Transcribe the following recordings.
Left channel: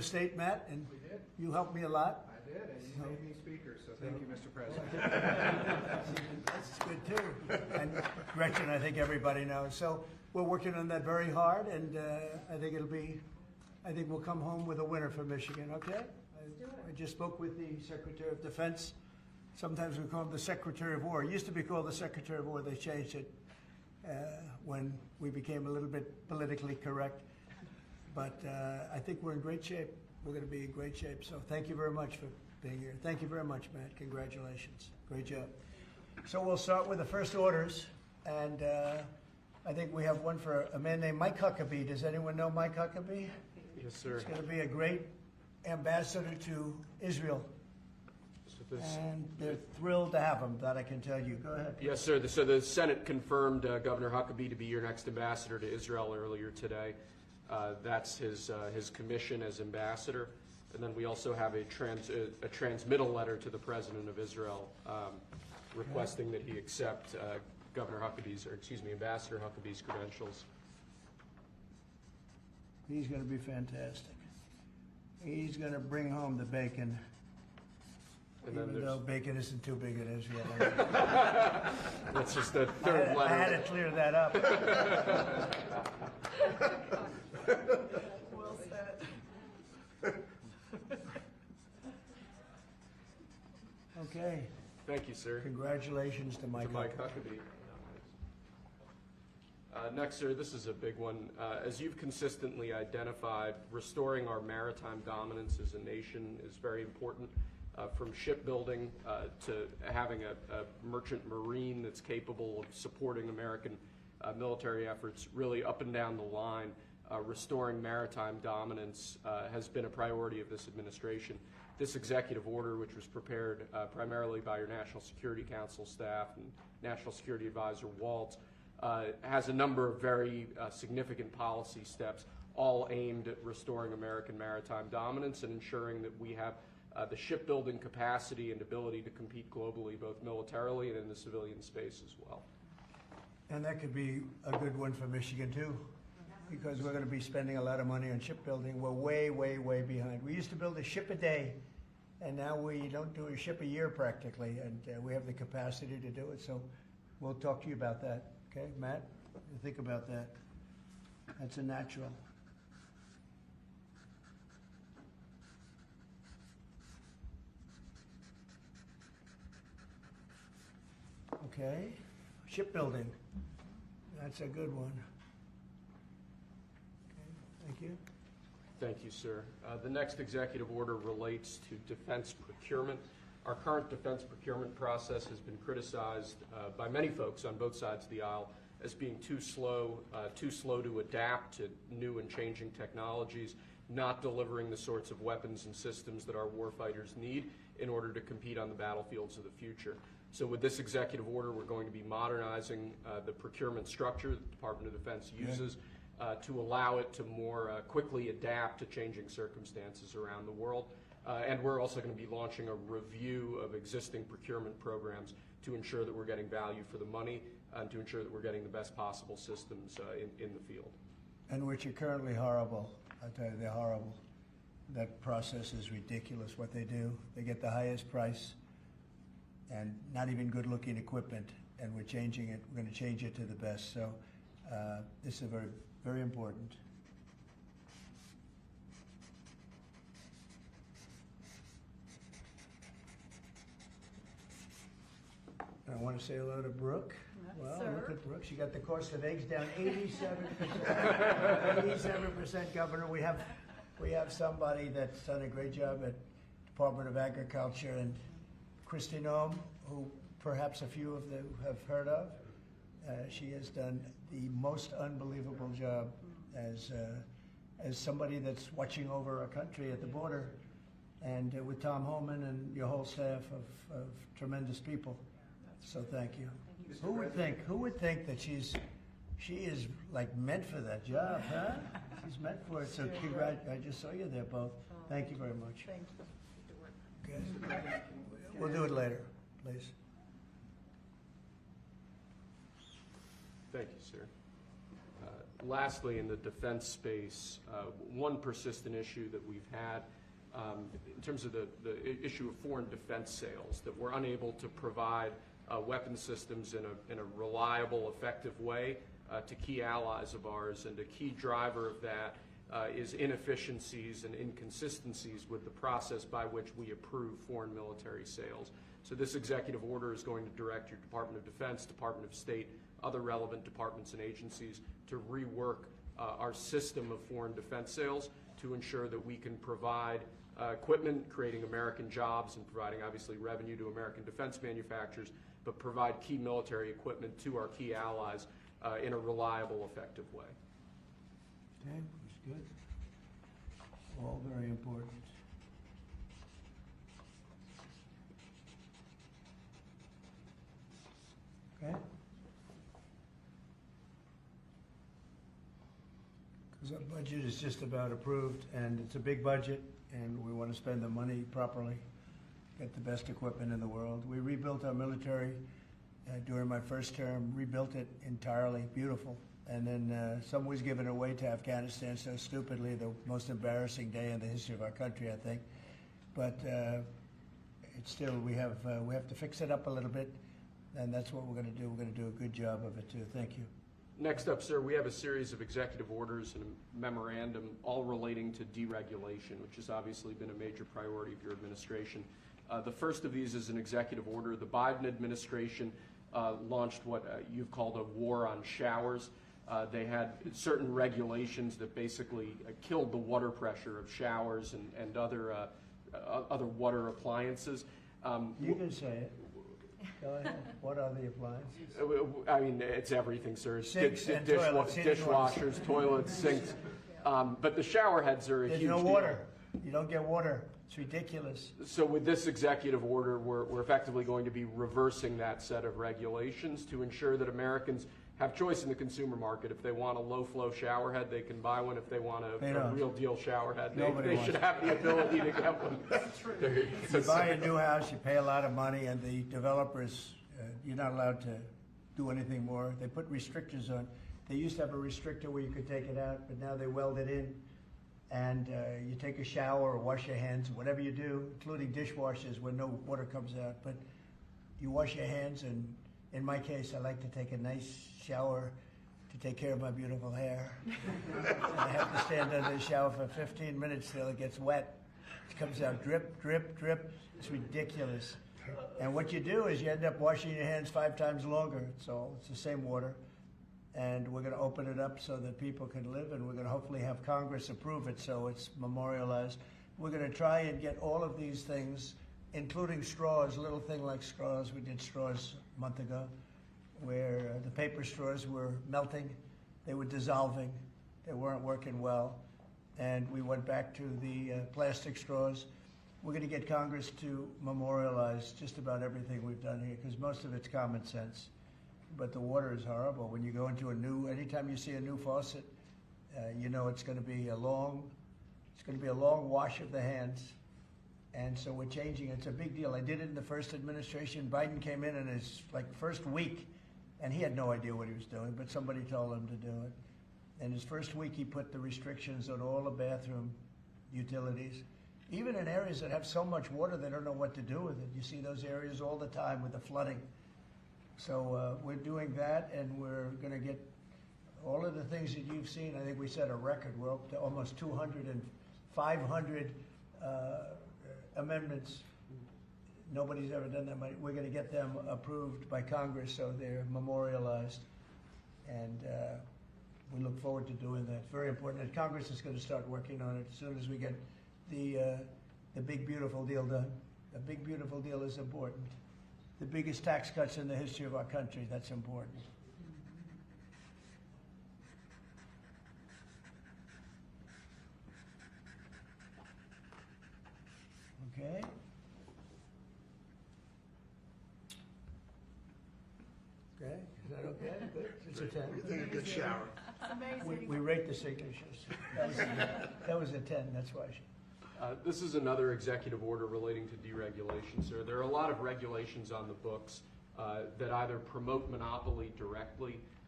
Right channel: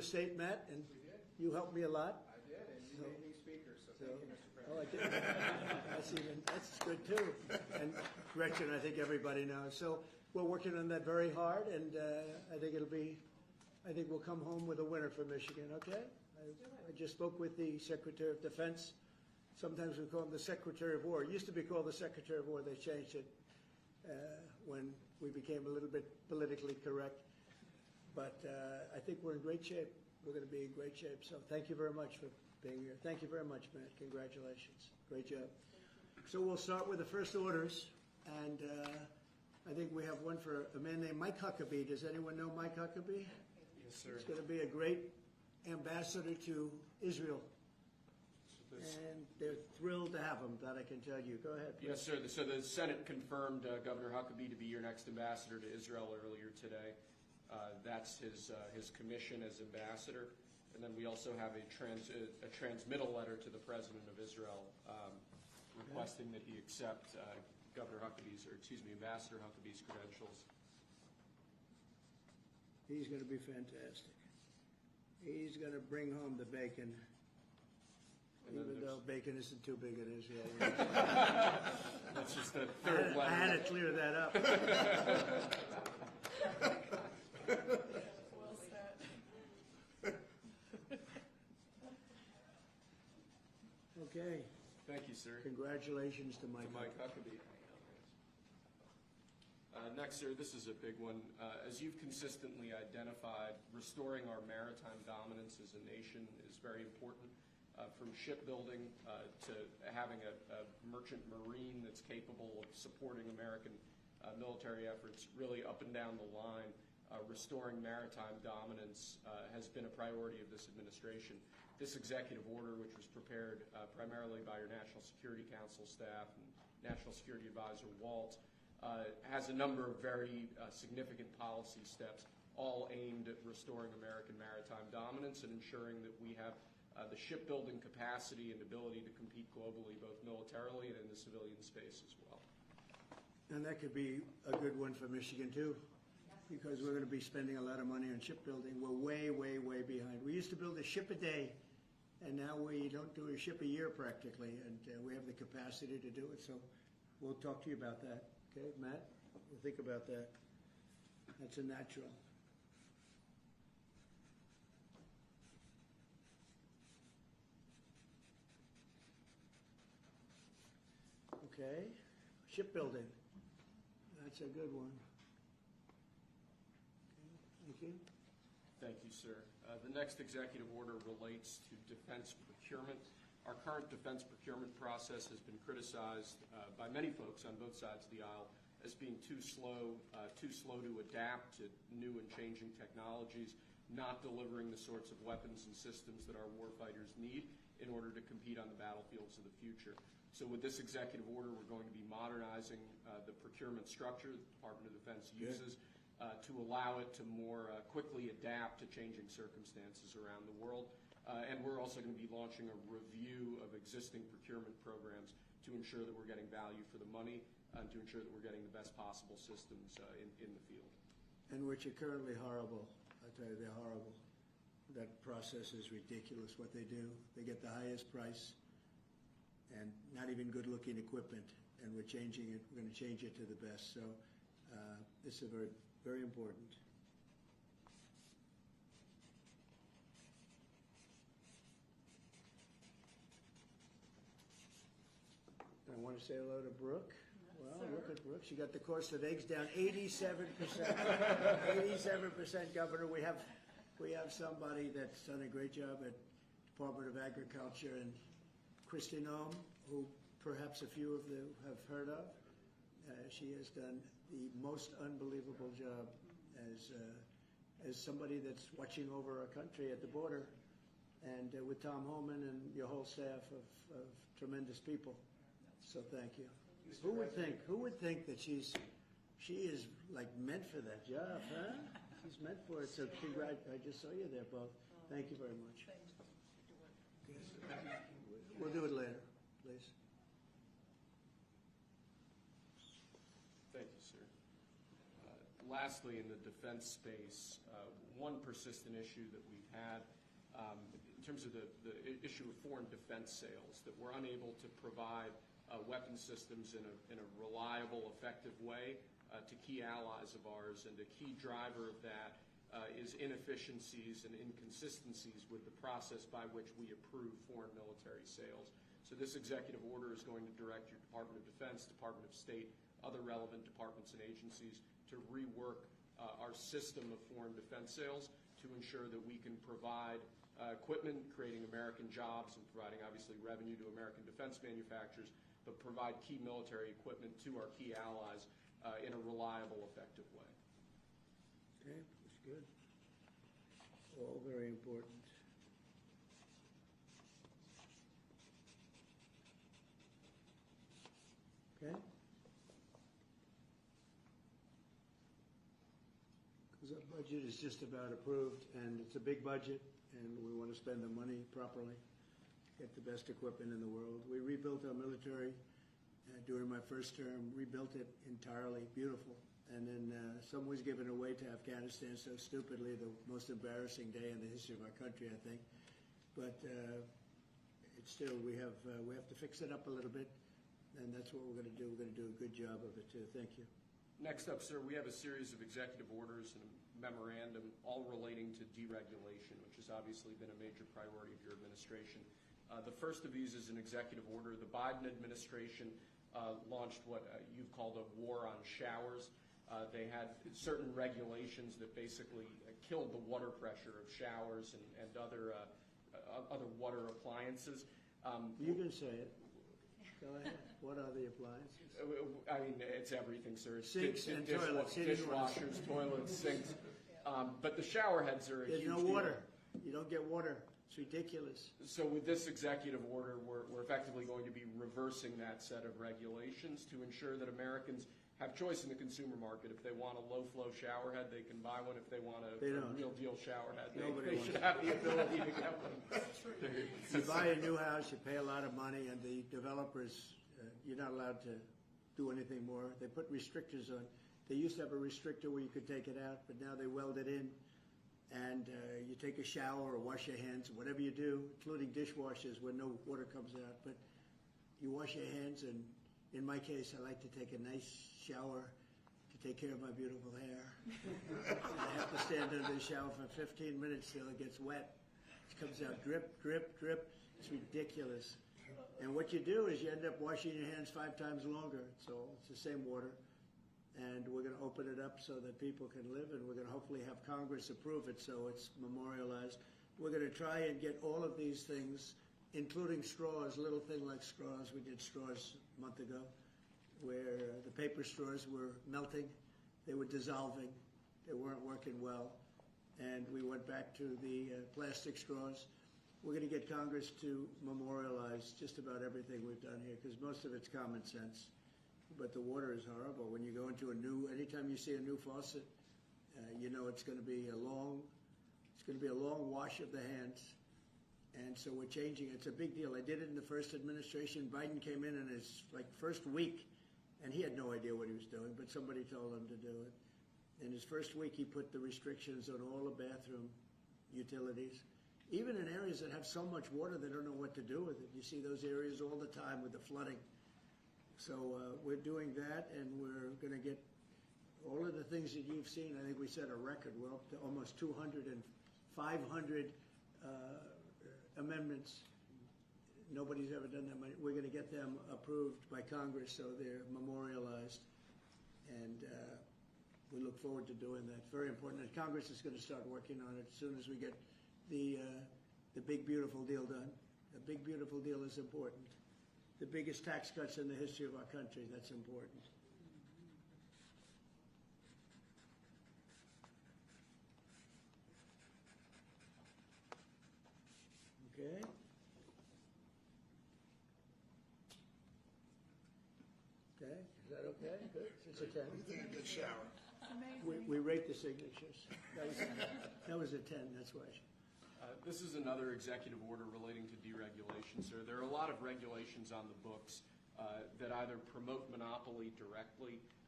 the state met, and We did. you helped me a lot. I did, and you made me speaker, so thank you, Mr. President. That's good too. And Gretchen, I think everybody knows. So we're working on that very hard, and I think we'll come home with a winner for Michigan. Okay? I just spoke with the Secretary of Defense. Sometimes we call him the Secretary of War. It used to be called the Secretary of War. They changed it when we became a little bit politically correct. But I think we're in great shape. We're going to be in great shape. So thank you very much for being here. Thank you very much, Matt. Congratulations. Great job. So we'll start with the first orders. And I think we have one for a man named Mike Huckabee. Does anyone know Mike Huckabee? Yes, sir. He's going to be a great ambassador to Israel. And they're thrilled to have him, that I can tell you. Go ahead. Yes, sir. So the Senate confirmed Governor Huckabee to be your next ambassador to Israel earlier today. That's his commission as ambassador. And then we also have a transmittal letter to the President of Israel requesting that he accept Ambassador Huckabee's credentials. He's going to be fantastic. He's going to bring home the bacon. And Even though bacon isn't too big in Israel. That's just the third letter. I had to clear that up. Well said. Okay. Thank you, sir. Congratulations to Mike Huckabee. Next, sir, this is a big one. As you've consistently identified, restoring our maritime dominance as a nation is very important. From shipbuilding to having a merchant marine that's capable of supporting American military efforts, really up and down the line, restoring maritime dominance has been a priority of this administration. This executive order, which was prepared primarily by your National Security Council staff and National Security Advisor Waltz, has a number of very significant policy steps, all aimed at restoring American maritime dominance and ensuring that we have the shipbuilding capacity and ability to compete globally, both militarily and in the civilian space as well. And that could be a good one for Michigan too, because we're going to be spending a lot of money on shipbuilding. We're way, way, way behind. We used to build a ship a day, and now we don't do a ship a year practically, and we have the capacity to do it. So we'll talk to you about that. Okay, Matt? You think about that. That's a natural. Okay, shipbuilding. That's a good one. Okay, thank you. Thank you, sir. The next executive order relates to defense procurement. Our current defense procurement process has been criticized by many folks on both sides of the aisle as being too slow to adapt to new and changing technologies, not delivering the sorts of weapons and systems that our warfighters need in order to compete on the battlefields of the future. So with this executive order, we're going to be modernizing the procurement structure that the Department of Defense uses to allow it to more quickly adapt to changing circumstances around the world. And we're also going to be launching a review of existing procurement programs to ensure that we're getting value for the money and to ensure that we're getting the best possible systems in the field. And which are currently horrible. I tell you, they're horrible. That process is ridiculous, what they do. They get the highest price and not even good-looking equipment, and we're changing it. We're going to change it to the best. So this is very, very important. I want to say hello to Brooke. Well, sir. Look at Brooke. She got the cost of eggs down 87%. 87%, Governor. We have somebody that's done a great job at Department of Agriculture, and Kristi Noem, who perhaps a few of you have heard of. She has done the most unbelievable job as somebody that's watching over our country at the border, and with Tom Homan and your whole staff of tremendous people. So thank you. Who would think that she is like meant for that job, huh? She's meant for it. So I just saw you there both. Thank you very much. Thank you. Okay. We'll do it later, please. Thank you, sir. Lastly, in the defense space, one persistent issue that we've had in terms of the issue of foreign defense sales, that we're unable to provide weapon systems in a reliable, effective way to key allies of ours, and a key driver of that is inefficiencies and inconsistencies with the process by which we approve foreign military sales. So this executive order is going to direct your Department of Defense, Department of State, other relevant departments and agencies to rework our system of foreign defense sales to ensure that we can provide equipment, creating American jobs and providing obviously revenue to American defense manufacturers, but provide key military equipment to our key allies in a reliable, effective way. Okay, that's good. All very important. Okay? Because our budget is just about approved, and it's a big budget, and we want to spend the money properly, get the best equipment in the world. We rebuilt our military during my first term, rebuilt it entirely, beautiful. And then some was given away to Afghanistan so stupidly, the most embarrassing day in the history of our country, I think. But it's still, we have to fix it up a little bit, and that's what we're going to do. We're going to do a good job of it too. Thank you. Next up, sir, we have a series of executive orders and a memorandum all relating to deregulation, which has obviously been a major priority of your administration. The first of these is an executive order. The Biden administration launched what you've called a war on showers. They had certain regulations that basically killed the water pressure of showers and other water appliances. You can say it. Go ahead. What are the appliances? I mean, it's everything, sir. Sinks and toilets, dishwashers, toilets, sinks. But the shower heads are a huge There's no deal. water. You don't get water. It's ridiculous. So with this executive order, we're effectively going to be reversing that set of regulations to ensure that Americans have choice in the consumer market. If they want a low-flow shower head, they can buy one. If they want a real deal shower head, they should have the ability to get one. You buy a new house, you pay a lot of money, and the developers, you're not allowed to do anything more. They put restrictors on. They used to have a restrictor where you could take it out, but now they weld it in. And you take a shower or wash your hands, whatever you do, including dishwashers where no water comes out. But you wash your hands, and in my case, I like to take a nice shower to take care of my beautiful hair. And I have to stand under the shower for 15 minutes till it gets wet. It comes out drip, drip, drip. It's ridiculous. And what you do is you end up washing your hands 5 times longer. So it's the same water. And we're going to open it up so that people can live, and we're going to hopefully have Congress approve it so it's memorialized. We're going to try and get all of these things, including straws, a little thing like straws. We did straws a month ago, where the paper straws were melting, they were dissolving, they weren't working well, and we went back to the plastic straws. We're going to get Congress to memorialize just about everything we've done here, because most of it's common sense. But the water is horrible. When you go into anytime you see a new faucet, you know it's going to be a long wash of the hands. And so we're changing. It's a big deal. I did it in the first administration. Biden came in his first week, and he had no idea what he was doing, but somebody told him to do it. In his first week, he put the restrictions on all the bathroom utilities. Even in areas that have so much water, they don't know what to do with it. You see those areas all the time with the flooding. So we're doing that, and we're going to get all of the things that you've seen. I think we set a record. We're up to almost 200 and 500 amendments. Nobody's ever done that many. We're going to get them approved by Congress so they're memorialized. And we look forward to doing that. It's very important. And Congress is going to start working on it as soon as we get the big, beautiful deal done. The big, beautiful deal is important. The biggest tax cuts in the history of our country, that's important. Okay. Okay, is that okay? Good. It's a 10. You think a good shower. We rate the signatures. That was a 10, that's why. This is another executive order relating to deregulation, sir. There are a lot of regulations on the books that either promote monopoly directly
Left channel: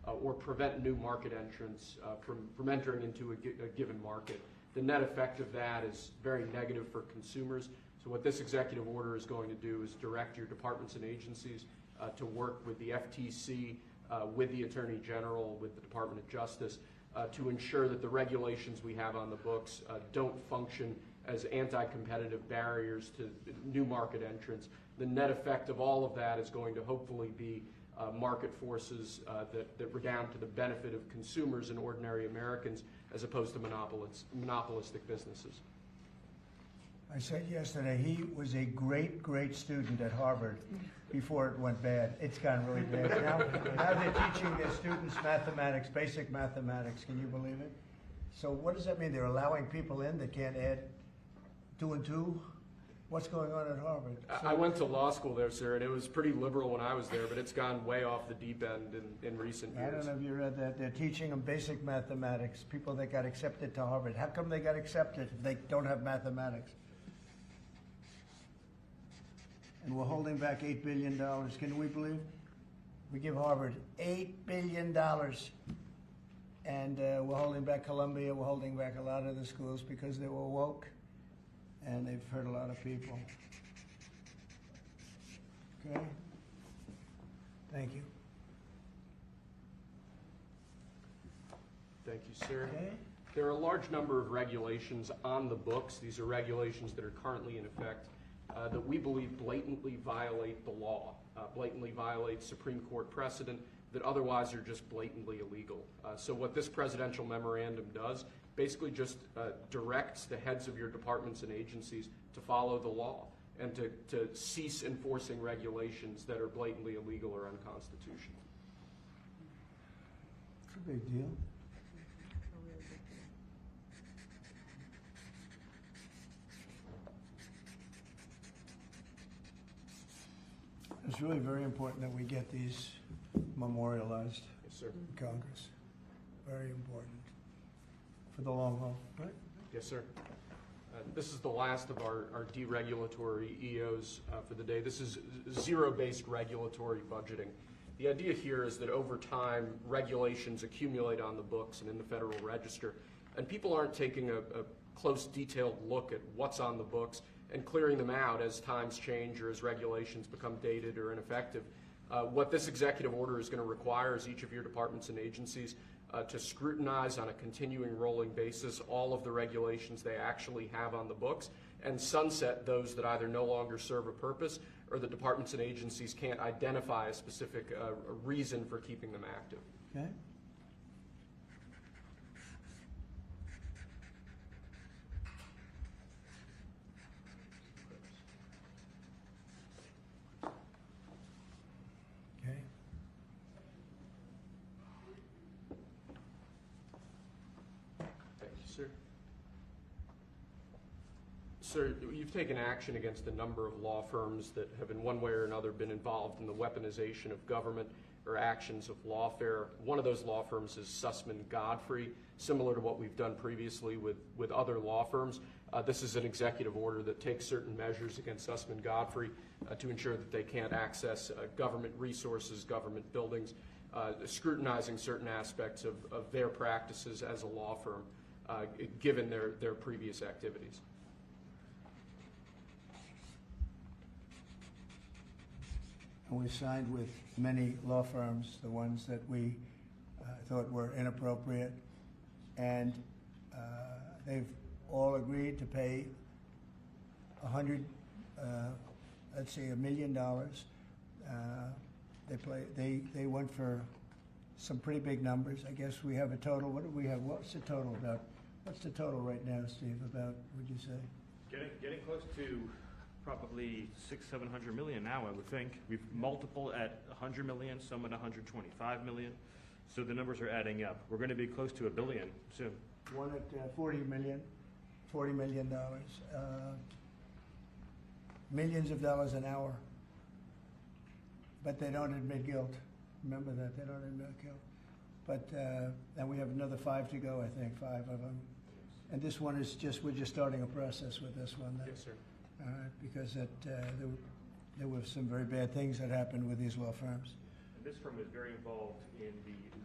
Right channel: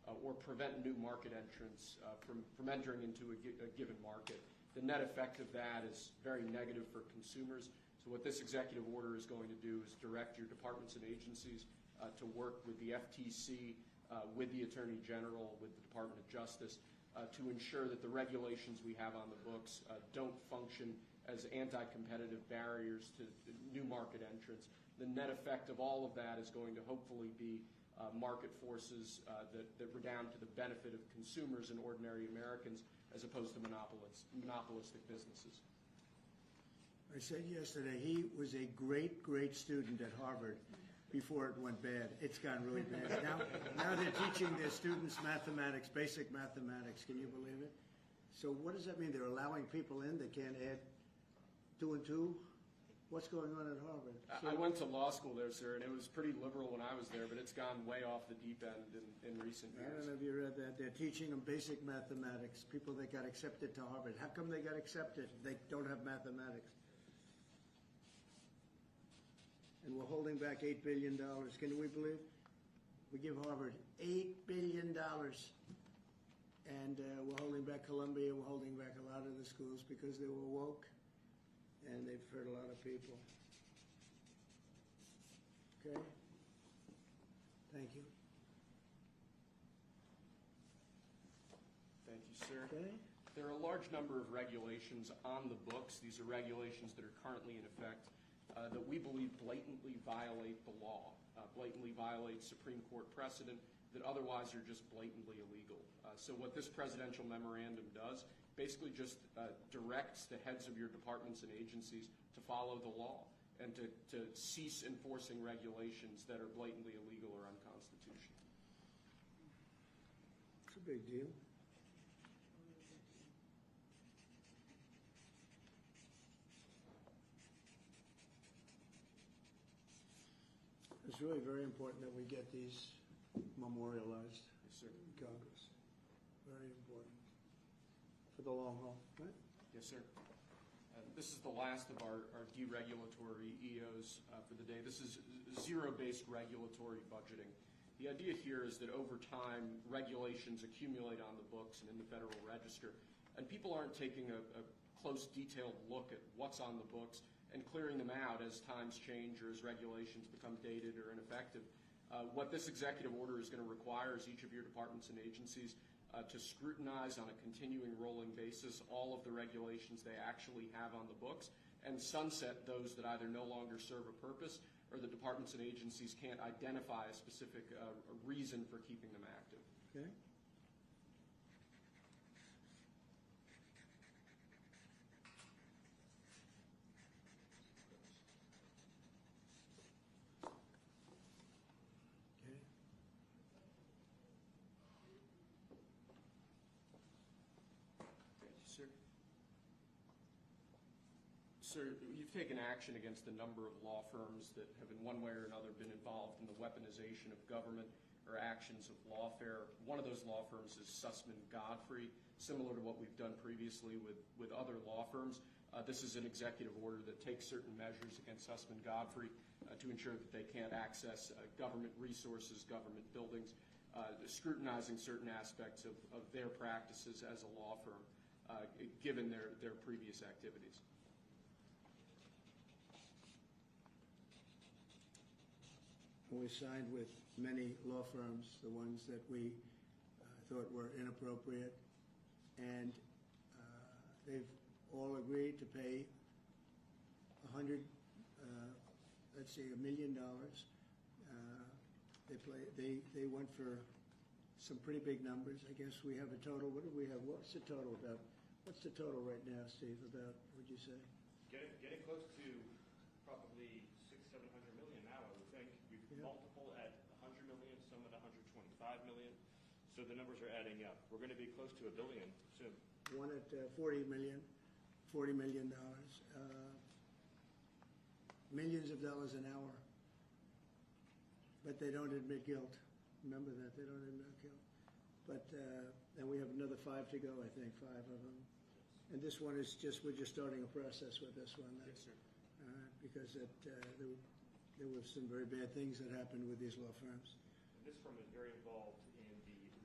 or prevent new market entrants from entering into a given market. The net effect of that is very negative for consumers. So what this executive order is going to do is direct your departments and agencies to work with the FTC, with the Attorney General, with the Department of Justice, to ensure that the regulations we have on the books don't function as anti-competitive barriers to new market entrants. The net effect of all of that is going to hopefully be market forces that redound to the benefit of consumers and ordinary Americans as opposed to monopolistic businesses. I said yesterday he was a great, great student at Harvard before it went bad. It's gone really bad. Now they're teaching their students mathematics, basic mathematics. Can you believe it? So what does that mean? They're allowing people in that can't add 2 and 2? What's going on at Harvard? I went to law school there, sir, and it was pretty liberal when I was there, but it's gone way off the deep end in recent years. I don't know if you read that. They're teaching them basic mathematics, people that got accepted to Harvard. How come they got accepted if they don't have mathematics? And we're holding back $8 billion. Can we believe? We give Harvard $8 billion. And we're holding back Columbia. We're holding back a lot of the schools because they were woke. And they've hurt a lot of people. Okay? Thank you. Thank you, sir. Okay? There are a large number of regulations on the books. These are regulations that are currently in effect that we believe blatantly violate the law, blatantly violate Supreme Court precedent that otherwise are just blatantly illegal. So what this presidential memorandum does basically just directs the heads of your departments and agencies to follow the law and to cease enforcing regulations that are blatantly illegal or unconstitutional. It's a big deal. It's really very important that we get these memorialized Yes, sir. in Congress. Very important for the long haul, right? Yes, sir. This is the last of our deregulatory EOs for the day. This is zero-based regulatory budgeting. The idea here is that over time, regulations accumulate on the books and in the Federal Register, and people aren't taking a close, detailed look at what's on the books and clearing them out as times change or as regulations become dated or ineffective. What this executive order is going to require is each of your departments and agencies to scrutinize on a continuing rolling basis all of the regulations they actually have on the books and sunset those that either no longer serve a purpose or the departments and agencies can't identify a specific reason for keeping them active. Okay? Okay. Thank you, sir. Sir, you've taken action against a number of law firms that have in one way or another been involved in the weaponization of government or actions of lawfare. One of those law firms is Sussman Godfrey, similar to what we've done previously with other law firms. This is an executive order that takes certain measures against Sussman Godfrey to ensure that they can't access government resources, government buildings, scrutinizing certain aspects of their practices as a law firm, given their previous activities. And we signed with many law firms, the ones that we thought were inappropriate, and they've all agreed to pay $1 million. They went for some pretty big numbers. I guess we have a total. What do we have? What's the total about? What's the total right now, Steve? About, would you say? Getting close to probably 600-700 million now, I would think. We've multiple at 100 million, some at 125 million. So the numbers are adding up. We're going to be close to $1 billion soon. One at $40 million. Millions of dollars an hour. But they don't admit guilt. Remember that, they don't admit guilt. But, and we have another 5 to go, I think, 5 of them. And this one is we're just starting a process with this one. Yes, sir. Because there were some very bad things that happened with these law firms. And this firm is very involved in the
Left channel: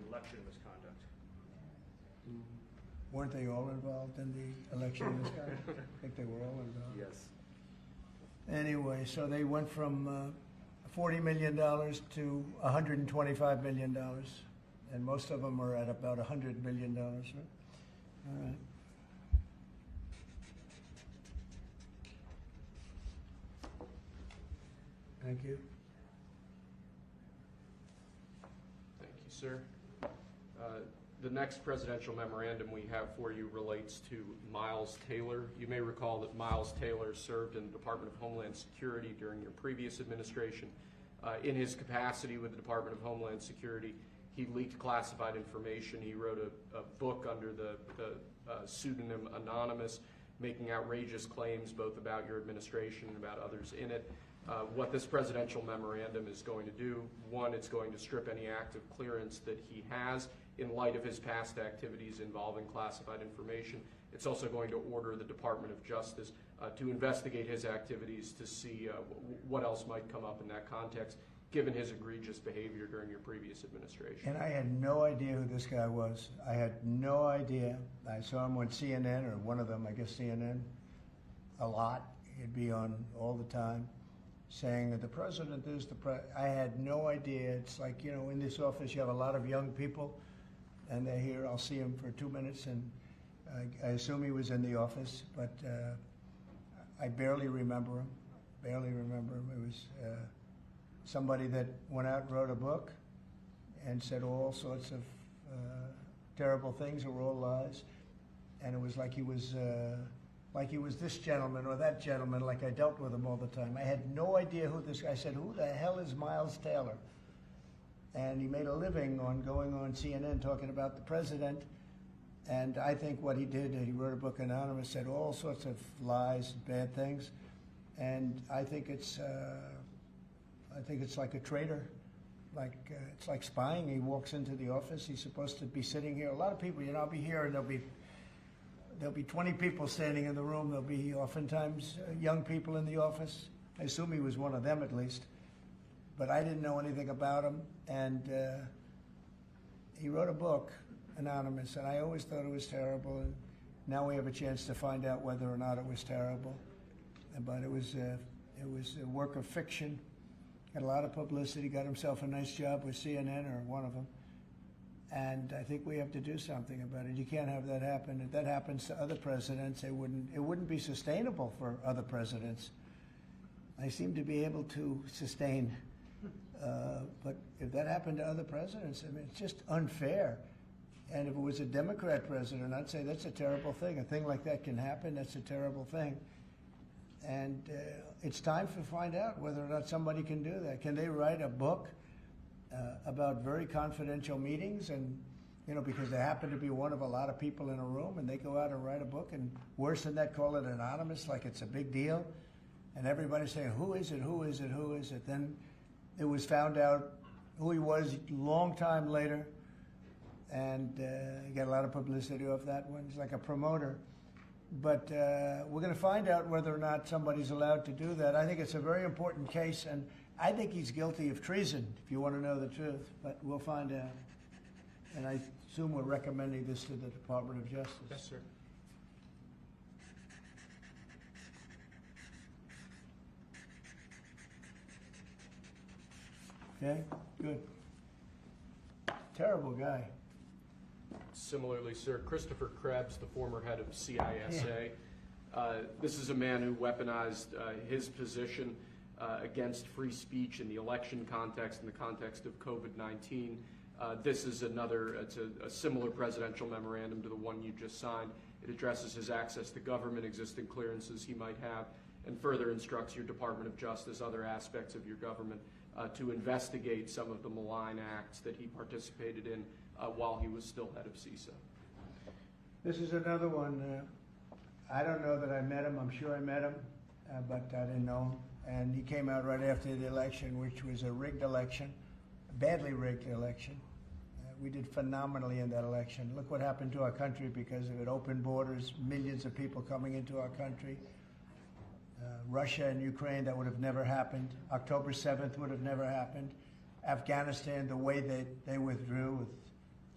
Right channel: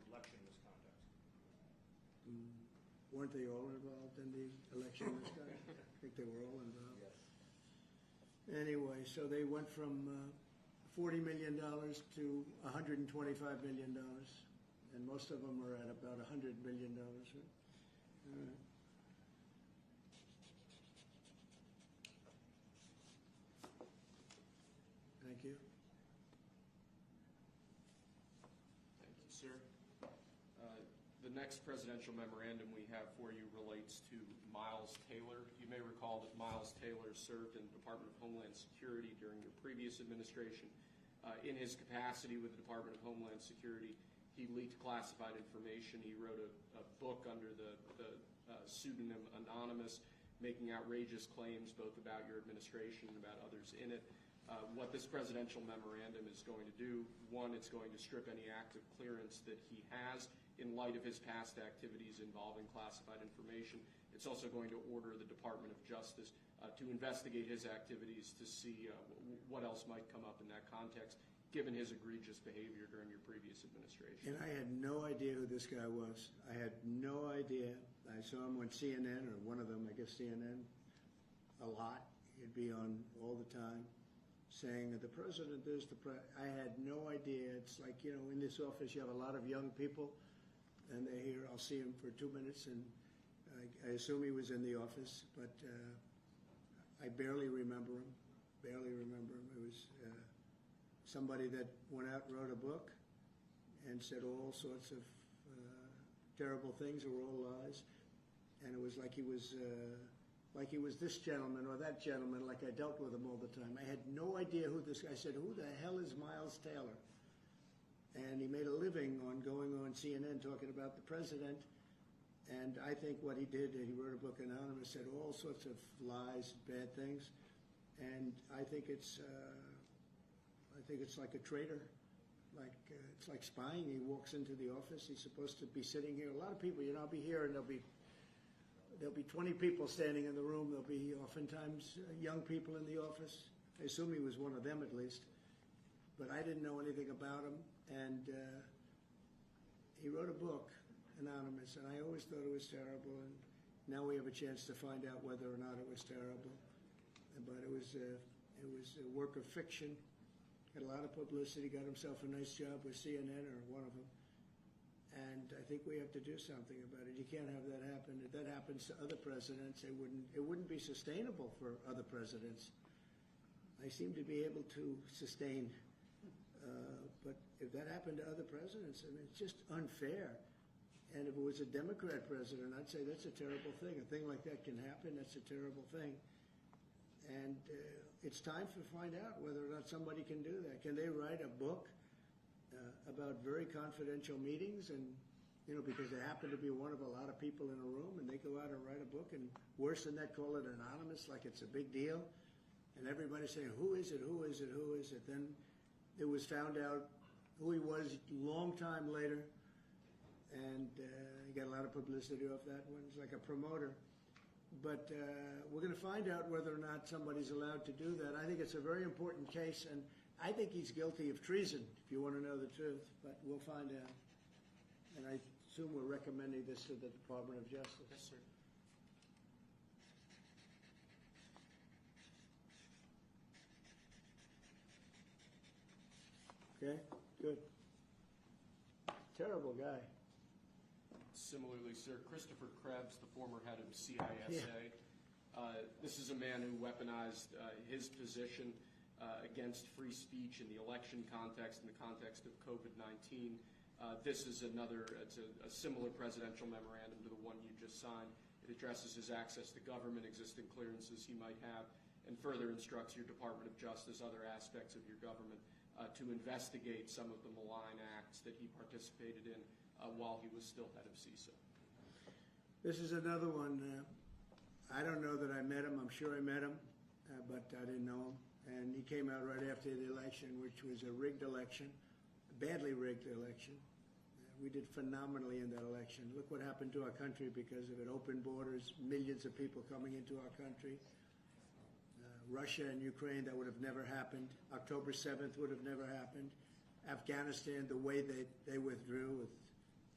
election misconduct. Weren't they all involved in the election misconduct? I think they were all involved. Yes. Anyway, so they went from $40 million to $125 million, and most of them are at about $100 million, right? All right. Thank you. Thank you, sir. The next presidential memorandum we have for you relates to Miles Taylor. You may recall that Miles Taylor served in the Department of Homeland Security during your previous administration. In his capacity with the Department of Homeland Security, he leaked classified information. He wrote a book under the pseudonym Anonymous, making outrageous claims both about your administration and about others in it. What this presidential memorandum is going to do, one, it's going to strip any active clearance that he has in light of his past activities involving classified information. It's also going to order the Department of Justice to investigate his activities to see what else might come up in that context, given his egregious behavior during your previous administration. And I had no idea who this guy was. I had no idea. I saw him on CNN, or one of them, I guess CNN, a lot. He'd be on all the time, saying that the president is I had no idea. It's like, you know, in this office you have a lot of young people, and they're here. I'll see him for 2 minutes, and I assume he was in the office, but I barely remember him. Barely remember him. It was somebody that went out and wrote a book and said all sorts of terrible things that were all lies, and it was like he was this gentleman or that gentleman, like I dealt with him all the time. I had no idea who this guy. I said, who the hell is Miles Taylor? And he made a living on going on CNN talking about the president. And I think what he did, he wrote a book, Anonymous, said all sorts of lies and bad things. And I think it's like a traitor. It's like spying. He walks into the office. He's supposed to be sitting here. A lot of people, you know, I'll be here and there'll be 20 people standing in the room. There'll be oftentimes young people in the office. I assume he was one of them at least. But I didn't know anything about him. And he wrote a book, Anonymous, and I always thought it was terrible. And now we have a chance to find out whether or not it was terrible. But it was a work of fiction. Got a lot of publicity. Got himself a nice job with CNN, or one of them. And I think we have to do something about it. You can't have that happen. If that happens to other presidents, it wouldn't be sustainable for other presidents. I seem to be able to sustain. But if that happened to other presidents, I mean, it's just unfair. And if it was a Democrat president, I'd say that's a terrible thing. A thing like that can happen. That's a terrible thing. And it's time to find out whether or not somebody can do that. Can they write a book about very confidential meetings, and you know, because they happen to be one of a lot of people in a room, and they go out and write a book, and worse than that, call it anonymous, like it's a big deal, and everybody's saying, who is it, who is it, who is it? Then it was found out who he was a long time later, and he got a lot of publicity off that one. He's like a promoter. But we're going to find out whether or not somebody's allowed to do that. I think it's a very important case, and I think he's guilty of treason, if you want to know the truth. But we'll find out. And I assume we're recommending this to the Department of Justice. Yes, sir. Okay, good. Terrible guy. Similarly, sir, Christopher Krebs, the former head of CISA. This is a man who weaponized his position against free speech in the election context, in the context of COVID-19. This is it's a similar presidential memorandum to the one you just signed. It addresses his access to government, existing clearances he might have, and further instructs your Department of Justice, other aspects of your government, to investigate some of the malign acts that he participated in while he was still head of CISA. This is another one. I don't know that I met him. I'm sure I met him, but I didn't know him. And he came out right after the election, which was a rigged election, a badly rigged election. We did phenomenally in that election. Look what happened to our country because of it. Open borders, millions of people coming into our country. Russia and Ukraine, that would have never happened. October 7th would have never happened. Afghanistan, the way that they withdrew with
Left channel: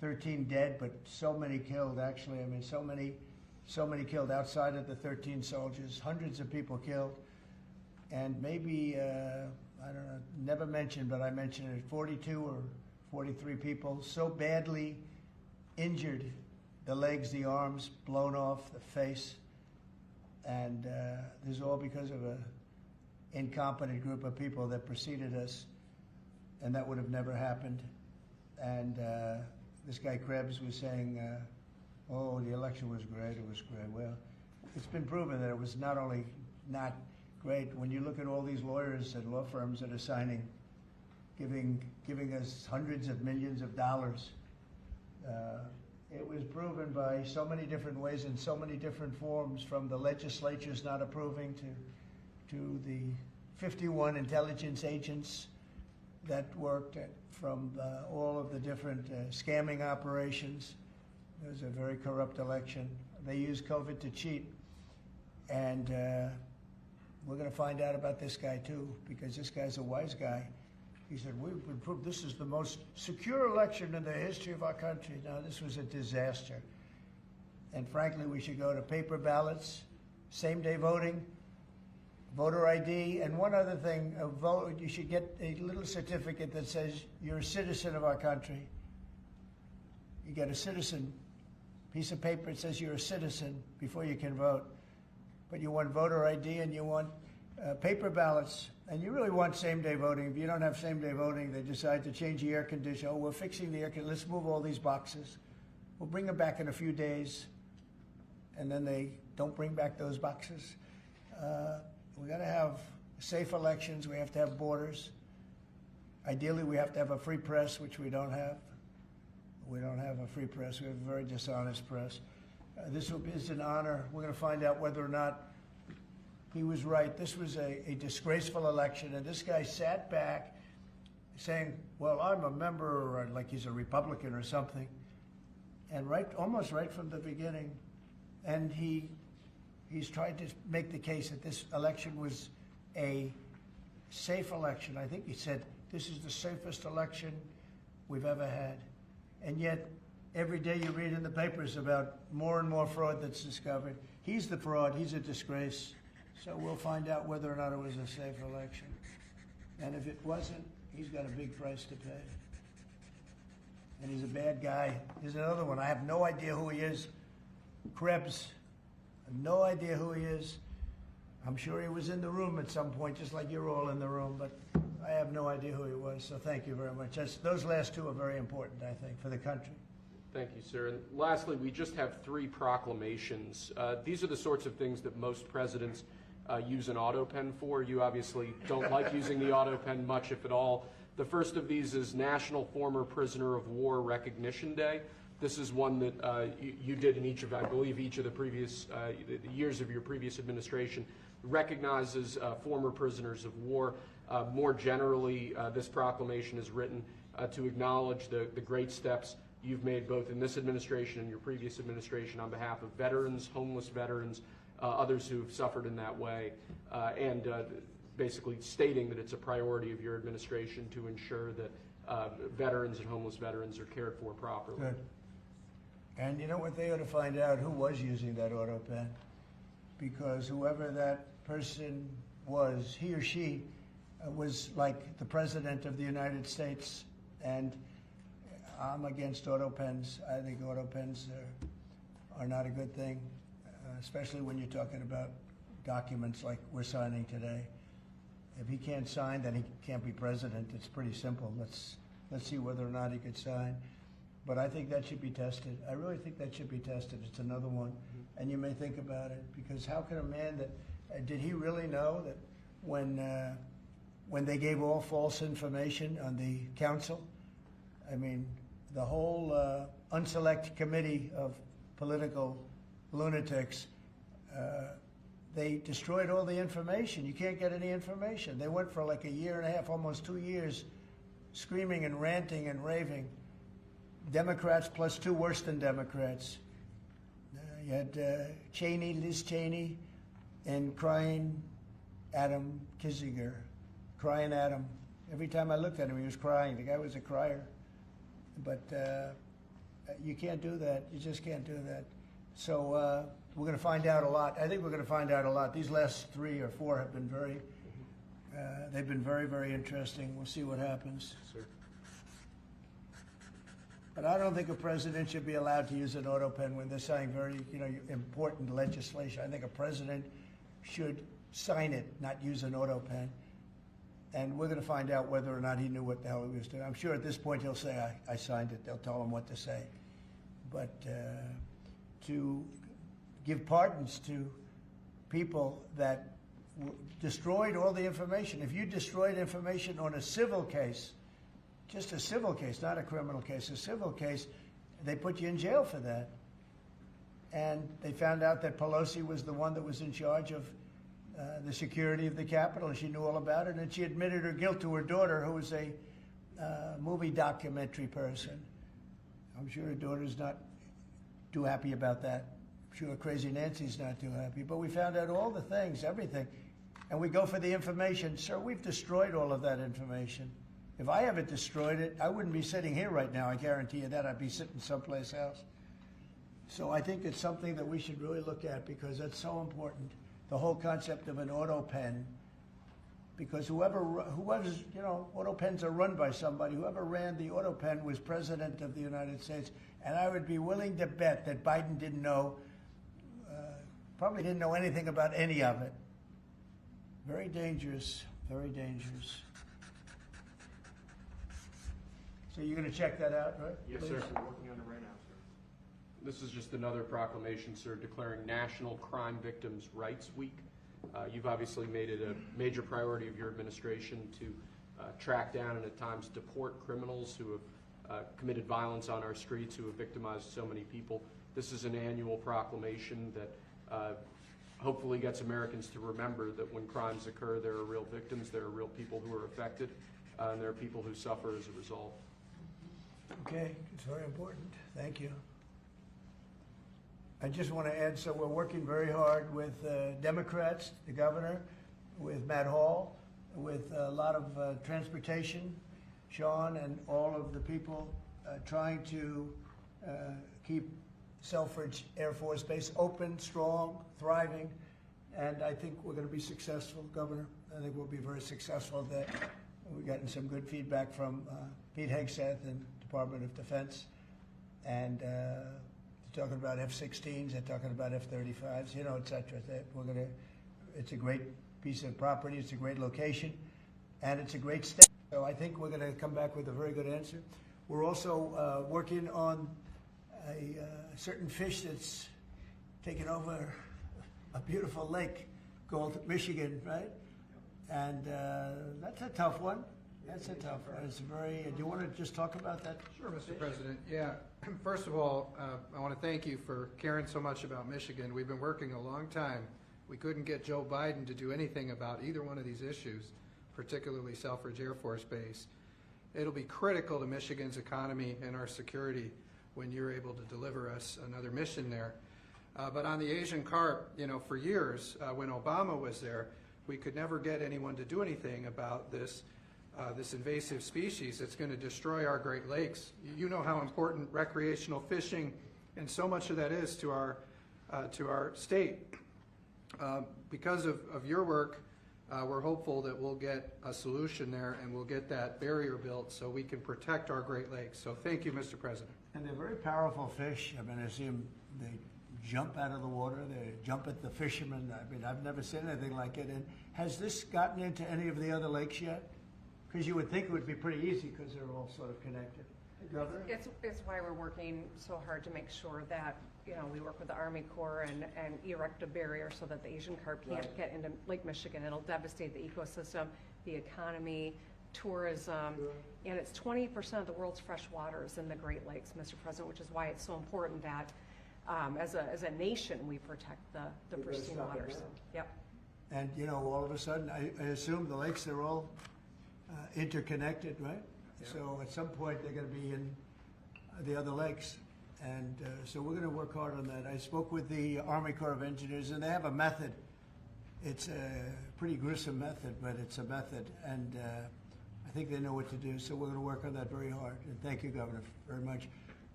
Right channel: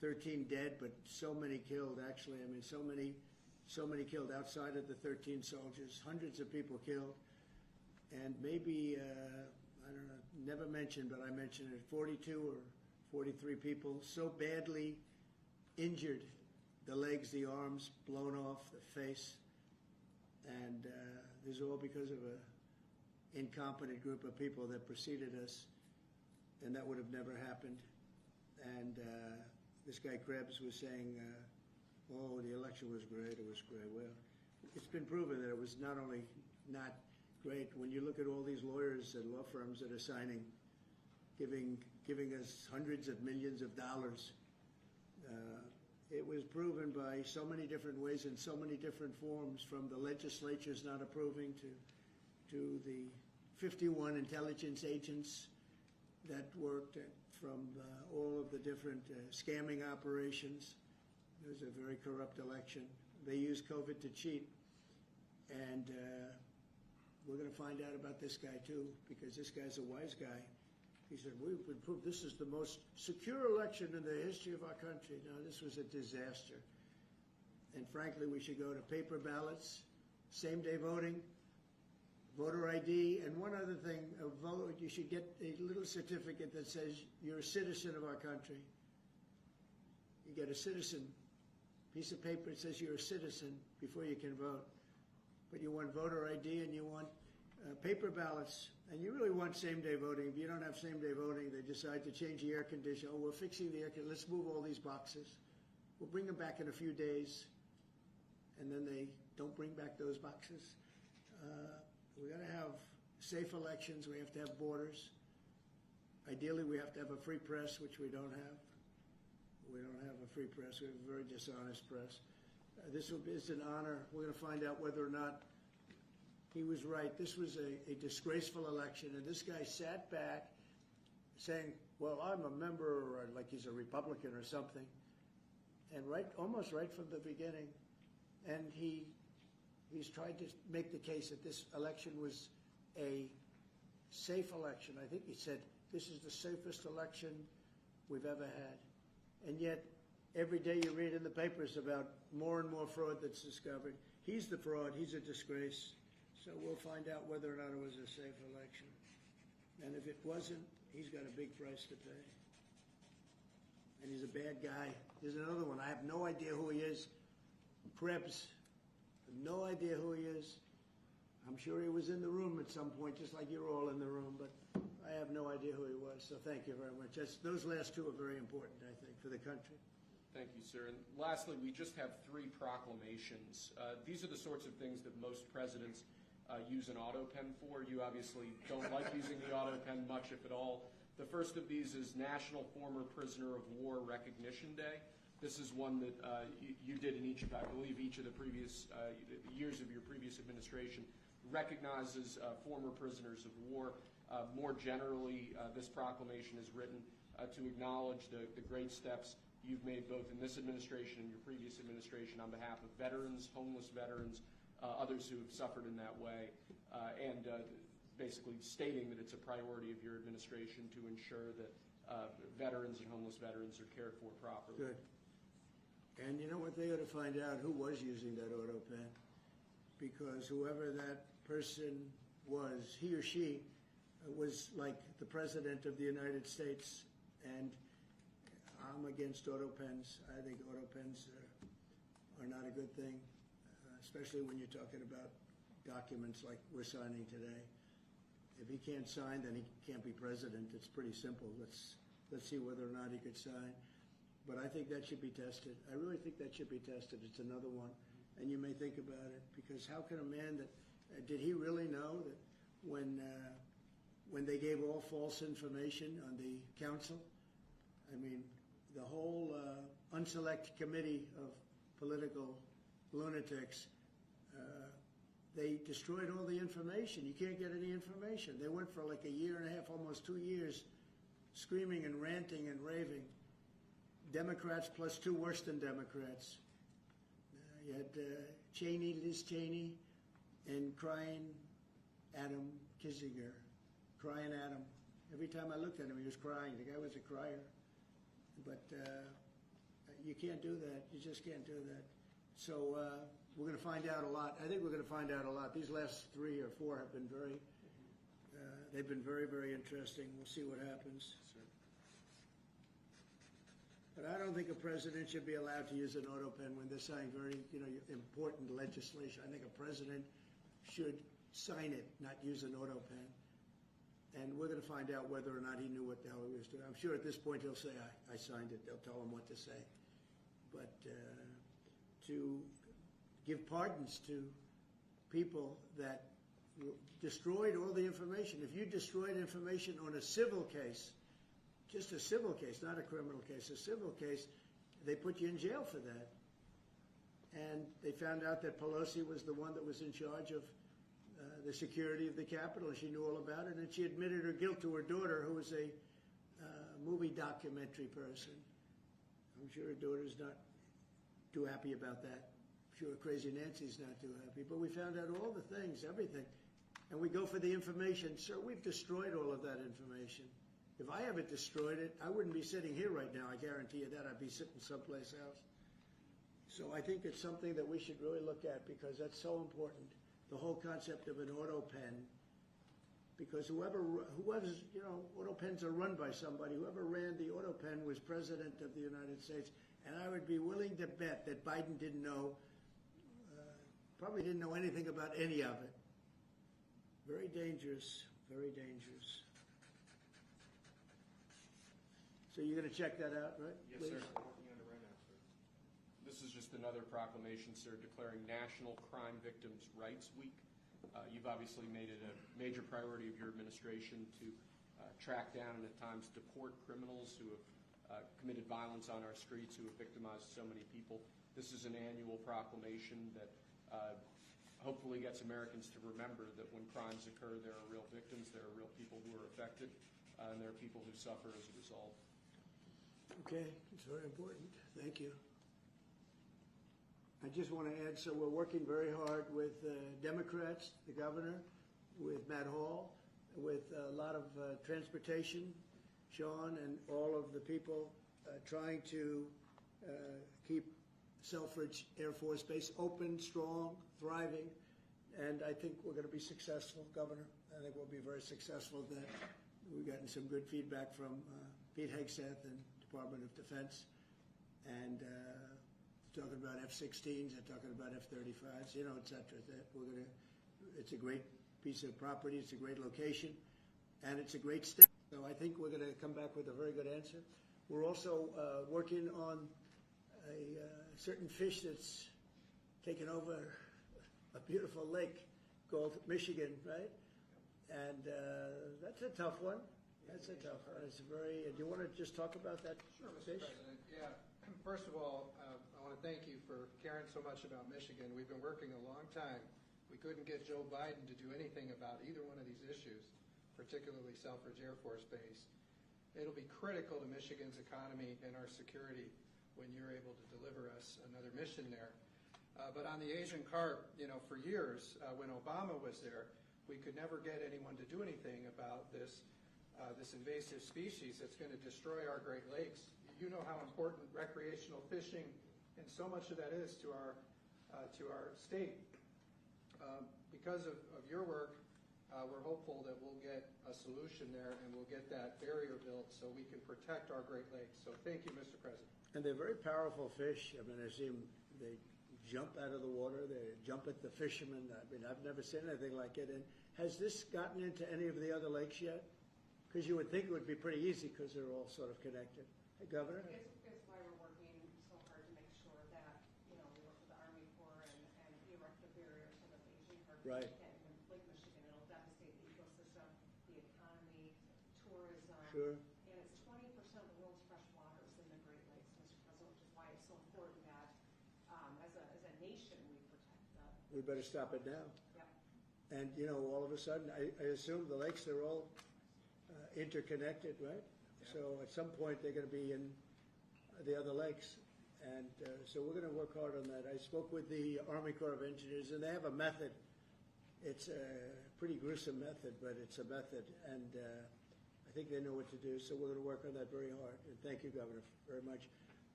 13 dead, but so many killed, actually. I mean, so many killed outside of the 13 soldiers, hundreds of people killed. And maybe, I don't know, never mentioned, but I mentioned it, 42 or 43 people so badly injured, the legs, the arms, blown off, the face. And this is all because of an incompetent group of people that preceded us, and that would have never happened. And this guy Krebs was saying, oh, the election was great, it was great. Well, it's been proven that it was not only not great. When you look at all these lawyers and law firms that are signing, giving us hundreds of millions of dollars, it was proven by so many different ways in so many different forms, from the legislatures not approving to the 51 intelligence agents that worked, from all of the different scamming operations. It was a very corrupt election. They used COVID to cheat. And we're going to find out about this guy too, because this guy's a wise guy. He said, we've been proved this is the most secure election in the history of our country. Now, this was a disaster. And frankly, we should go to paper ballots, same-day voting, voter ID, and one other thing, you should get a little certificate that says you're a citizen of our country. You get a citizen piece of paper that says you're a citizen before you can vote. But you want voter ID and you want paper ballots, and you really want same-day voting. If you don't have same-day voting, they decide to change the air conditioner. Oh, we're fixing the air conditioner. Let's move all these boxes. We'll bring them back in a few days, and then they don't bring back those boxes. We got to have safe elections. We have to have borders. Ideally, we have to have a free press, which we don't have. We don't have a free press. We have a very dishonest press. This is an honor. We're going to find out whether or not he was right. This was a disgraceful election, and this guy sat back saying, well, I'm a member, or like he's a Republican or something, and almost right from the beginning. And he's tried to make the case that this election was a safe election. I think he said, this is the safest election we've ever had. And yet, every day you read in the papers about more and more fraud that's discovered. He's the fraud. He's a disgrace. So we'll find out whether or not it was a safe election. And if it wasn't, he's got a big price to pay. And he's a bad guy. Here's another one. I have no idea who he is. Krebs. I have no idea who he is. I'm sure he was in the room at some point, just like you're all in the room, but I have no idea who he was. So thank you very much. Those last two are very important, I think, for the country. Thank you, sir. And lastly, we just have 3 proclamations. These are the sorts of things that most presidents use an auto pen for. You obviously don't like using the auto pen much, if at all. The first of these is National Former Prisoner of War Recognition Day. This is one that you did in each of, I believe, each of the previous years of your previous administration, recognizes former prisoners of war. More generally, this proclamation is written to acknowledge the great steps you've made both in this administration and your previous administration on behalf of veterans, homeless veterans, others who've suffered in that way, and basically stating that it's a priority of your administration to ensure that veterans and homeless veterans are cared for properly. Good. And you know what? They ought to find out who was using that auto pen, because whoever that person was, he or she was like the President of the United States, and I'm against auto pens. I think auto pens are not a good thing, especially when you're talking about documents like we're signing today. If he can't sign, then he can't be president. It's pretty simple. Let's see whether or not he could sign. But I think that should be tested. I really think that should be tested. It's another one. And you may think about it, because how can a man that, did he really know that when they gave all false information on the council, I mean, the whole unselect committee of political lunatics, they destroyed all the information. You can't get any information. They went for like a year and a half, almost 2 years, screaming and ranting and raving. Democrats plus 2 worse than Democrats. You had Cheney, Liz Cheney, and crying Adam Kinzinger. Crying Adam. Every time I looked at him, he was crying. The guy was a crier. But You can't do that. You just can't do that. So we're going to find out a lot. I think we're going to find out a lot. These last 3 or 4 have been they've been very, very interesting. We'll see what happens. Sir. But I don't think a president should be allowed to use an auto pen when they're signing very, important legislation. I think a president should sign it, not use an auto pen. And we're going to find out whether or not he knew what the hell he was doing. I'm sure at this point he'll say, I signed it. They'll tell him what to say. But to give pardons to people that destroyed all the information. If you destroyed information on a civil case, just a civil case, not a criminal case, a civil case, they put you in jail for that. And they found out that Pelosi was the one that was in charge of the security of the Capitol, and she knew all about it, and she admitted her guilt to her daughter, who was a movie documentary person. I'm sure her daughter's not too happy about that. I'm sure Crazy Nancy's not too happy. But we found out all the things, everything. And we go for the information. Sir, we've destroyed all of that information. If I haven't destroyed it, I wouldn't be sitting here right now. I guarantee you that. I'd be sitting someplace else. So I think it's something that we should really look at, because that's so important. The whole concept of an auto pen, because whoever's, auto pens are run by somebody. Whoever ran the auto pen was president of the United States. And I would be willing to bet that Biden didn't know, probably didn't know anything about any of it. Very dangerous, very dangerous. So you're going to check that out, right? Yes, please? sir. We're working on it right now, sir. This is just another proclamation, sir, declaring National Crime Victims' Rights Week. You've obviously made it a major priority of your administration to track down and at times deport criminals who have committed violence on our streets, who have victimized so many people. This is an annual proclamation that hopefully gets Americans to remember that when crimes occur, there are real victims, there are real people who are affected, and there are people who suffer as a result. Okay, it's very important. Thank you. I just want to add, so we're working very hard with Democrats, the governor, with Matt Hall, with a lot of transportation, Sean, and all of the people trying to keep Selfridge Air Force Base open, strong, thriving, and I think we're going to be successful, Governor. I think we'll be very successful at that. We've gotten some good feedback from Pete Hegseth and Department of Defense, and they're talking about F-16s, they're talking about F-35s, et cetera. It's a great piece of property, it's a great location, and it's a great state. So I think we're going to come back with a very good answer. We're also working on a certain fish that's taken over a beautiful lake called Michigan, right? And that's a tough one. That's a tough one. It's very. Do you want to just talk about that? Sure, Mr. President. Yeah. First of all, I want to thank you for caring so much about Michigan. We've been working a long time. We couldn't get Joe Biden to do anything about either one of these issues, particularly Selfridge Air Force Base. It'll be critical to Michigan's economy and our security when you're able to deliver us another mission there. But on the Asian carp, for years, when Obama was there, we could never get anyone to do anything about this invasive species that's going to destroy our Great Lakes. You know how important recreational fishing and so much of that is to our state. Because of your work, we're hopeful that we'll get a solution there and we'll get that barrier built so we can protect our Great Lakes. So thank you, Mr. President. And they're very powerful fish. I mean, I see them, they jump out of the water, they jump at the fishermen. I mean, I've never seen anything like it. And has this gotten into any of the other lakes yet? Because you would think it would be pretty easy because they're all sort of connected. Governor? It's why we're working so hard to make sure that, we work with the Army Corps and erect a barrier so that the Asian carp can't get into Lake Michigan. It'll devastate the ecosystem, the economy, tourism, and it's 20% of the world's fresh waters in the Great Lakes, Mr. President, which is why it's so important that as a nation we protect the pristine waters. Yep. And all of a sudden, I assume the lakes, they're all interconnected, right? Yeah. So at some point they're going to be in the other lakes. And so we're going to work hard on that. I spoke with the Army Corps of Engineers, and they have a method. It's a pretty gruesome method, but it's a method. And I think they know what to do. So we're going to work on that very hard. And thank you, Governor, very much.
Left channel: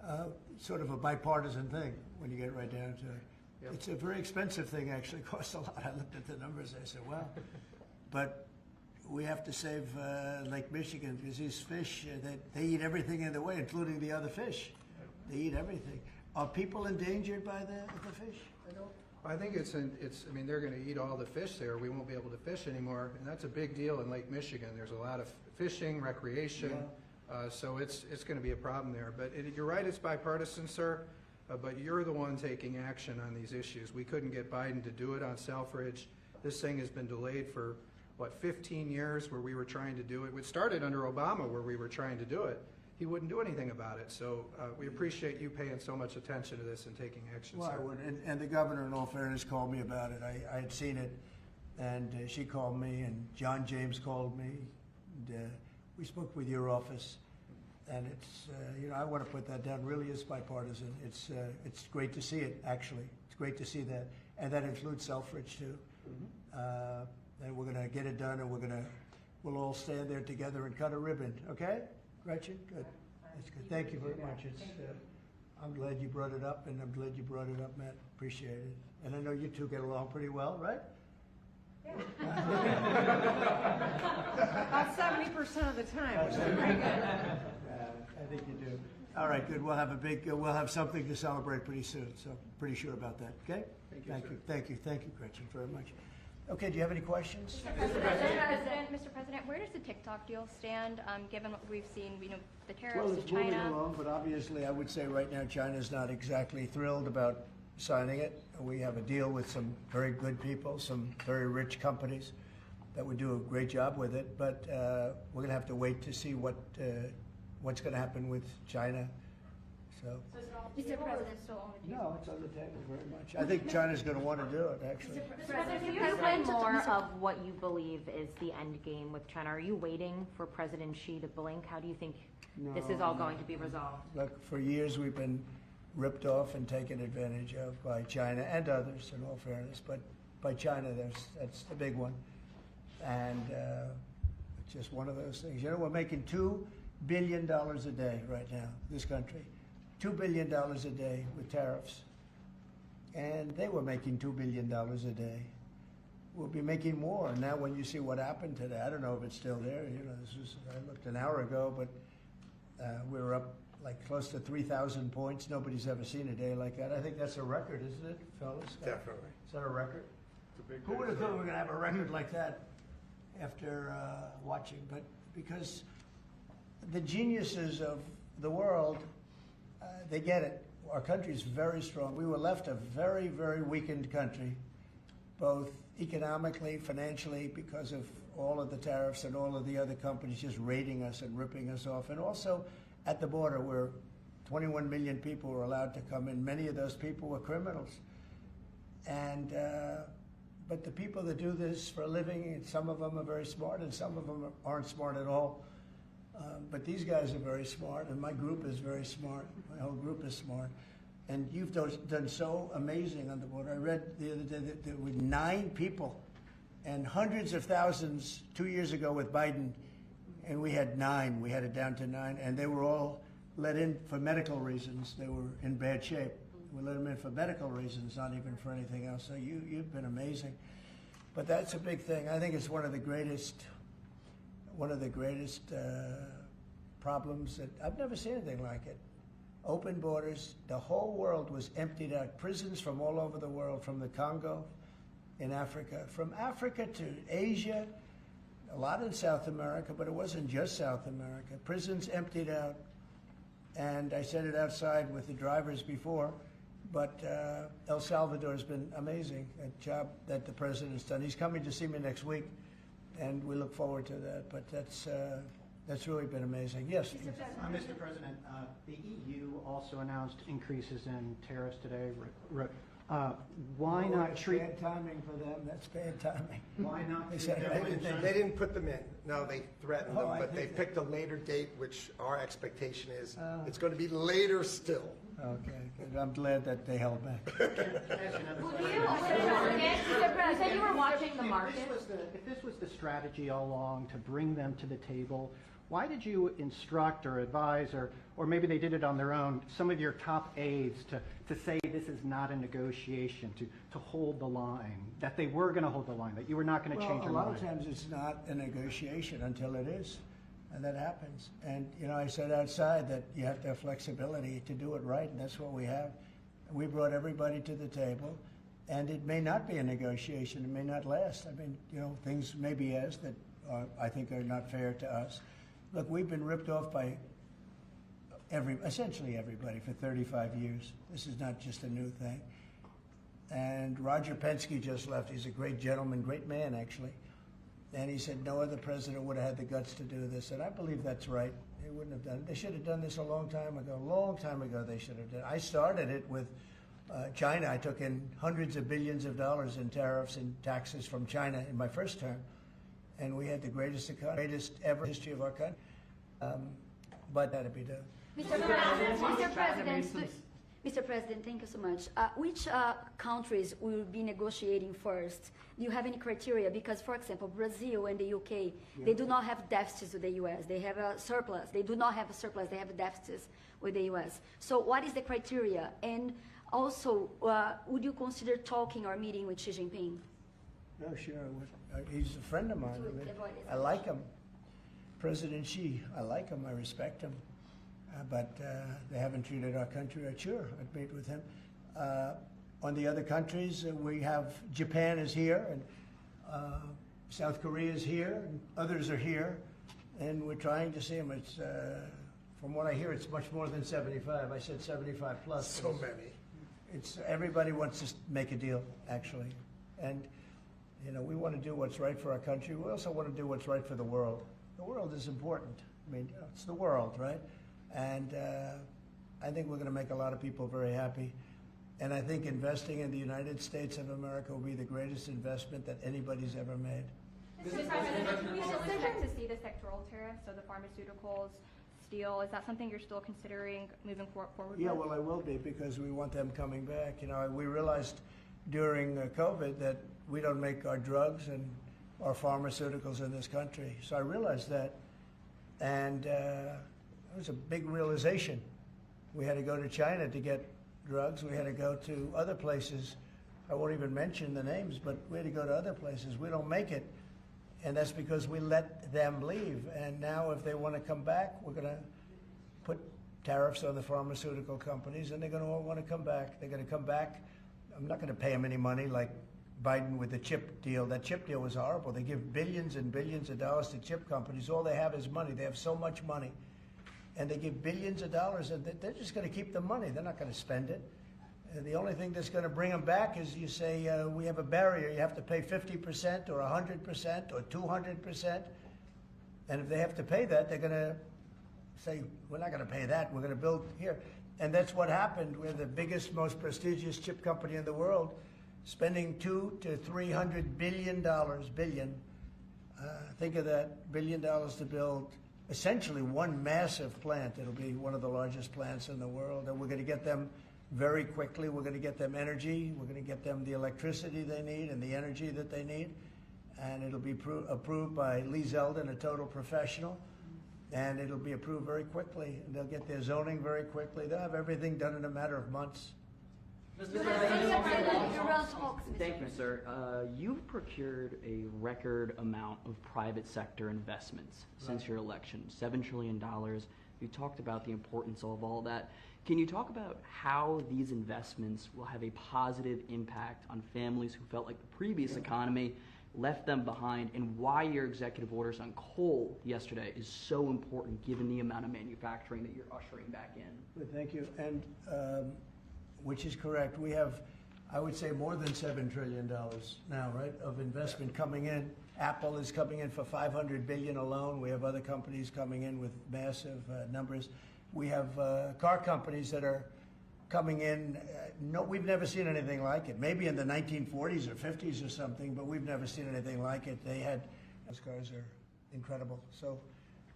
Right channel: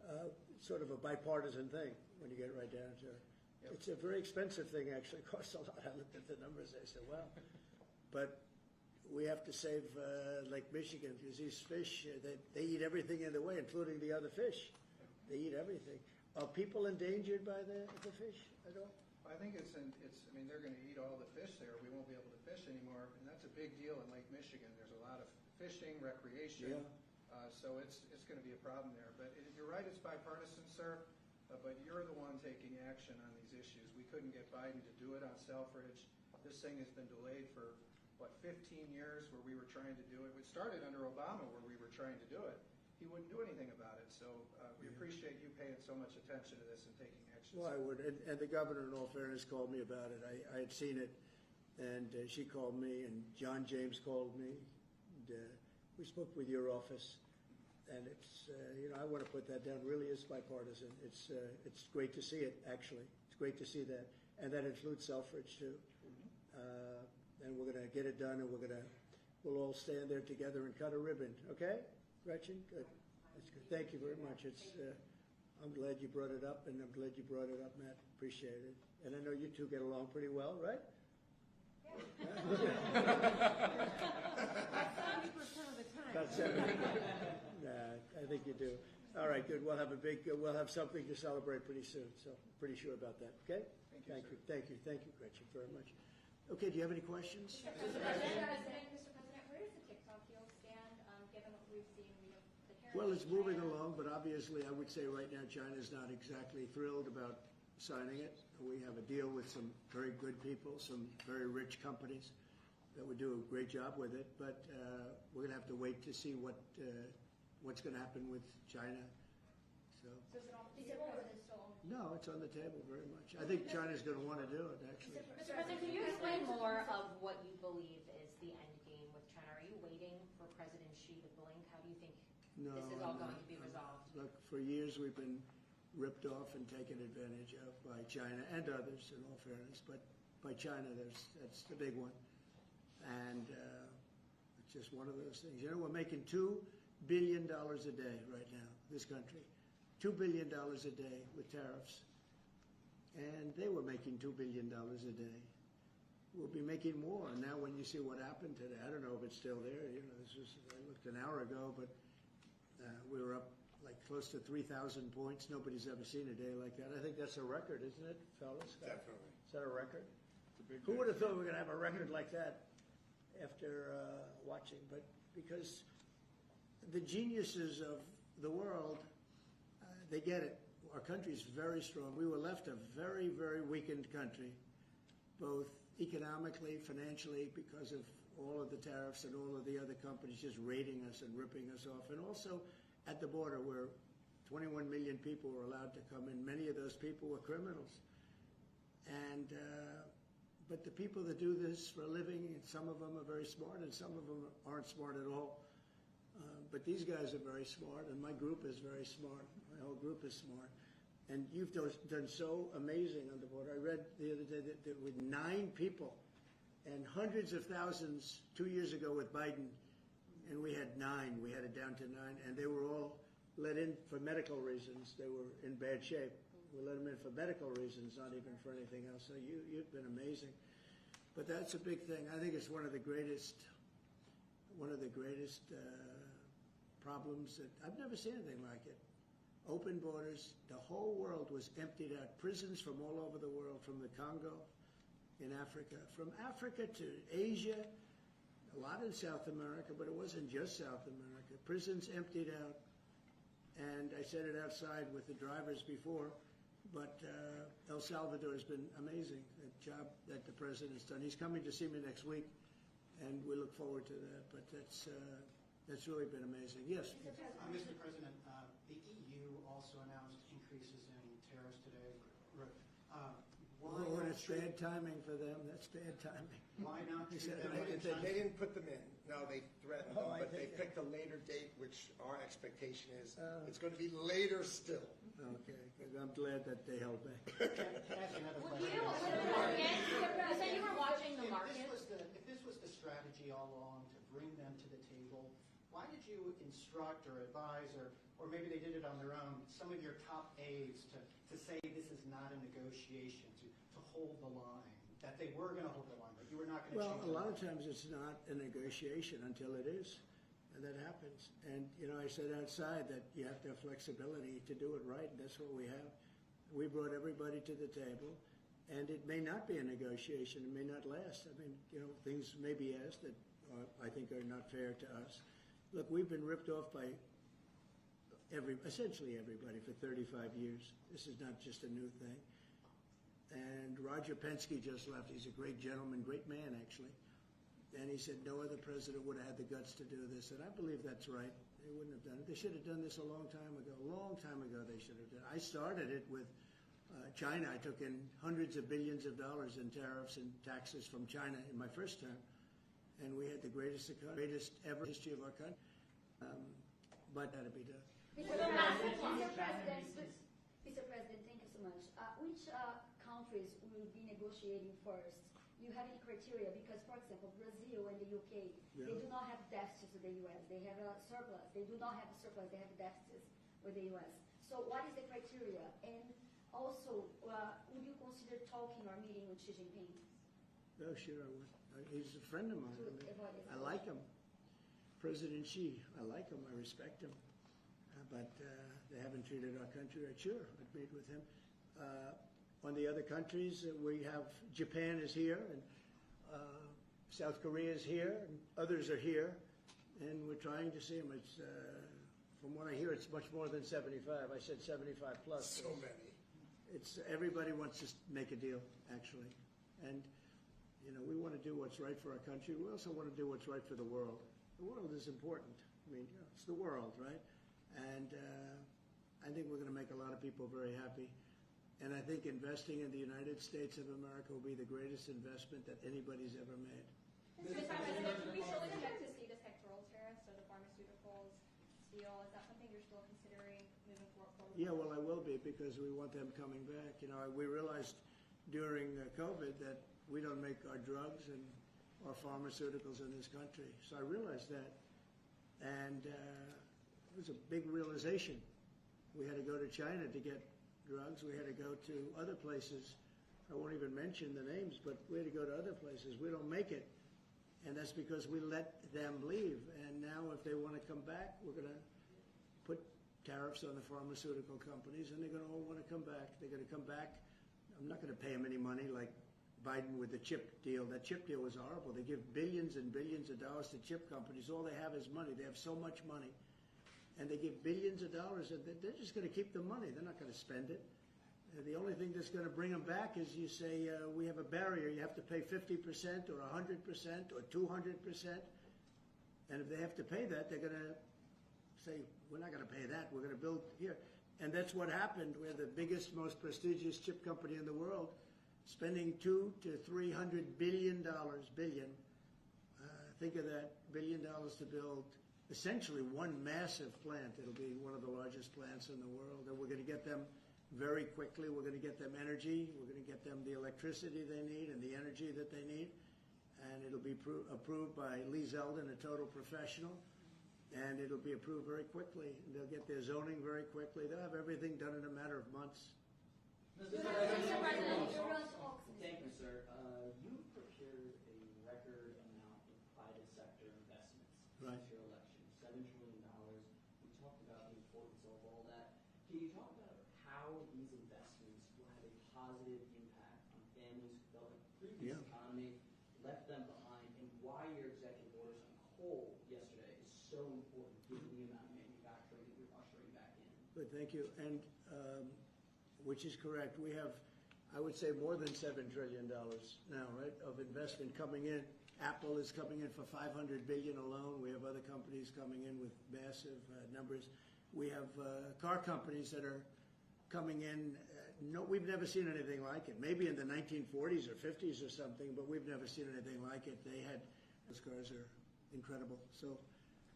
sort of a bipartisan thing when you get right down to it. Yep. It's a very expensive thing, actually, costs a lot. I looked at the numbers, I said, well, but we have to save Lake Michigan because these fish, they eat everything in the way, including the other fish. They eat everything. Are people endangered by the fish? I think it's, I mean, they're gonna eat all the fish there, we won't be able to fish anymore, and that's a big deal in Lake Michigan. There's a lot of fishing, recreation, so it's gonna be a problem there. But you're right, it's bipartisan, sir, but you're the one taking action on these issues. We couldn't get Biden to do it on Selfridge. This thing has been delayed for, 15 years where we were trying to do it. It started under Obama where we were trying to do it. He wouldn't do anything about it, so we appreciate you paying so much attention to this and taking action, Well, sir. I would, and the governor, in all fairness, called me about it. I had seen it, and she called me, and John James called me, and we spoke with your office, and it's, I want to put that down, really is bipartisan. It's great to see it, actually. It's great to see that, and that includes Selfridge, too. And we're going to get it done, and we'll all stand there together and cut a ribbon, okay? Gretchen, good. That's good. Thank you very much. It's, I'm glad you brought it up, and I'm glad you brought it up, Matt. Appreciate it. And I know you two get along pretty well, right? About 70% of the time, which is pretty good. I think you do. All right, good. We'll have something to celebrate pretty soon, so pretty sure about that, okay? Thank you, Gretchen, very much. Okay, do you have any questions? Mr. President, where does the TikTok deal stand, given what we've seen, the tariffs Well, with it's moving China? along, but obviously I would say right now China's not exactly thrilled about signing it. We have a deal with some very good people, some very rich companies that would do a great job with it, but we're going to have to wait to see what's going to happen with China. So, Mr. President, still on the table? no, it's on the table very much. I think China's going to want to do it, actually. Mr. President, Can you explain more of what you believe is the end game with China? Are you waiting for President Xi to blink? How do you think this is all going to be resolved? Look, for years we've been ripped off and taken advantage of by China and others, in all fairness, but by China, that's the big one. And it's just one of those things. We're making $2 billion a day right now, this country. $2 billion a day with tariffs. And they were making $2 billion a day. We'll be making more. Now when you see what happened today, I don't know if it's still there. I looked an hour ago, but we were up like close to 3,000 points. Nobody's ever seen a day like that. I think that's a record, isn't it, fellas? Definitely. Is that a record? Who would have thought we were going to have a record like that after watching? But because the geniuses of the world, they get it. Our country is very strong. We were left a very, very weakened country, both economically, financially, because of all of the tariffs and all of the other companies just raiding us and ripping us off. And also at the border where 21 million people were allowed to come in. Many of those people were criminals. And but the people that do this for a living, and some of them are very smart and some of them aren't smart at all. But these guys are very smart, and my group is very smart. My whole group is smart. And you've done so amazing on the border. I read the other day that there were 9 people and hundreds of thousands 2 years ago with Biden, and we had 9. We had it down to 9, and they were all let in for medical reasons. They were in bad shape. We let them in for medical reasons, not even for anything else. So you've been amazing. But that's a big thing. I think it's one of the greatest problems that I've never seen anything like it. Open borders. The whole world was emptied out. Prisons from all over the world, from the Congo in Africa, from Africa to Asia, a lot in South America, but it wasn't just South America. Prisons emptied out. And I said it outside with the drivers before, but El Salvador has been amazing, that job that the president's done. He's coming to see me next week, and we look forward to that. But that's really been amazing. Yes? Mr. President, the EU also announced increases in tariffs today. Why not That's treat? bad timing for them. That's bad timing. Why not They treat said, government they- They didn't put them in. No, they threatened Oh, them, I but they think picked a later date, which our expectation is Oh. it's going to be later still. Okay, good. I'm glad that they held back. You said you were watching the market. If this was the strategy all along to bring them to the table, why did you instruct or advise, or maybe they did it on their own, some of your top aides to say this is not a negotiation, to hold the line, that they were going to hold the line, that you were not going to change your A lot mind? of times it's not a negotiation until it is, and that happens. And, you know, I said outside that you have to have flexibility to do it right, and that's what we have. We brought everybody to the table, and it may not be a negotiation, it may not last. I mean, you know, things may be asked that I think are not fair to us. Look, we've been ripped off by essentially everybody for 35 years. This is not just a new thing. And Roger Penske just left. He's a great gentleman, great man, actually. And he said no other president would have had the guts to do this. And I believe that's right. They wouldn't have done it. They should have done this a long time ago. Long time ago they should have done it. I started it with China. I took in hundreds of billions of dollars in tariffs and taxes from China in my first term. And we had the greatest ever history of our country. But that had to be done. Mr. President, thank you so much. Which countries will be negotiating first? Do you have any criteria? Because, for example, Brazil and the UK, they do not have deficits with the US. They have a surplus. They do not have a surplus. They have deficits with the US. So what is the criteria? And also, would you consider talking or meeting with Xi Jinping? Oh, sure. I would. He's a friend of mine. I like him. President Xi, I like him. I respect him. But they haven't treated our country right. Sure, I'd meet with him. On the other countries, we have Japan is here, and South Korea is here, and others are here, and we're trying to see them. It's, from what I hear, it's much more than 75. I said 75 plus. So many. It's everybody wants to make a deal, actually, and you know we want to do what's right for our country. We also want to do what's right for the world. The world is important. I mean, you know, it's the world, right? And I think we're going to make a lot of people very happy. And I think investing in the United States of America will be the greatest investment that anybody's ever made. Mr. President, can we still expect to see the sectoral tariffs, so the pharmaceuticals, steel, is that something you're still considering moving forward Yeah, with? well, I will be because we want them coming back. You know, we realized during COVID that we don't make our drugs and our pharmaceuticals in this country. So I realized that, and it was a big realization. We had to go to China to get drugs. We had to go to other places. I won't even mention the names, but we had to go to other places. We don't make it, and that's because we let them leave. And now if they want to come back, we're going to put tariffs on the pharmaceutical companies, and they're going to all want to come back. They're going to come back. I'm not going to pay them any money like Biden with the chip deal. That chip deal was horrible. They give billions and billions of dollars to chip companies. All they have is money. They have so much money. And they give billions of dollars, and they're just going to keep the money. They're not going to spend it. The only thing that's going to bring them back is you say, we have a barrier. You have to pay 50% or 100% or 200%. And if they have to pay that, they're going to say, we're not going to pay that. We're going to build here. And that's what happened. We're the biggest, most prestigious chip company in the world, spending $200 to $300 billion. Think of that, $1 billion to build essentially one massive plant. It'll be one of the largest plants in the world, and we're going to get them very quickly. We're going to get them energy. We're going to get them the electricity they need and the energy that they need, and it'll be approved by Lee Zeldin, a total professional, and it'll be approved very quickly. And they'll get their zoning very quickly. They'll have everything done in a matter of months. Thank you, sir. You've procured a record amount of private sector investments since your election, $7 trillion. You talked about the importance of all that. Can you talk about how these investments will have a positive impact on families who felt like the previous economy left them behind, and why your executive orders on coal yesterday is so important given the amount of manufacturing that you're ushering back in? Good, thank you. And which is correct. We have, I would say, more than $7 trillion now, right, of investment coming in. Apple is coming in for $500 billion alone. We have other companies coming in with massive numbers. We have car companies that are coming in. No, we've never seen anything like it. Maybe in the 1940s or 50s or something, but we've never seen anything like it. Those cars are incredible. So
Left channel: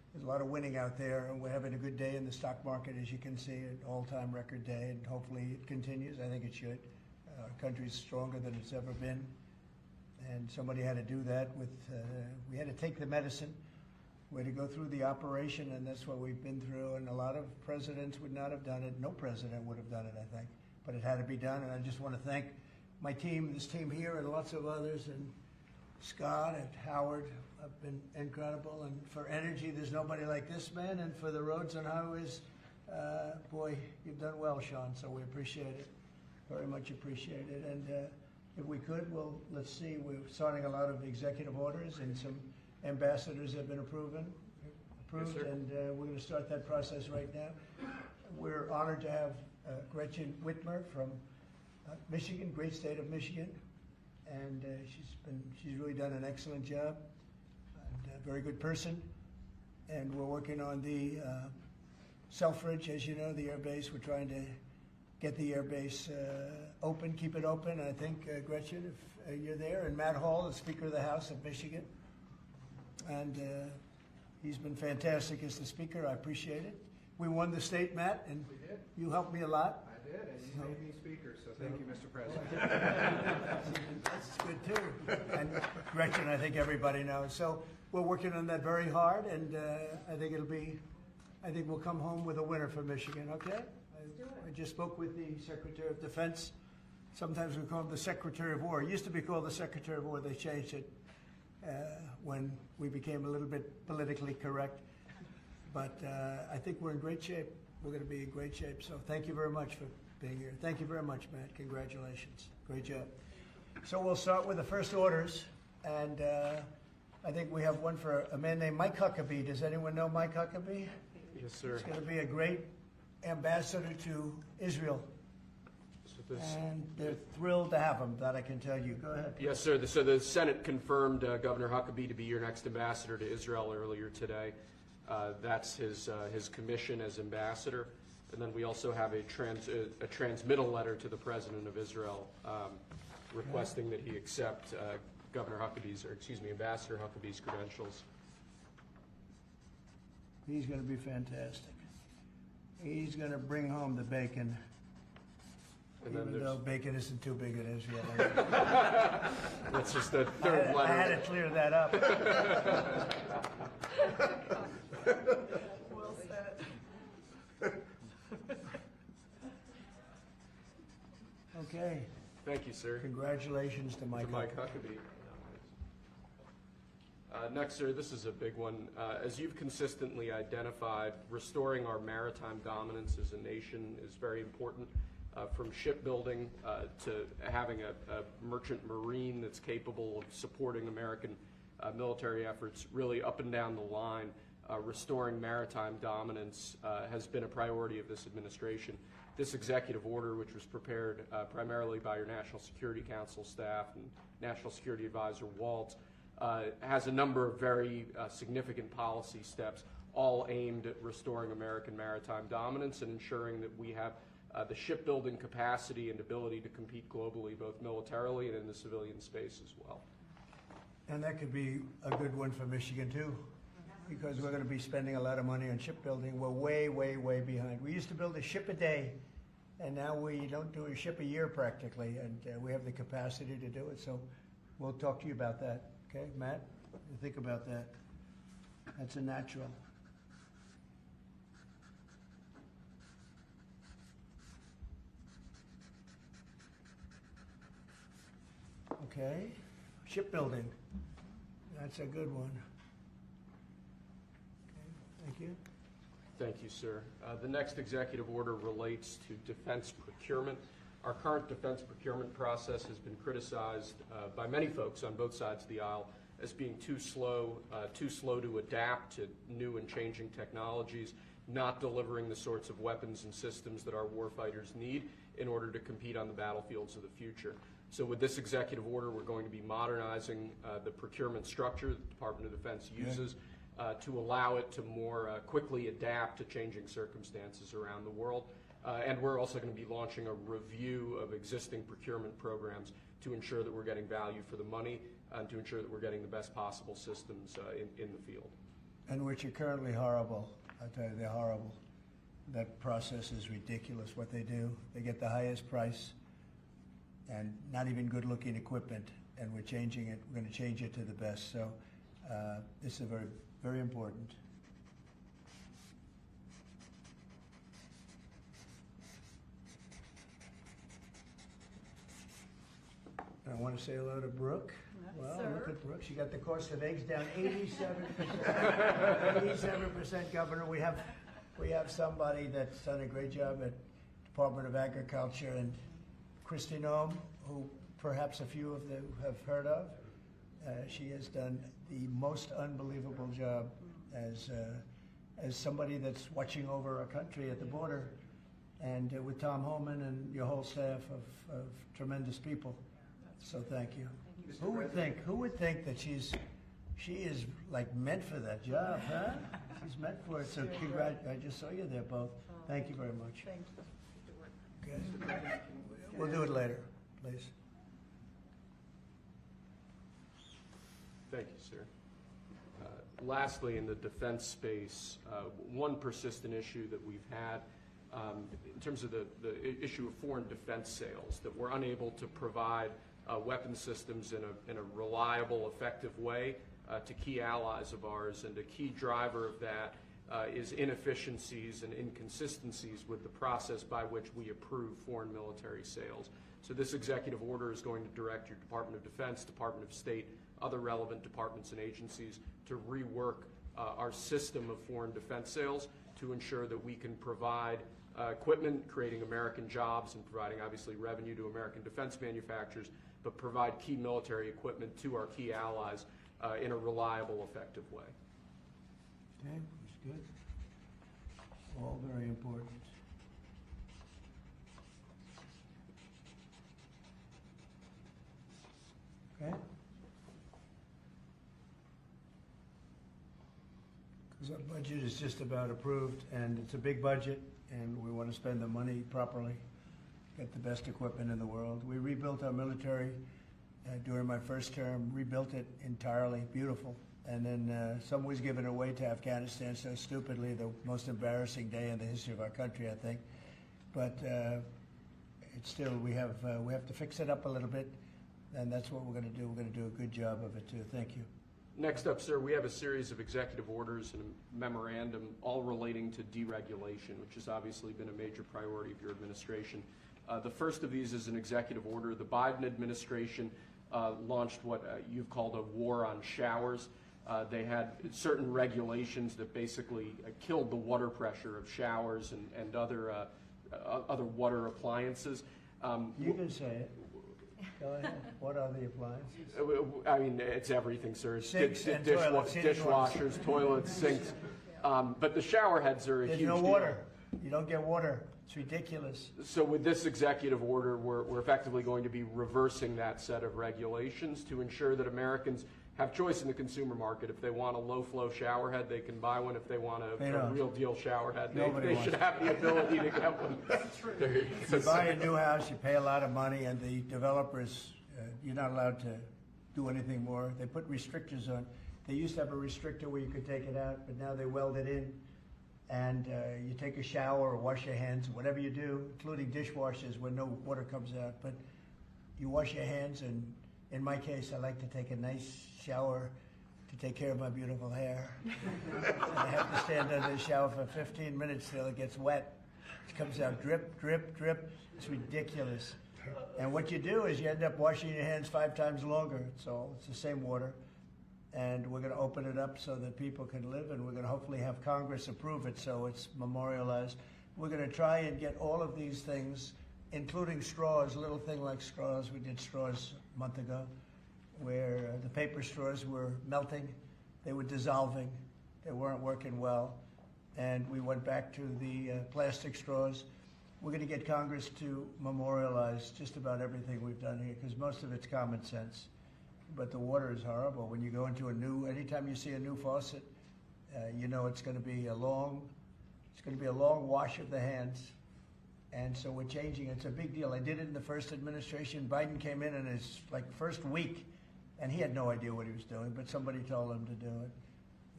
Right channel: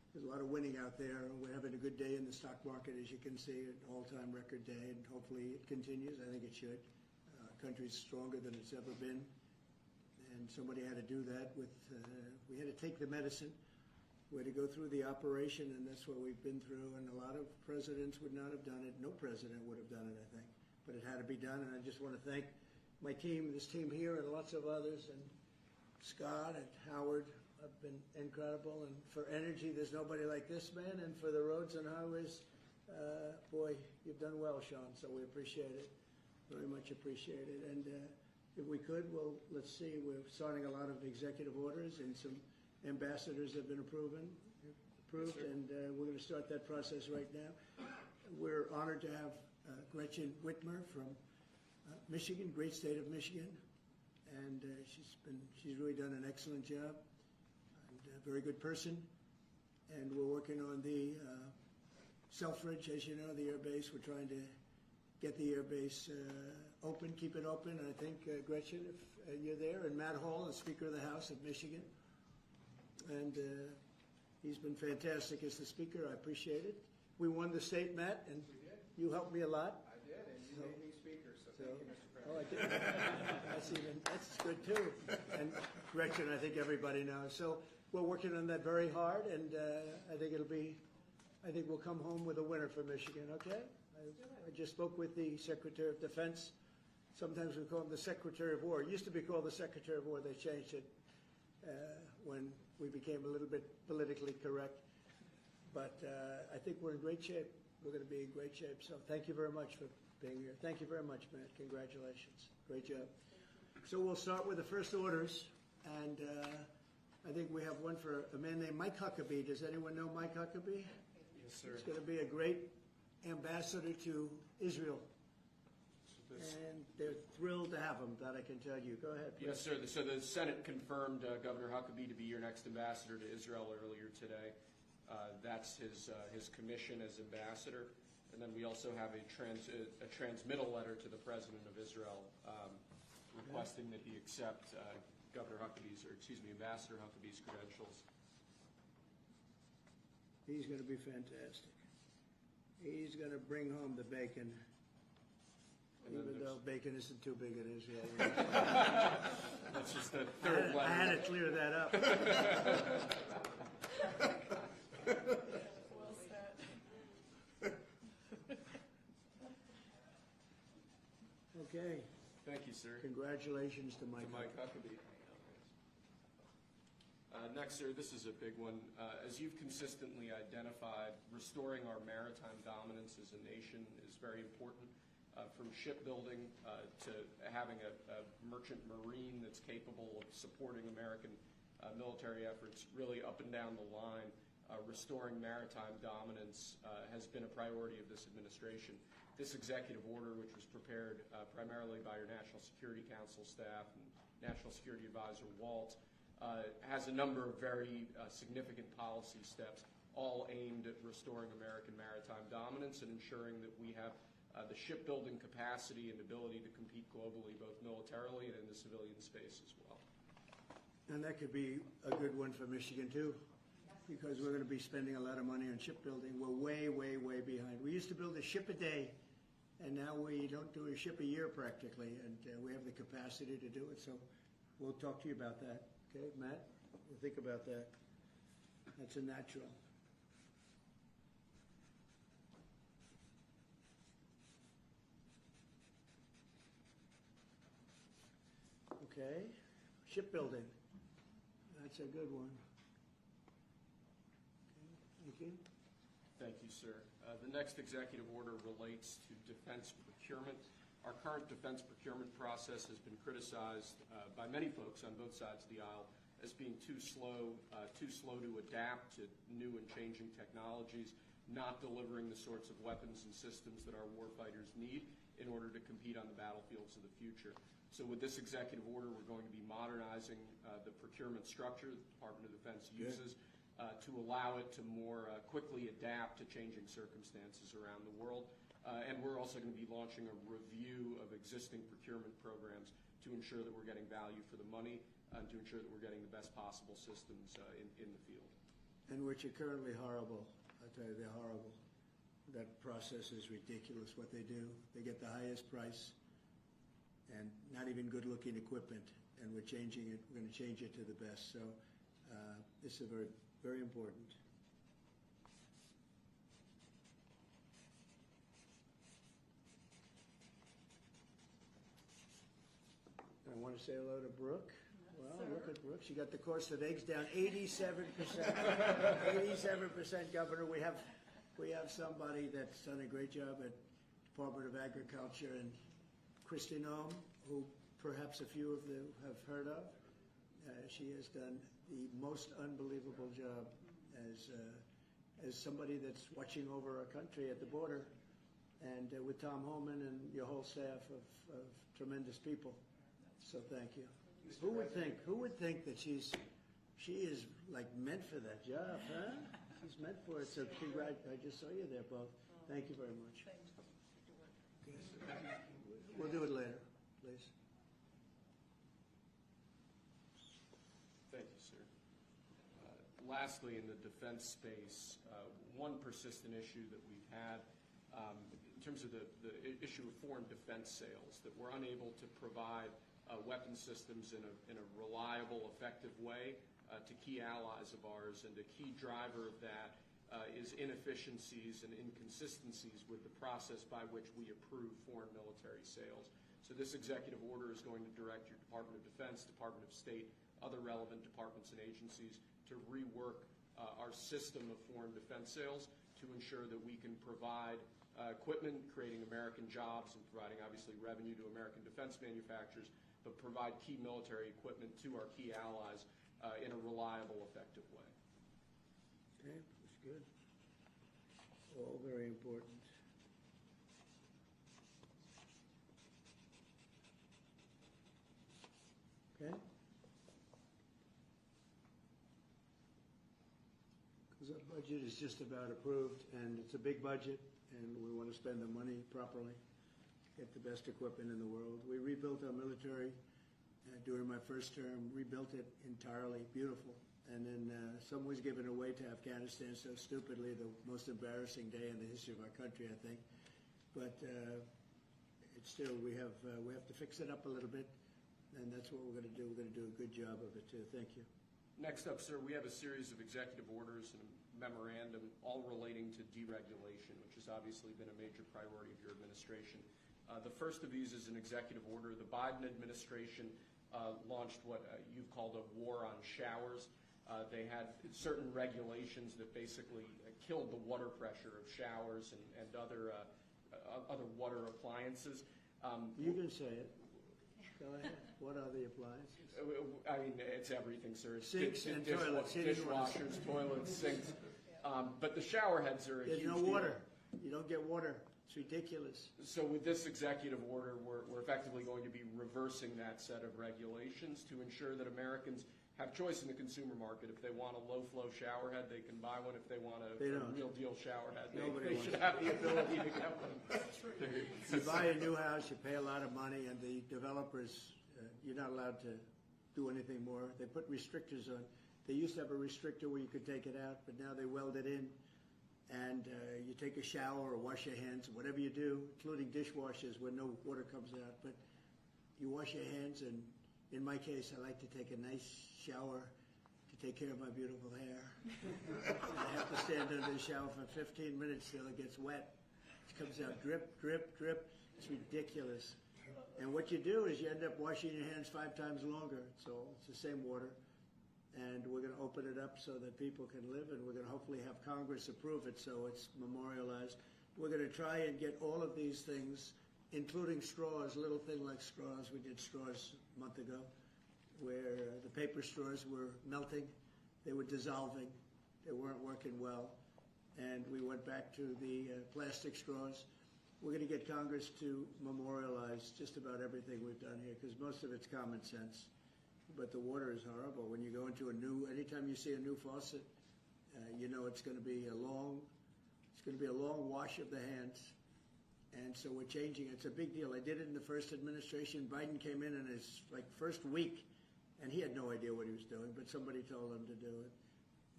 There's a lot of winning out there, and we're having a good day in the stock market, as you can see, an all-time record day, and hopefully it continues. I think it should. Our country's stronger than it's ever been, and somebody had to do that with, we had to take the medicine. We had to go through the operation, and that's what we've been through, and a lot of presidents would not have done it. No president would have done it, I think, but it had to be done, and I just want to thank my team, this team here, and lots of others, and Scott and Howard have been incredible, and for energy, there's nobody like this man, and for the roads and highways, boy, you've done well, Sean, so we appreciate it, very much appreciate it, and if we could, well, let's see, we're starting a lot of executive orders, and some ambassadors have been approved, Yes, sir. and we're going to start that process right now. We're honored to have Gretchen Whitmer from Michigan, great state of Michigan, and she's really done an excellent job, and a very good person. And we're working on the Selfridge, as you know, the air base. We're trying to get the air base open, keep it open. I think Gretchen, if you're there, and Matt Hall, the Speaker of the House of Michigan, and he's been fantastic as the Speaker. I appreciate it. We won the state, Matt, and We did. you helped me a lot. I did, and you made me speaker, so thank you, Mr. President. That's good too. And Gretchen, I think everybody knows. So we're working on that very hard, and I think we'll come home with a winner for Michigan, okay? I just spoke with the Secretary of Defense. Sometimes we call him the Secretary of War. It used to be called the Secretary of War. They changed it when we became a little bit politically correct. But I think we're in great shape. We're going to be in great shape. So thank you very much for being here. Thank you very much, Matt. Congratulations. Great job. So we'll start with the first orders. And I think we have one for a man named Mike Huckabee. Does anyone know Mike Huckabee? Yes, sir. He's going to be a great ambassador to Israel. So this- And they're thrilled to have him, that I can tell you. Go ahead. Yes, sir. So the Senate confirmed Governor Huckabee to be your next ambassador to Israel earlier today. That's his commission as ambassador. And then we also have a transmittal letter to the President of Israel requesting that he accept Ambassador Huckabee's credentials. He's going to be fantastic. He's going to bring home the bacon, And then even there's, though bacon isn't too big in Israel. that's just the third I had letter. to clear that up. Well said. Okay. Thank you, sir. Congratulations to Mike. To Mike Huckabee. Next, sir, this is a big one. As you've consistently identified, restoring our maritime dominance as a nation is very important. From shipbuilding to having a merchant marine that's capable of supporting American military efforts, really up and down the line, restoring maritime dominance has been a priority of this administration. This executive order, which was prepared primarily by your National Security Council staff and National Security Advisor Waltz, has a number of very significant policy steps, all aimed at restoring American maritime dominance and ensuring that we have the shipbuilding capacity and ability to compete globally, both militarily and in the civilian space as well. And that could be a good one for Michigan too, because we're going to be spending a lot of money on shipbuilding. We're way, way, way behind. We used to build a ship a day, and now we don't do a ship a year practically, and we have the capacity to do it. So we'll talk to you about that. Okay, Matt? You think about that. That's a natural. Okay, shipbuilding. That's a good one. Okay, thank you. Thank you, sir. The next executive order relates to defense procurement. Our current defense procurement process has been criticized by many folks on both sides of the aisle as being too slow to adapt to new and changing technologies, not delivering the sorts of weapons and systems that our warfighters need in order to compete on the battlefields of the future. So with this executive order, we're going to be modernizing the procurement structure that the Department of Defense uses to allow it to more quickly adapt to changing circumstances around the world. And we're also going to be launching a review of existing procurement programs to ensure that we're getting value for the money and to ensure that we're getting the best possible systems in the field. and which are currently horrible. I tell you, they're horrible. That process is ridiculous, what they do. They get the highest price and not even good-looking equipment, and we're changing it. We're going to change it to the best. So this is very, very important. I want to say hello to Brooke. Well, look at Brooke. She got the cost of eggs down 87%. 87%, Governor. We have somebody that's done a great job at Department of Agriculture, and Kristi Noem, who perhaps a few of you have heard of. She has done the most unbelievable job as somebody that's watching over a country at the border, and with Tom Homan and your whole staff of tremendous people. So thank you. Who would think that she is like meant for that job, huh? She's meant for it. So I just saw you there both. Thank you very much. Okay. We'll do it later, please. Thank you, sir. Lastly, in the defense space, one persistent issue that we've had in terms of the issue of foreign defense sales, that we're unable to provide weapon systems in a reliable, effective way to key allies of ours, and a key driver of that is inefficiencies and inconsistencies with the process by which we approve foreign military sales. So this executive order is going to direct your Department of Defense, Department of State, other relevant departments and agencies to rework our system of foreign defense sales to ensure that we can provide equipment, creating American jobs and providing obviously revenue to American defense manufacturers, but provide key military equipment to our key allies in a reliable, effective way. Okay, that's good. All very important. Okay? Because our budget is just about approved, and it's a big budget, and we want to spend the money properly, get the best equipment in the world. We rebuilt our military during my first term, rebuilt it entirely, beautiful. And then some was given away to Afghanistan so stupidly, the most embarrassing day in the history of our country, I think. But it's still, we have to fix it up a little bit, and that's what we're going to do. We're going to do a good job of it too. Thank you. Next up, sir, we have a series of executive orders and a memorandum all relating to deregulation, which has obviously been a major priority of your administration. The first of these is an executive order. The Biden administration launched what you've called a war on showers. They had certain regulations that basically killed the water pressure of showers and other water appliances. You can say it. Go ahead. What are the appliances? I mean, it's everything, sir. Sinks and toilets, dishwashers, toilets, sinks. But the shower heads are a huge There's no deal. water. You don't get water. It's ridiculous. So with this executive order, we're effectively going to be reversing that set of regulations to ensure that Americans have choice in the consumer market. If they want a low-flow shower head, they can buy one. If they want a real deal shower head, they should have the ability to get one. You buy a new house, you pay a lot of money, and the developers, you're not allowed to do anything more. They put restrictors on. They used to have a restrictor where you could take it out, but now they weld it in. And you take a shower or wash your hands, whatever you do, including dishwashers where no water comes out. But you wash your hands, and in my case, I like to take a nice shower to take care of my beautiful hair. And I have to stand under the shower for 15 minutes till it gets wet. It comes out drip, drip, drip. It's ridiculous. And what you do is you end up washing your hands 5 times longer. So it's the same water. And we're going to open it up so that people can live, and we're going to hopefully have Congress approve it so it's memorialized. We're going to try and get all of these things, including straws, a little thing like straws. We did straws a month ago, where the paper straws were melting, they were dissolving, they weren't working well, and we went back to the plastic straws. We're going to get Congress to memorialize just about everything we've done here, because most of it's common sense. But the water is horrible. When you go into anytime you see a new faucet, you know it's going to be a long wash of the hands. And so we're changing. It's a big deal. I did it in the first administration. Biden came in his first week, and he had no idea what he was doing, but somebody told him to do it.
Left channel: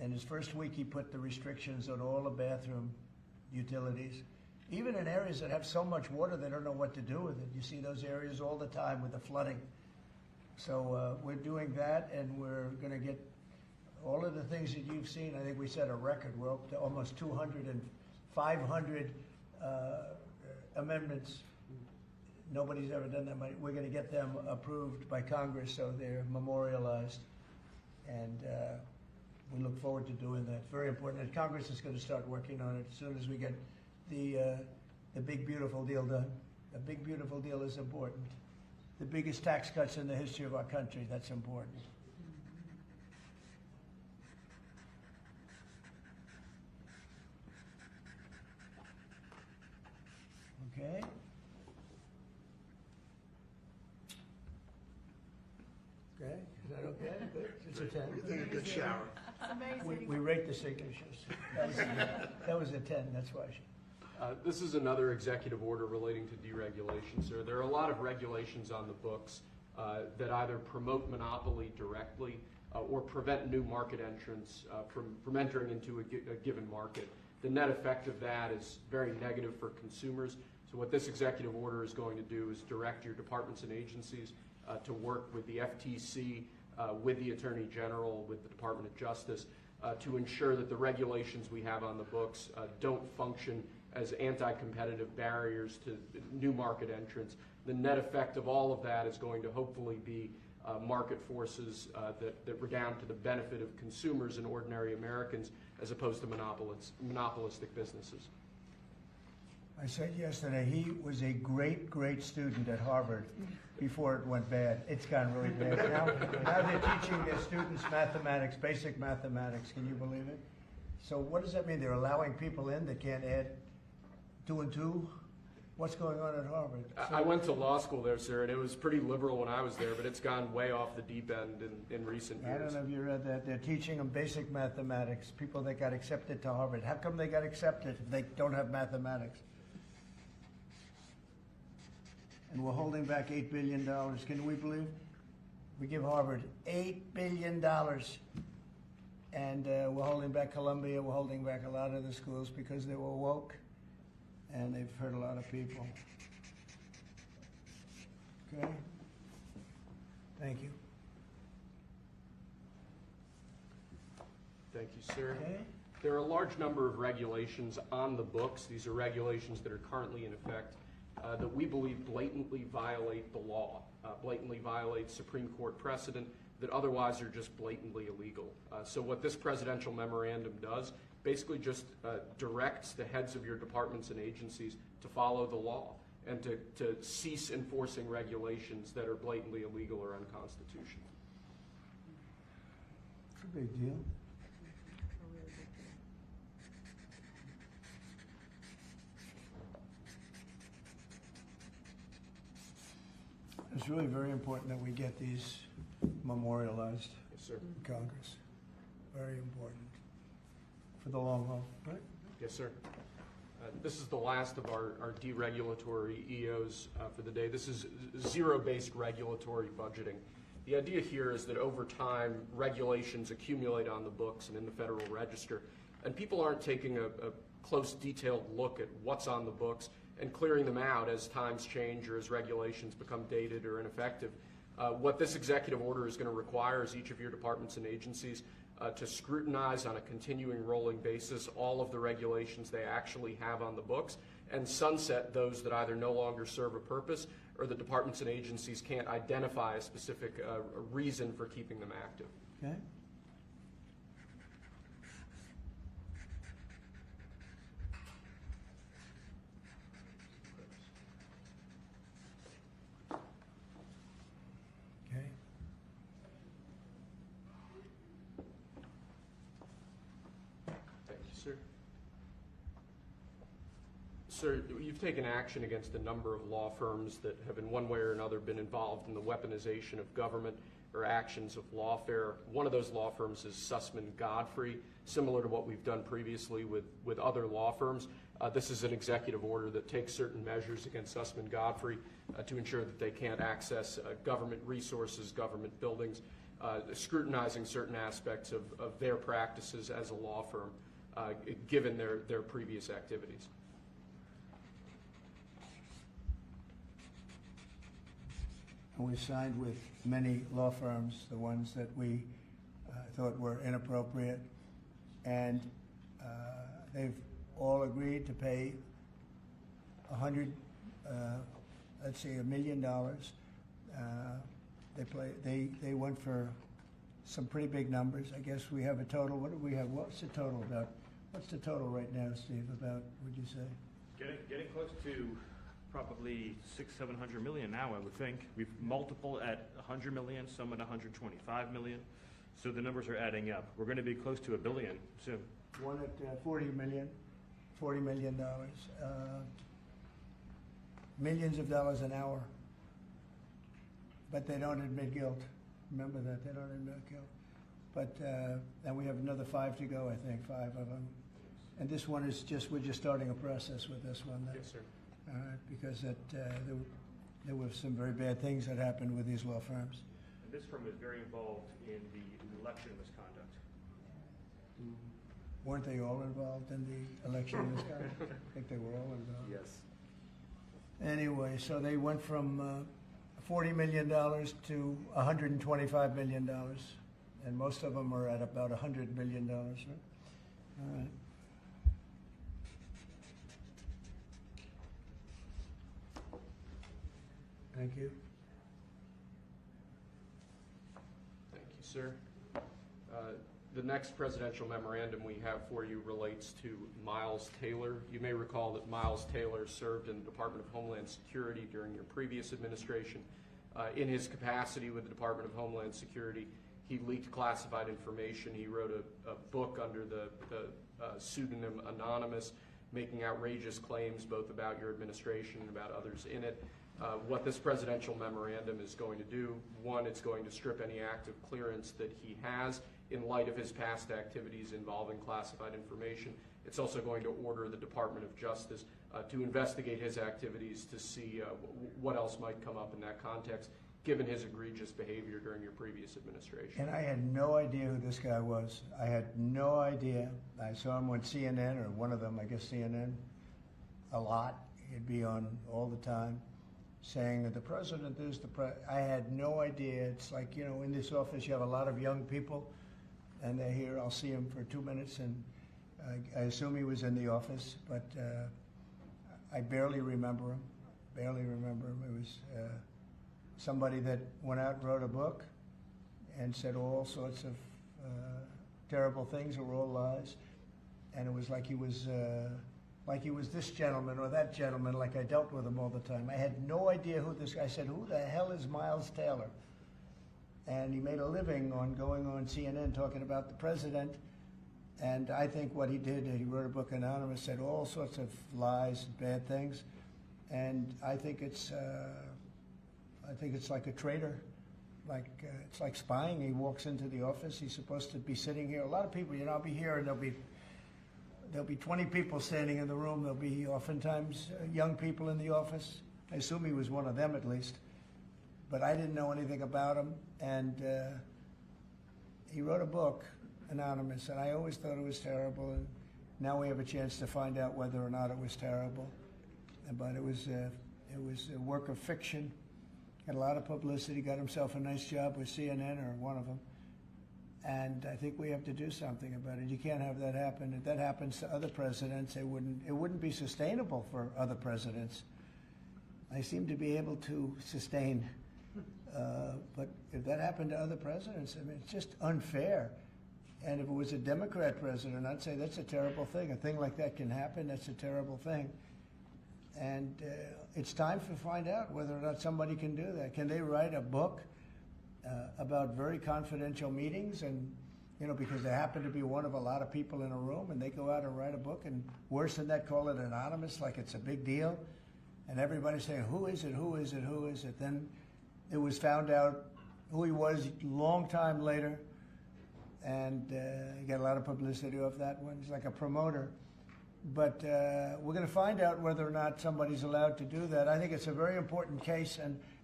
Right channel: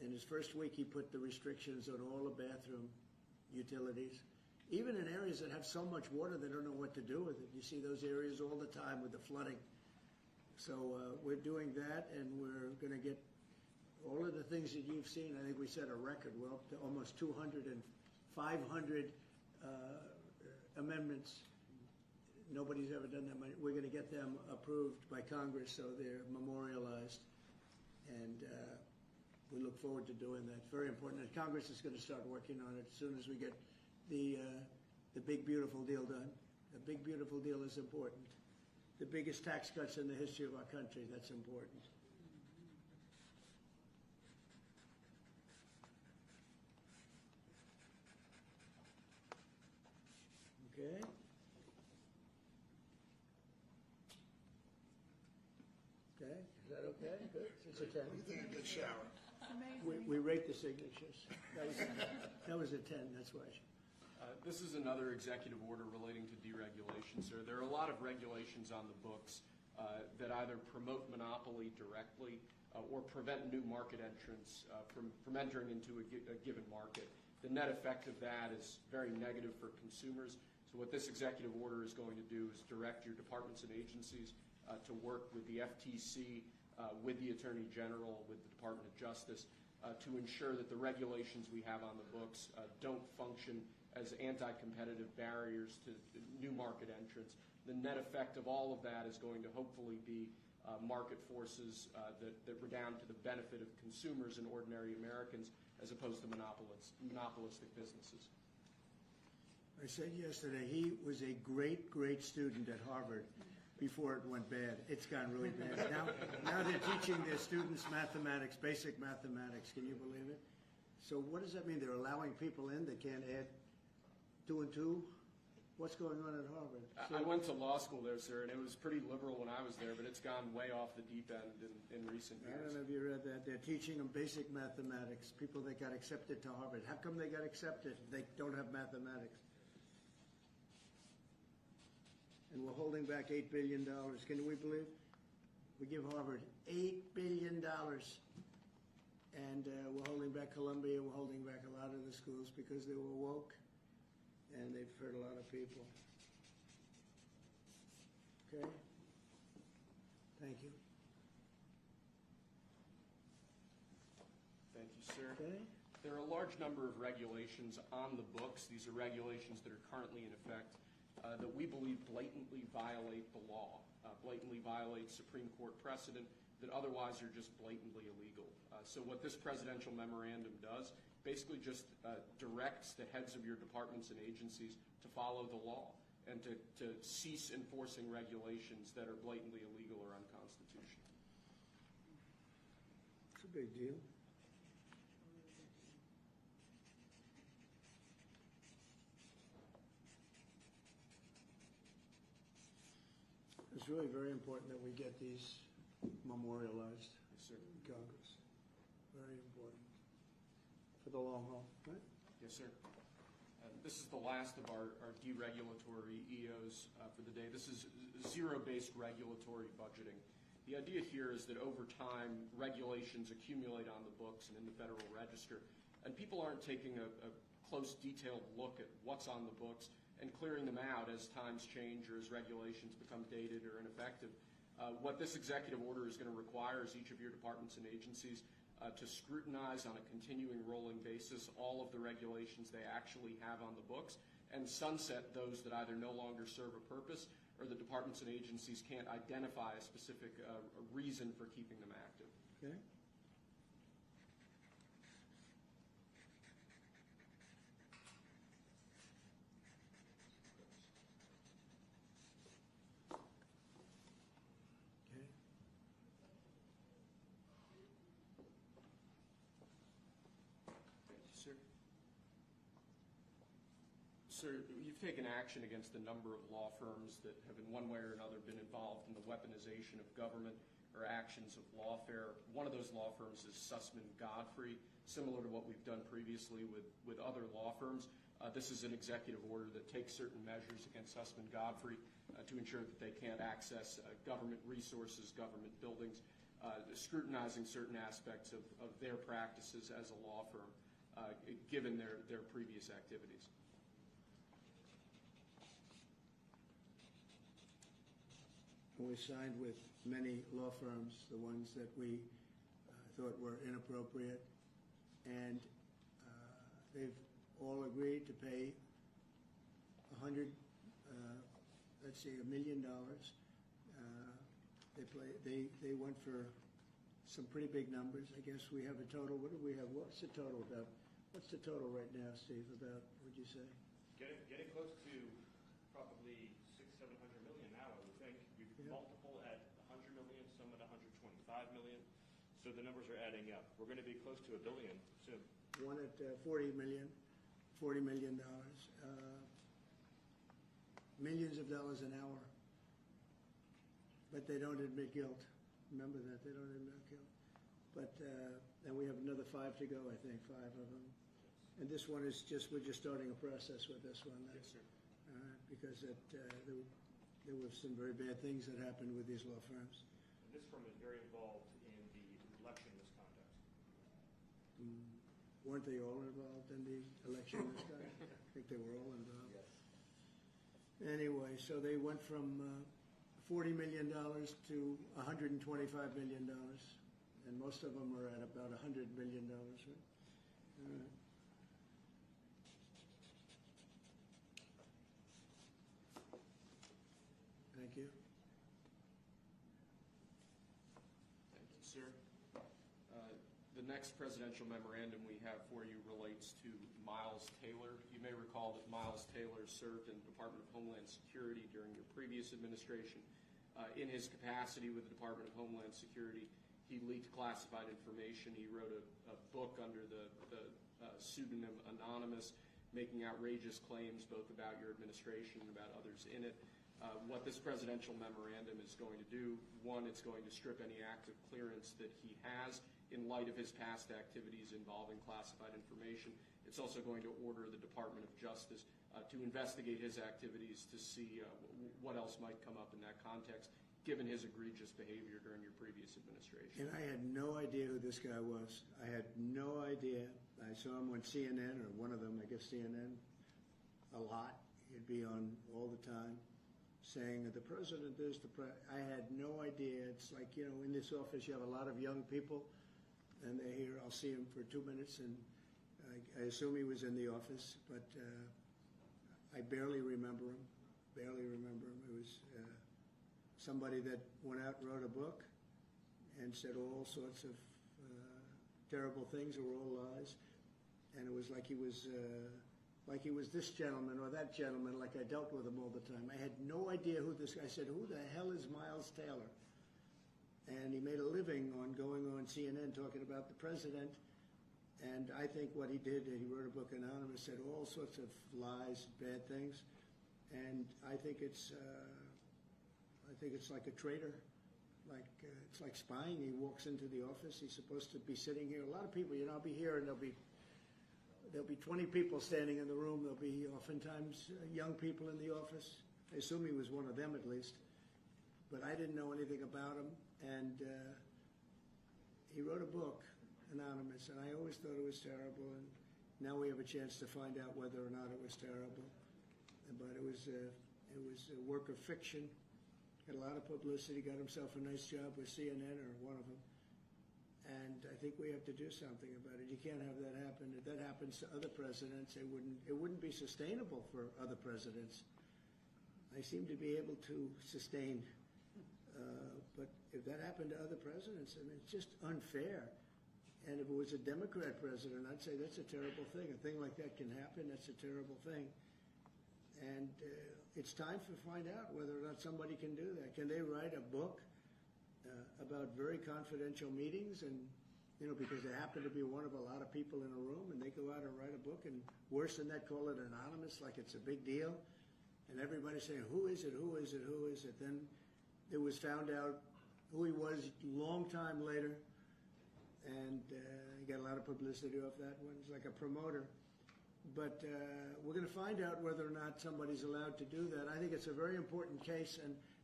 In his first week, he put the restrictions on all the bathroom utilities, even in areas that have so much water they don't know what to do with it. You see those areas all the time with the flooding. So we're doing that, and we're going to get all of the things that you've seen. I think we set a record. We're up to almost 200 and 500 amendments. Nobody's ever done that many. We're going to get them approved by Congress, so they're memorialized. And we look forward to doing that. Very important. And Congress is going to start working on it as soon as we get the big, beautiful deal done. The big, beautiful deal is important. The biggest tax cuts in the history of our country, that's important. Okay. Okay, is that okay? Good. It's a 10. You take a good shower. We rate the signatures. That was a 10, that's why. This is another executive order relating to deregulation, sir. There are a lot of regulations on the books that either promote monopoly directly or prevent new market entrants from entering into a given market. The net effect of that is very negative for consumers. So what this executive order is going to do is direct your departments and agencies to work with the FTC, with the Attorney General, with the Department of Justice, to ensure that the regulations we have on the books don't function as anti-competitive barriers to new market entrants. The net effect of all of that is going to hopefully be market forces that redound to the benefit of consumers and ordinary Americans as opposed to monopolistic businesses. I said yesterday, he was a great, great student at Harvard before it went bad. It's gone really bad. Now they're teaching their students mathematics, basic mathematics. Can you believe it? So what does that mean? They're allowing people in that can't add 2 and 2? What's going on at Harvard? I went to law school there, sir, and it was pretty liberal when I was there, but it's gone way off the deep end in recent years. I don't know if you read that. They're teaching them basic mathematics, people that got accepted to Harvard. How come they got accepted if they don't have mathematics? And we're holding back $8 billion. Can we believe? We give Harvard $8 billion. And we're holding back Columbia. We're holding back a lot of the schools because they were woke. And they've hurt a lot of people. Okay? Thank you. Thank you, sir. Okay? There are a large number of regulations on the books. These are regulations that are currently in effect that we believe blatantly violate the law, blatantly violate Supreme Court precedent that otherwise are just blatantly illegal. So what this presidential memorandum does basically just directs the heads of your departments and agencies to follow the law and to cease enforcing regulations that are blatantly illegal or unconstitutional. It's a big deal. It's really very important that we get these memorialized Yes, sir. in Congress. Very important for the long haul, right? Yes, sir. This is the last of our deregulatory EOs for the day. This is zero-based regulatory budgeting. The idea here is that over time, regulations accumulate on the books and in the Federal Register, and people aren't taking a close, detailed look at what's on the books and clearing them out as times change or as regulations become dated or ineffective. What this executive order is going to require is each of your departments and agencies to scrutinize on a continuing rolling basis all of the regulations they actually have on the books and sunset those that either no longer serve a purpose or the departments and agencies can't identify a specific reason for keeping them active. Okay? Okay. Thank you, sir. Sir, you've taken action against a number of law firms that have in one way or another been involved in the weaponization of government or actions of lawfare. One of those law firms is Sussman Godfrey, similar to what we've done previously with other law firms. This is an executive order that takes certain measures against Sussman Godfrey to ensure that they can't access government resources, government buildings. scrutinizing certain aspects of their practices as a law firm, given their previous activities. And we signed with many law firms, the ones that we thought were inappropriate, and they've all agreed to pay $1 million. They went for some pretty big numbers. I guess we have a total. What do we have? What's the total about? What's the total right now, Steve? About, would you say? Getting close to probably 600-700 million now, I would think. We've multiple at 100 million, some at 125 million. So the numbers are adding up. We're going to be close to $1 billion soon. One at $40 million. Millions of dollars an hour. But they don't admit guilt. Remember that, they don't admit guilt. But, and we have another 5 to go, I think, 5 of them. And this one is we're just starting a process with this one. Yes, sir. Because there were some very bad things that happened with these law firms. And this firm is very involved in the election misconduct. Weren't they all involved in the election misconduct? I think they were all involved. Yes. Anyway, so they went from $40 million to $125 million, and most of them are at about $100 million, right? All right. Thank you. Thank you, sir. The next presidential memorandum we have for you relates to Miles Taylor. You may recall that Miles Taylor served in the Department of Homeland Security during your previous administration. In his capacity with the Department of Homeland Security, he leaked classified information. He wrote a book under the pseudonym Anonymous, making outrageous claims both about your administration and about others in it. What this presidential memorandum is going to do, one, it's going to strip any active clearance that he has in light of his past activities involving classified information. It's also going to order the Department of Justice to investigate his activities to see what else might come up in that context, given his egregious behavior during your previous administration. And I had no idea who this guy was. I had no idea. I saw him on CNN, or one of them, I guess CNN, a lot. He'd be on all the time, saying that the president is I had no idea. It's like, you know, in this office you have a lot of young people, and they're here. I'll see him for 2 minutes, and I assume he was in the office, but I barely remember him. It was somebody that went out and wrote a book and said all sorts of terrible things that were all lies, and it was like he was this gentleman or that gentleman, like I dealt with him all the time. I had no idea who this guy. I said, who the hell is Miles Taylor? And he made a living on going on CNN talking about the president. And I think what he did, he wrote a book, Anonymous, said all sorts of lies and bad things. And I think it's like a traitor. It's like spying. He walks into the office. He's supposed to be sitting here. A lot of people, you know, I'll be here and there'll be 20 people standing in the room. There'll be oftentimes young people in the office. I assume he was one of them at least. But I didn't know anything about him. And he wrote a book, Anonymous, and I always thought it was terrible. And now we have a chance to find out whether or not it was terrible. But it was a work of fiction. Had a lot of publicity. Got himself a nice job with CNN, or one of them. And I think we have to do something about it. You can't have that happen. If that happens to other presidents, it wouldn't be sustainable for other presidents. I seem to be able to sustain. But if that happened to other presidents, I mean, it's just unfair. And if it was a Democrat president, I'd say that's a terrible thing. A thing like that can happen. That's a terrible thing. And it's time to find out whether or not somebody can do that. Can they write a book about very confidential meetings, and, you know, because they happen to be one of a lot of people in a room, and they go out and write a book, and worse than that, call it anonymous, like it's a big deal, and everybody's saying, who is it? Then it was found out who he was a long time later, and he got a lot of publicity off that one. He's like a promoter. But we're going to find out whether or not somebody's allowed to do that. I think it's a very important case, and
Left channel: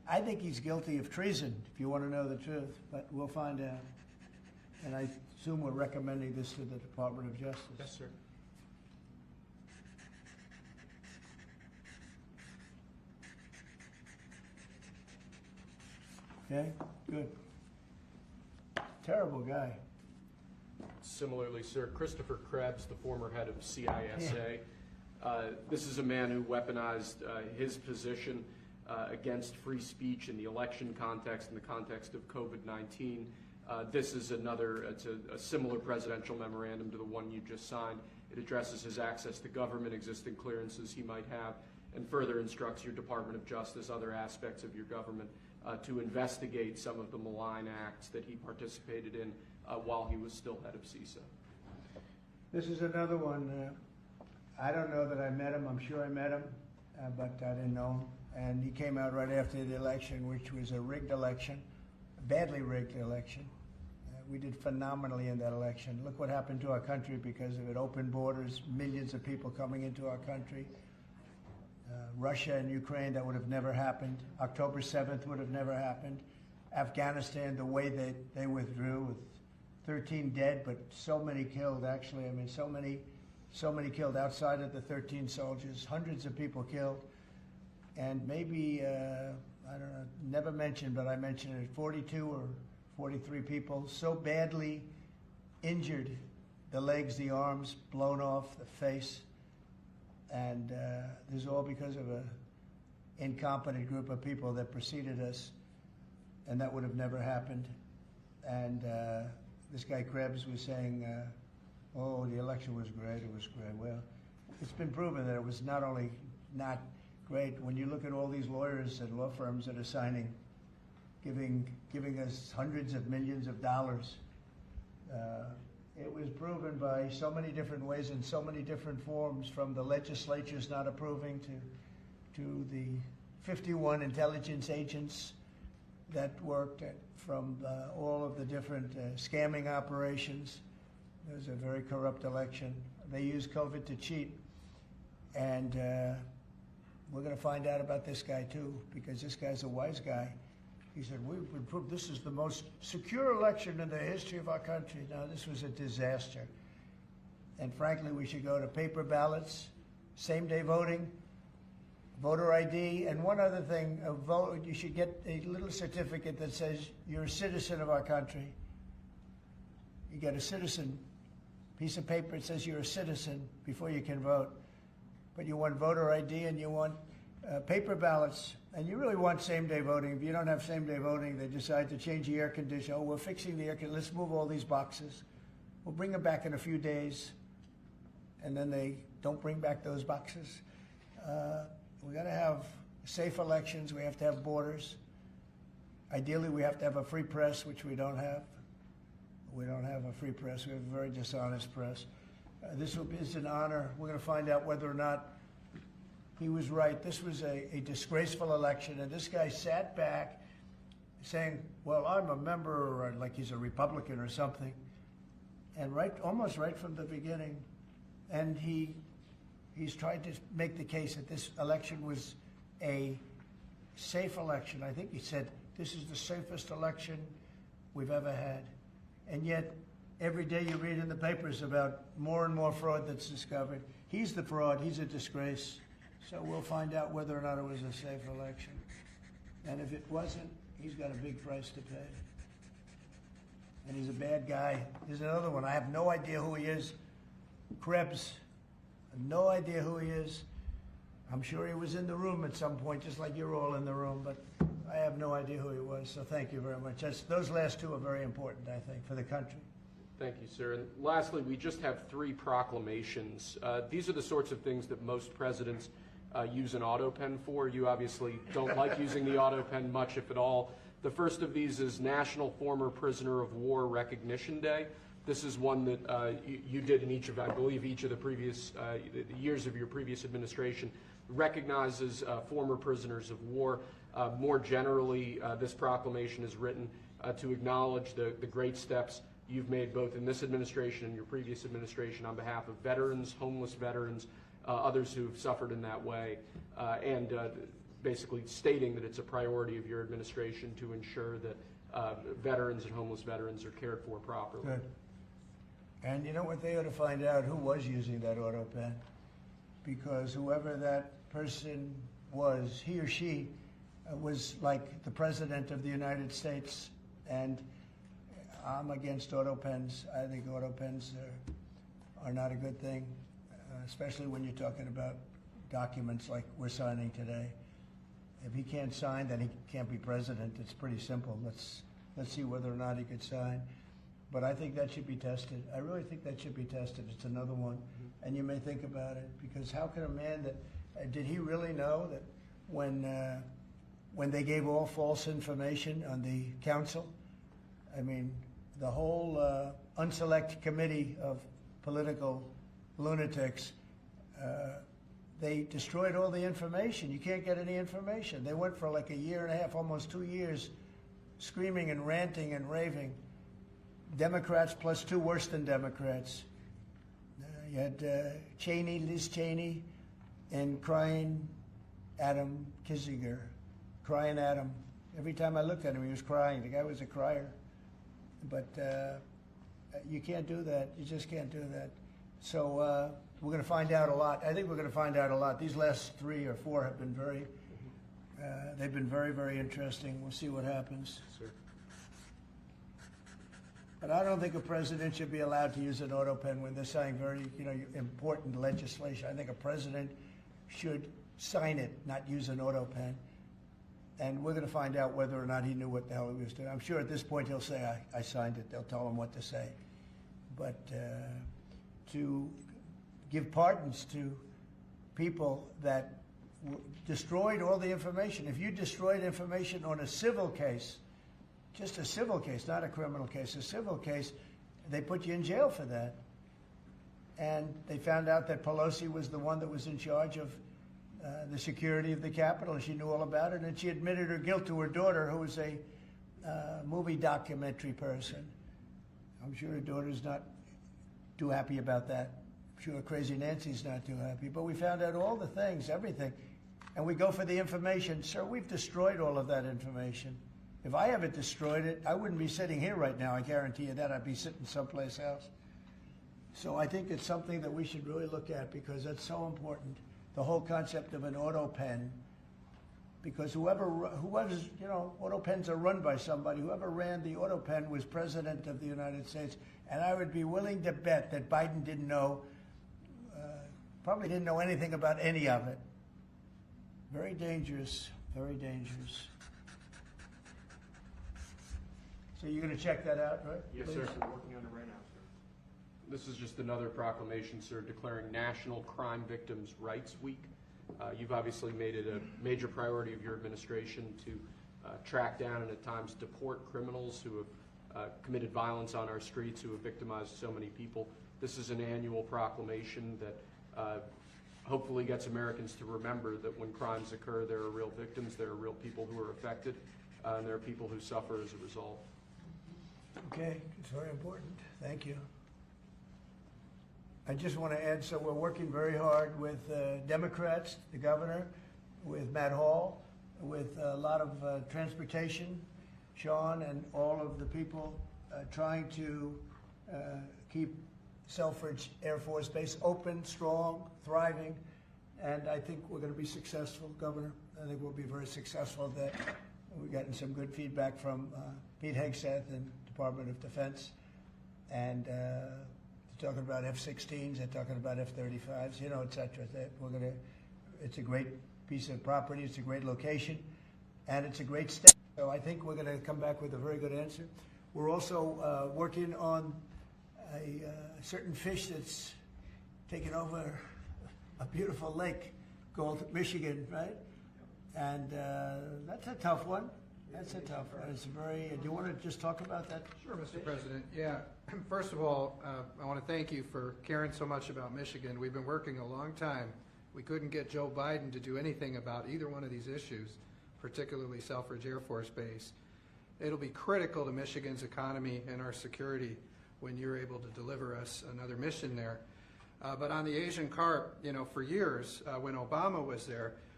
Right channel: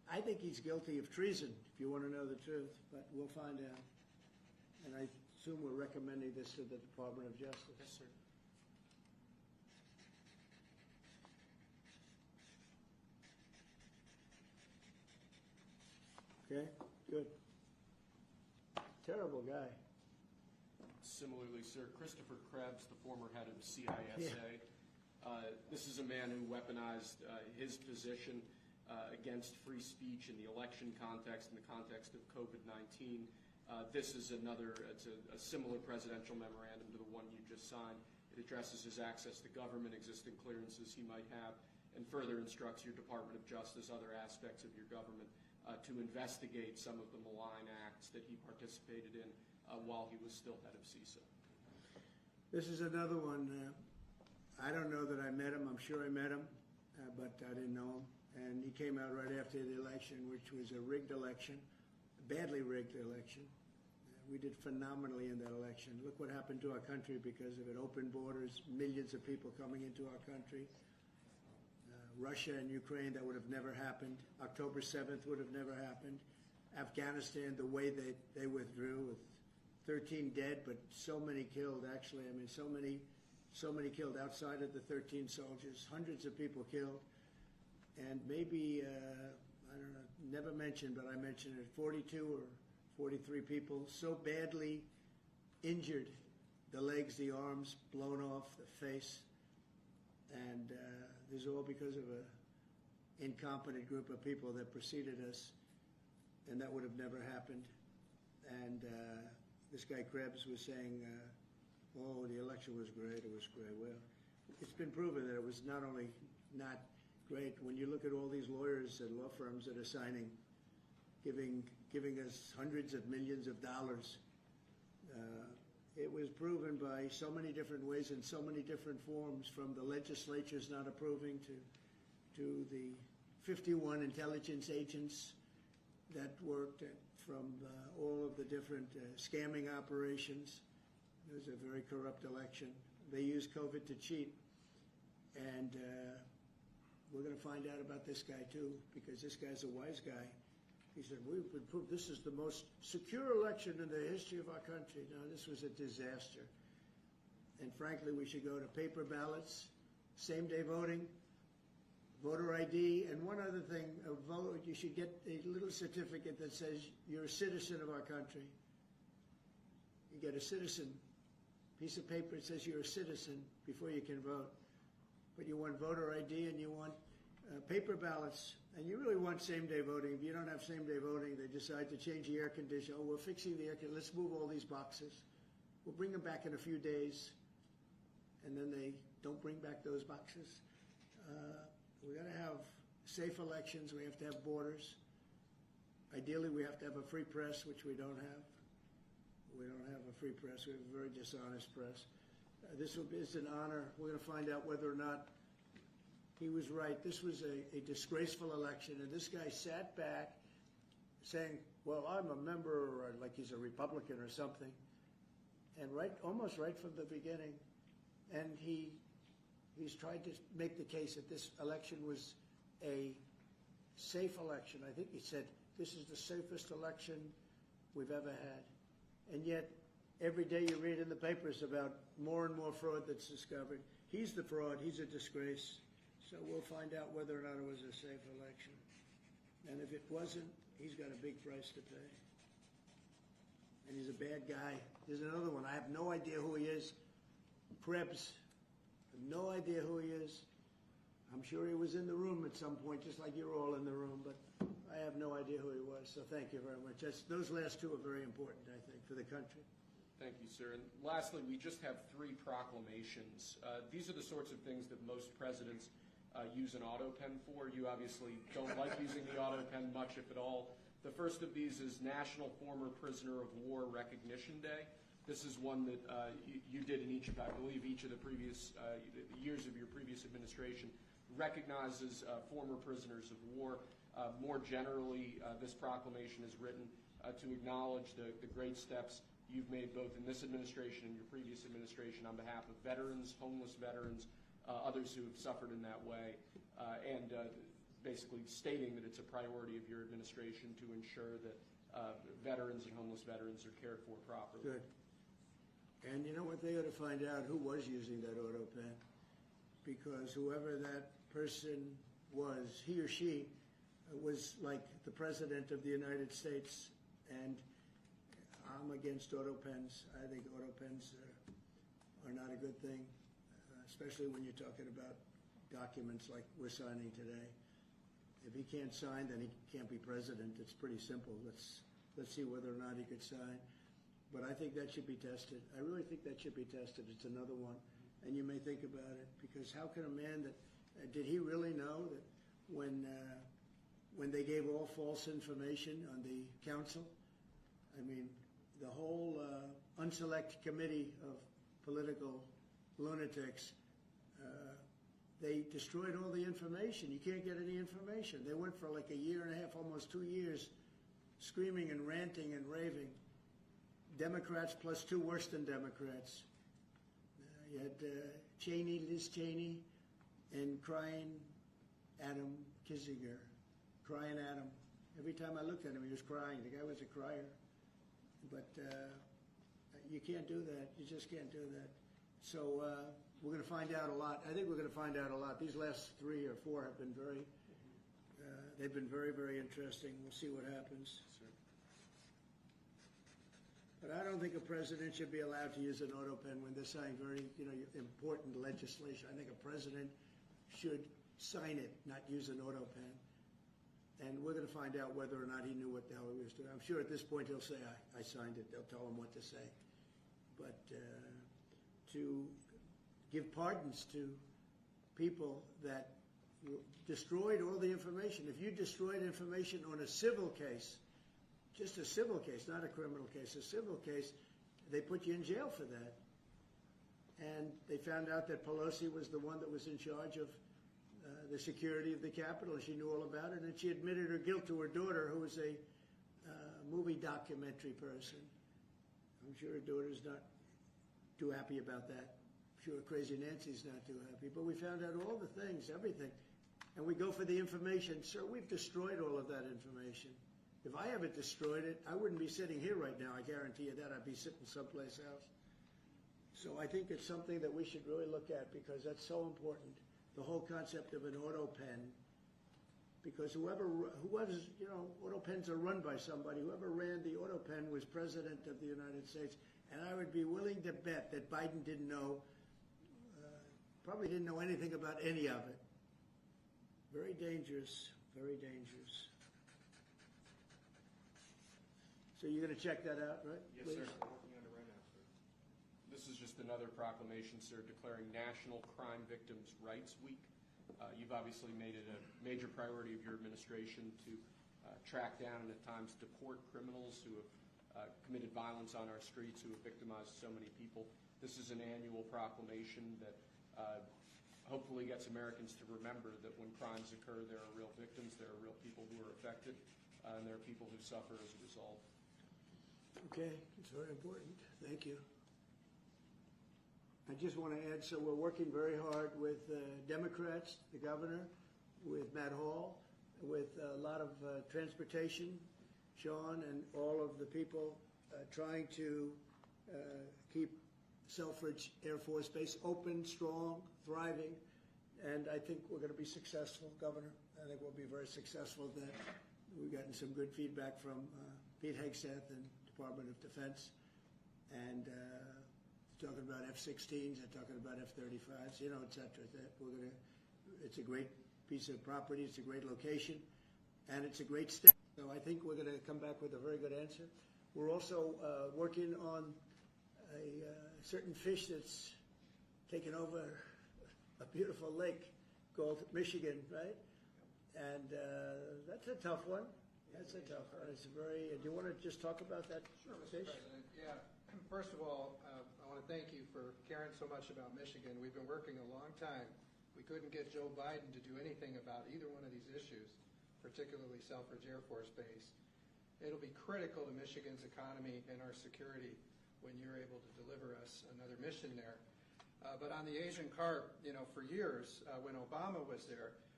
I think he's guilty of treason, if you want to know the truth, but we'll find out. And I assume we're recommending this to the Department of Justice. Yes, sir. Okay, good. Terrible guy. Similarly, sir, Christopher Krebs, the former head of CISA. This is a man who weaponized his position against free speech in the election context, in the context of COVID-19. This is it's a similar presidential memorandum to the one you just signed. It addresses his access to government, existing clearances he might have, and further instructs your Department of Justice, other aspects of your government, to investigate some of the malign acts that he participated in while he was still head of CISA. This is another one. I don't know that I met him. I'm sure I met him, but I didn't know him. And he came out right after the election, which was a rigged election, a badly rigged election. We did phenomenally in that election. Look what happened to our country because of it. Open borders, millions of people coming into our country. Russia and Ukraine, that would have never happened. October 7th would have never happened. Afghanistan, the way they withdrew with 13 dead, but so many killed, actually. I mean, so many killed outside of the 13 soldiers, hundreds of people killed. And maybe, I don't know, never mentioned, but I mentioned it, 42 or 43 people so badly injured, the legs, the arms, blown off, the face. And this is all because of an incompetent group of people that preceded us, and that would have never happened. And this guy Krebs was saying, oh, the election was great, it was great. Well, it's been proven that it was not only not great. When you look at all these lawyers and law firms that are signing, giving us hundreds of millions of dollars, it was proven by so many different ways in so many different forms, from the legislatures not approving to the 51 intelligence agents that worked, from all of the different scamming operations. It was a very corrupt election. They used COVID to cheat. And we're going to find out about this guy too, because this guy's a wise guy. He said, we've been proved this is the most secure election in the history of our country. Now, this was a disaster. And frankly, we should go to paper ballots, same-day voting, voter ID, and one other thing, you should get a little certificate that says you're a citizen of our country. You get a citizen piece of paper that says you're a citizen before you can vote. But you want voter ID and you want paper ballots, and you really want same-day voting. If you don't have same-day voting, they decide to change the air conditioner. Oh, we're fixing the air conditioner. Let's move all these boxes. We'll bring them back in a few days, and then they don't bring back those boxes. We got to have safe elections. We have to have borders. Ideally, we have to have a free press, which we don't have. We don't have a free press. We have a very dishonest press. This is an honor. We're going to find out whether or not he was right. This was a disgraceful election, and this guy sat back saying, well, I'm a member, or like he's a Republican or something, and almost right from the beginning. And he's tried to make the case that this election was a safe election. I think he said, this is the safest election we've ever had. And yet, every day you read in the papers about more and more fraud that's discovered. He's the fraud. He's a disgrace. So we'll find out whether or not it was a safe election. And if it wasn't, he's got a big price to pay. And he's a bad guy. Here's another one. I have no idea who he is. Krebs. I have no idea who he is. I'm sure he was in the room at some point, just like you're all in the room, but I have no idea who he was. So thank you very much. Those last two are very important, I think, for the country. Thank you, sir. And lastly, we just have 3 proclamations. These are the sorts of things that most presidents use an auto pen for. You obviously don't like using the auto pen much, if at all. The first of these is National Former Prisoner of War Recognition Day. This is one that you did in each of, I believe, each of the previous years of your previous administration, recognizes former prisoners of war. More generally, this proclamation is written to acknowledge the great steps you've made both in this administration and your previous administration on behalf of veterans, homeless veterans, others who've suffered in that way, and basically stating that it's a priority of your administration to ensure that veterans and homeless veterans are cared for properly. Good. And you know what, they ought to find out who was using that auto pen, because whoever that person was, he or she was like the President of the United States, and I'm against auto pens. I think auto pens are not a good thing, especially when you're talking about documents like we're signing today. If he can't sign, then he can't be president. It's pretty simple. Let's see whether or not he could sign. But I think that should be tested. I really think that should be tested. It's another one. And you may think about it, because how can a man that, did he really know that when they gave all false information on the council, I mean, the whole unselect committee of political lunatics, they destroyed all the information. You can't get any information. They went for like a year and a half, almost 2 years, screaming and ranting and raving. Democrats plus two worse than Democrats. You had Cheney, Liz Cheney, and crying Adam Kinzinger. Crying Adam. Every time I looked at him, he was crying. The guy was a crier. But you can't do that. You just can't do that. So we're going to find out a lot. I think we're going to find out a lot. These last 3 or 4 have been they've been very, very interesting. We'll see what happens. Sir. But I don't think a president should be allowed to use an auto pen when they're signing very, important legislation. I think a president should sign it, not use an auto pen. And we're going to find out whether or not he knew what the hell he was doing. I'm sure at this point he'll say, I signed it. They'll tell him what to say. But to give pardons to people that destroyed all the information. If you destroyed information on a civil case, just a civil case, not a criminal case, a civil case, they put you in jail for that. And they found out that Pelosi was the one that was in charge of the security of the Capitol, and she knew all about it, and she admitted her guilt to her daughter, who was a movie documentary person. I'm sure her daughter's not too happy about that. I'm sure Crazy Nancy's not too happy. But we found out all the things, everything. And we go for the information. Sir, we've destroyed all of that information. If I haven't destroyed it, I wouldn't be sitting here right now. I guarantee you that. I'd be sitting someplace else. So I think it's something that we should really look at, because that's so important. The whole concept of an auto pen, because whoever's, auto pens are run by somebody. Whoever ran the auto pen was President of the United States. And I would be willing to bet that Biden didn't know, probably didn't know anything about any of it. Very dangerous, very dangerous. So you're going to check that out, right? Yes, please? sir. We're working on it right now, sir. This is just another proclamation, sir, declaring National Crime Victims' Rights Week. You've obviously made it a major priority of your administration to track down and at times deport criminals who have committed violence on our streets, who have victimized so many people. This is an annual proclamation that hopefully gets Americans to remember that when crimes occur, there are real victims, there are real people who are affected, and there are people who suffer as a result. Okay, it's very important. Thank you. I just want to add, so we're working very hard with Democrats, the governor, with Matt Hall, with a lot of transportation, Sean, and all of the people trying to keep Selfridge Air Force Base open, strong, thriving, and I think we're going to be successful, Governor. I think we'll be very successful at that. We've gotten some good feedback from Pete Hegseth and Department of Defense, and they're talking about F-16s, they're talking about F-35s, et cetera. It's a great piece of property, it's a great location, and it's a great state. So I think we're going to come back with a very good answer. We're also working on a certain fish that's taken over a beautiful lake called Michigan, right? And that's a tough one. That's a tough one. It's very. Do you want to just talk about that? Sure, Mr. President. Yeah. First of all, I want to thank you for caring so much about Michigan. We've been working a long time. We couldn't get Joe Biden to do anything about either one of these issues, particularly Selfridge Air Force Base. It'll be critical to Michigan's economy and our security when you're able to deliver us another mission there. But on the Asian carp, for years, when Obama was there,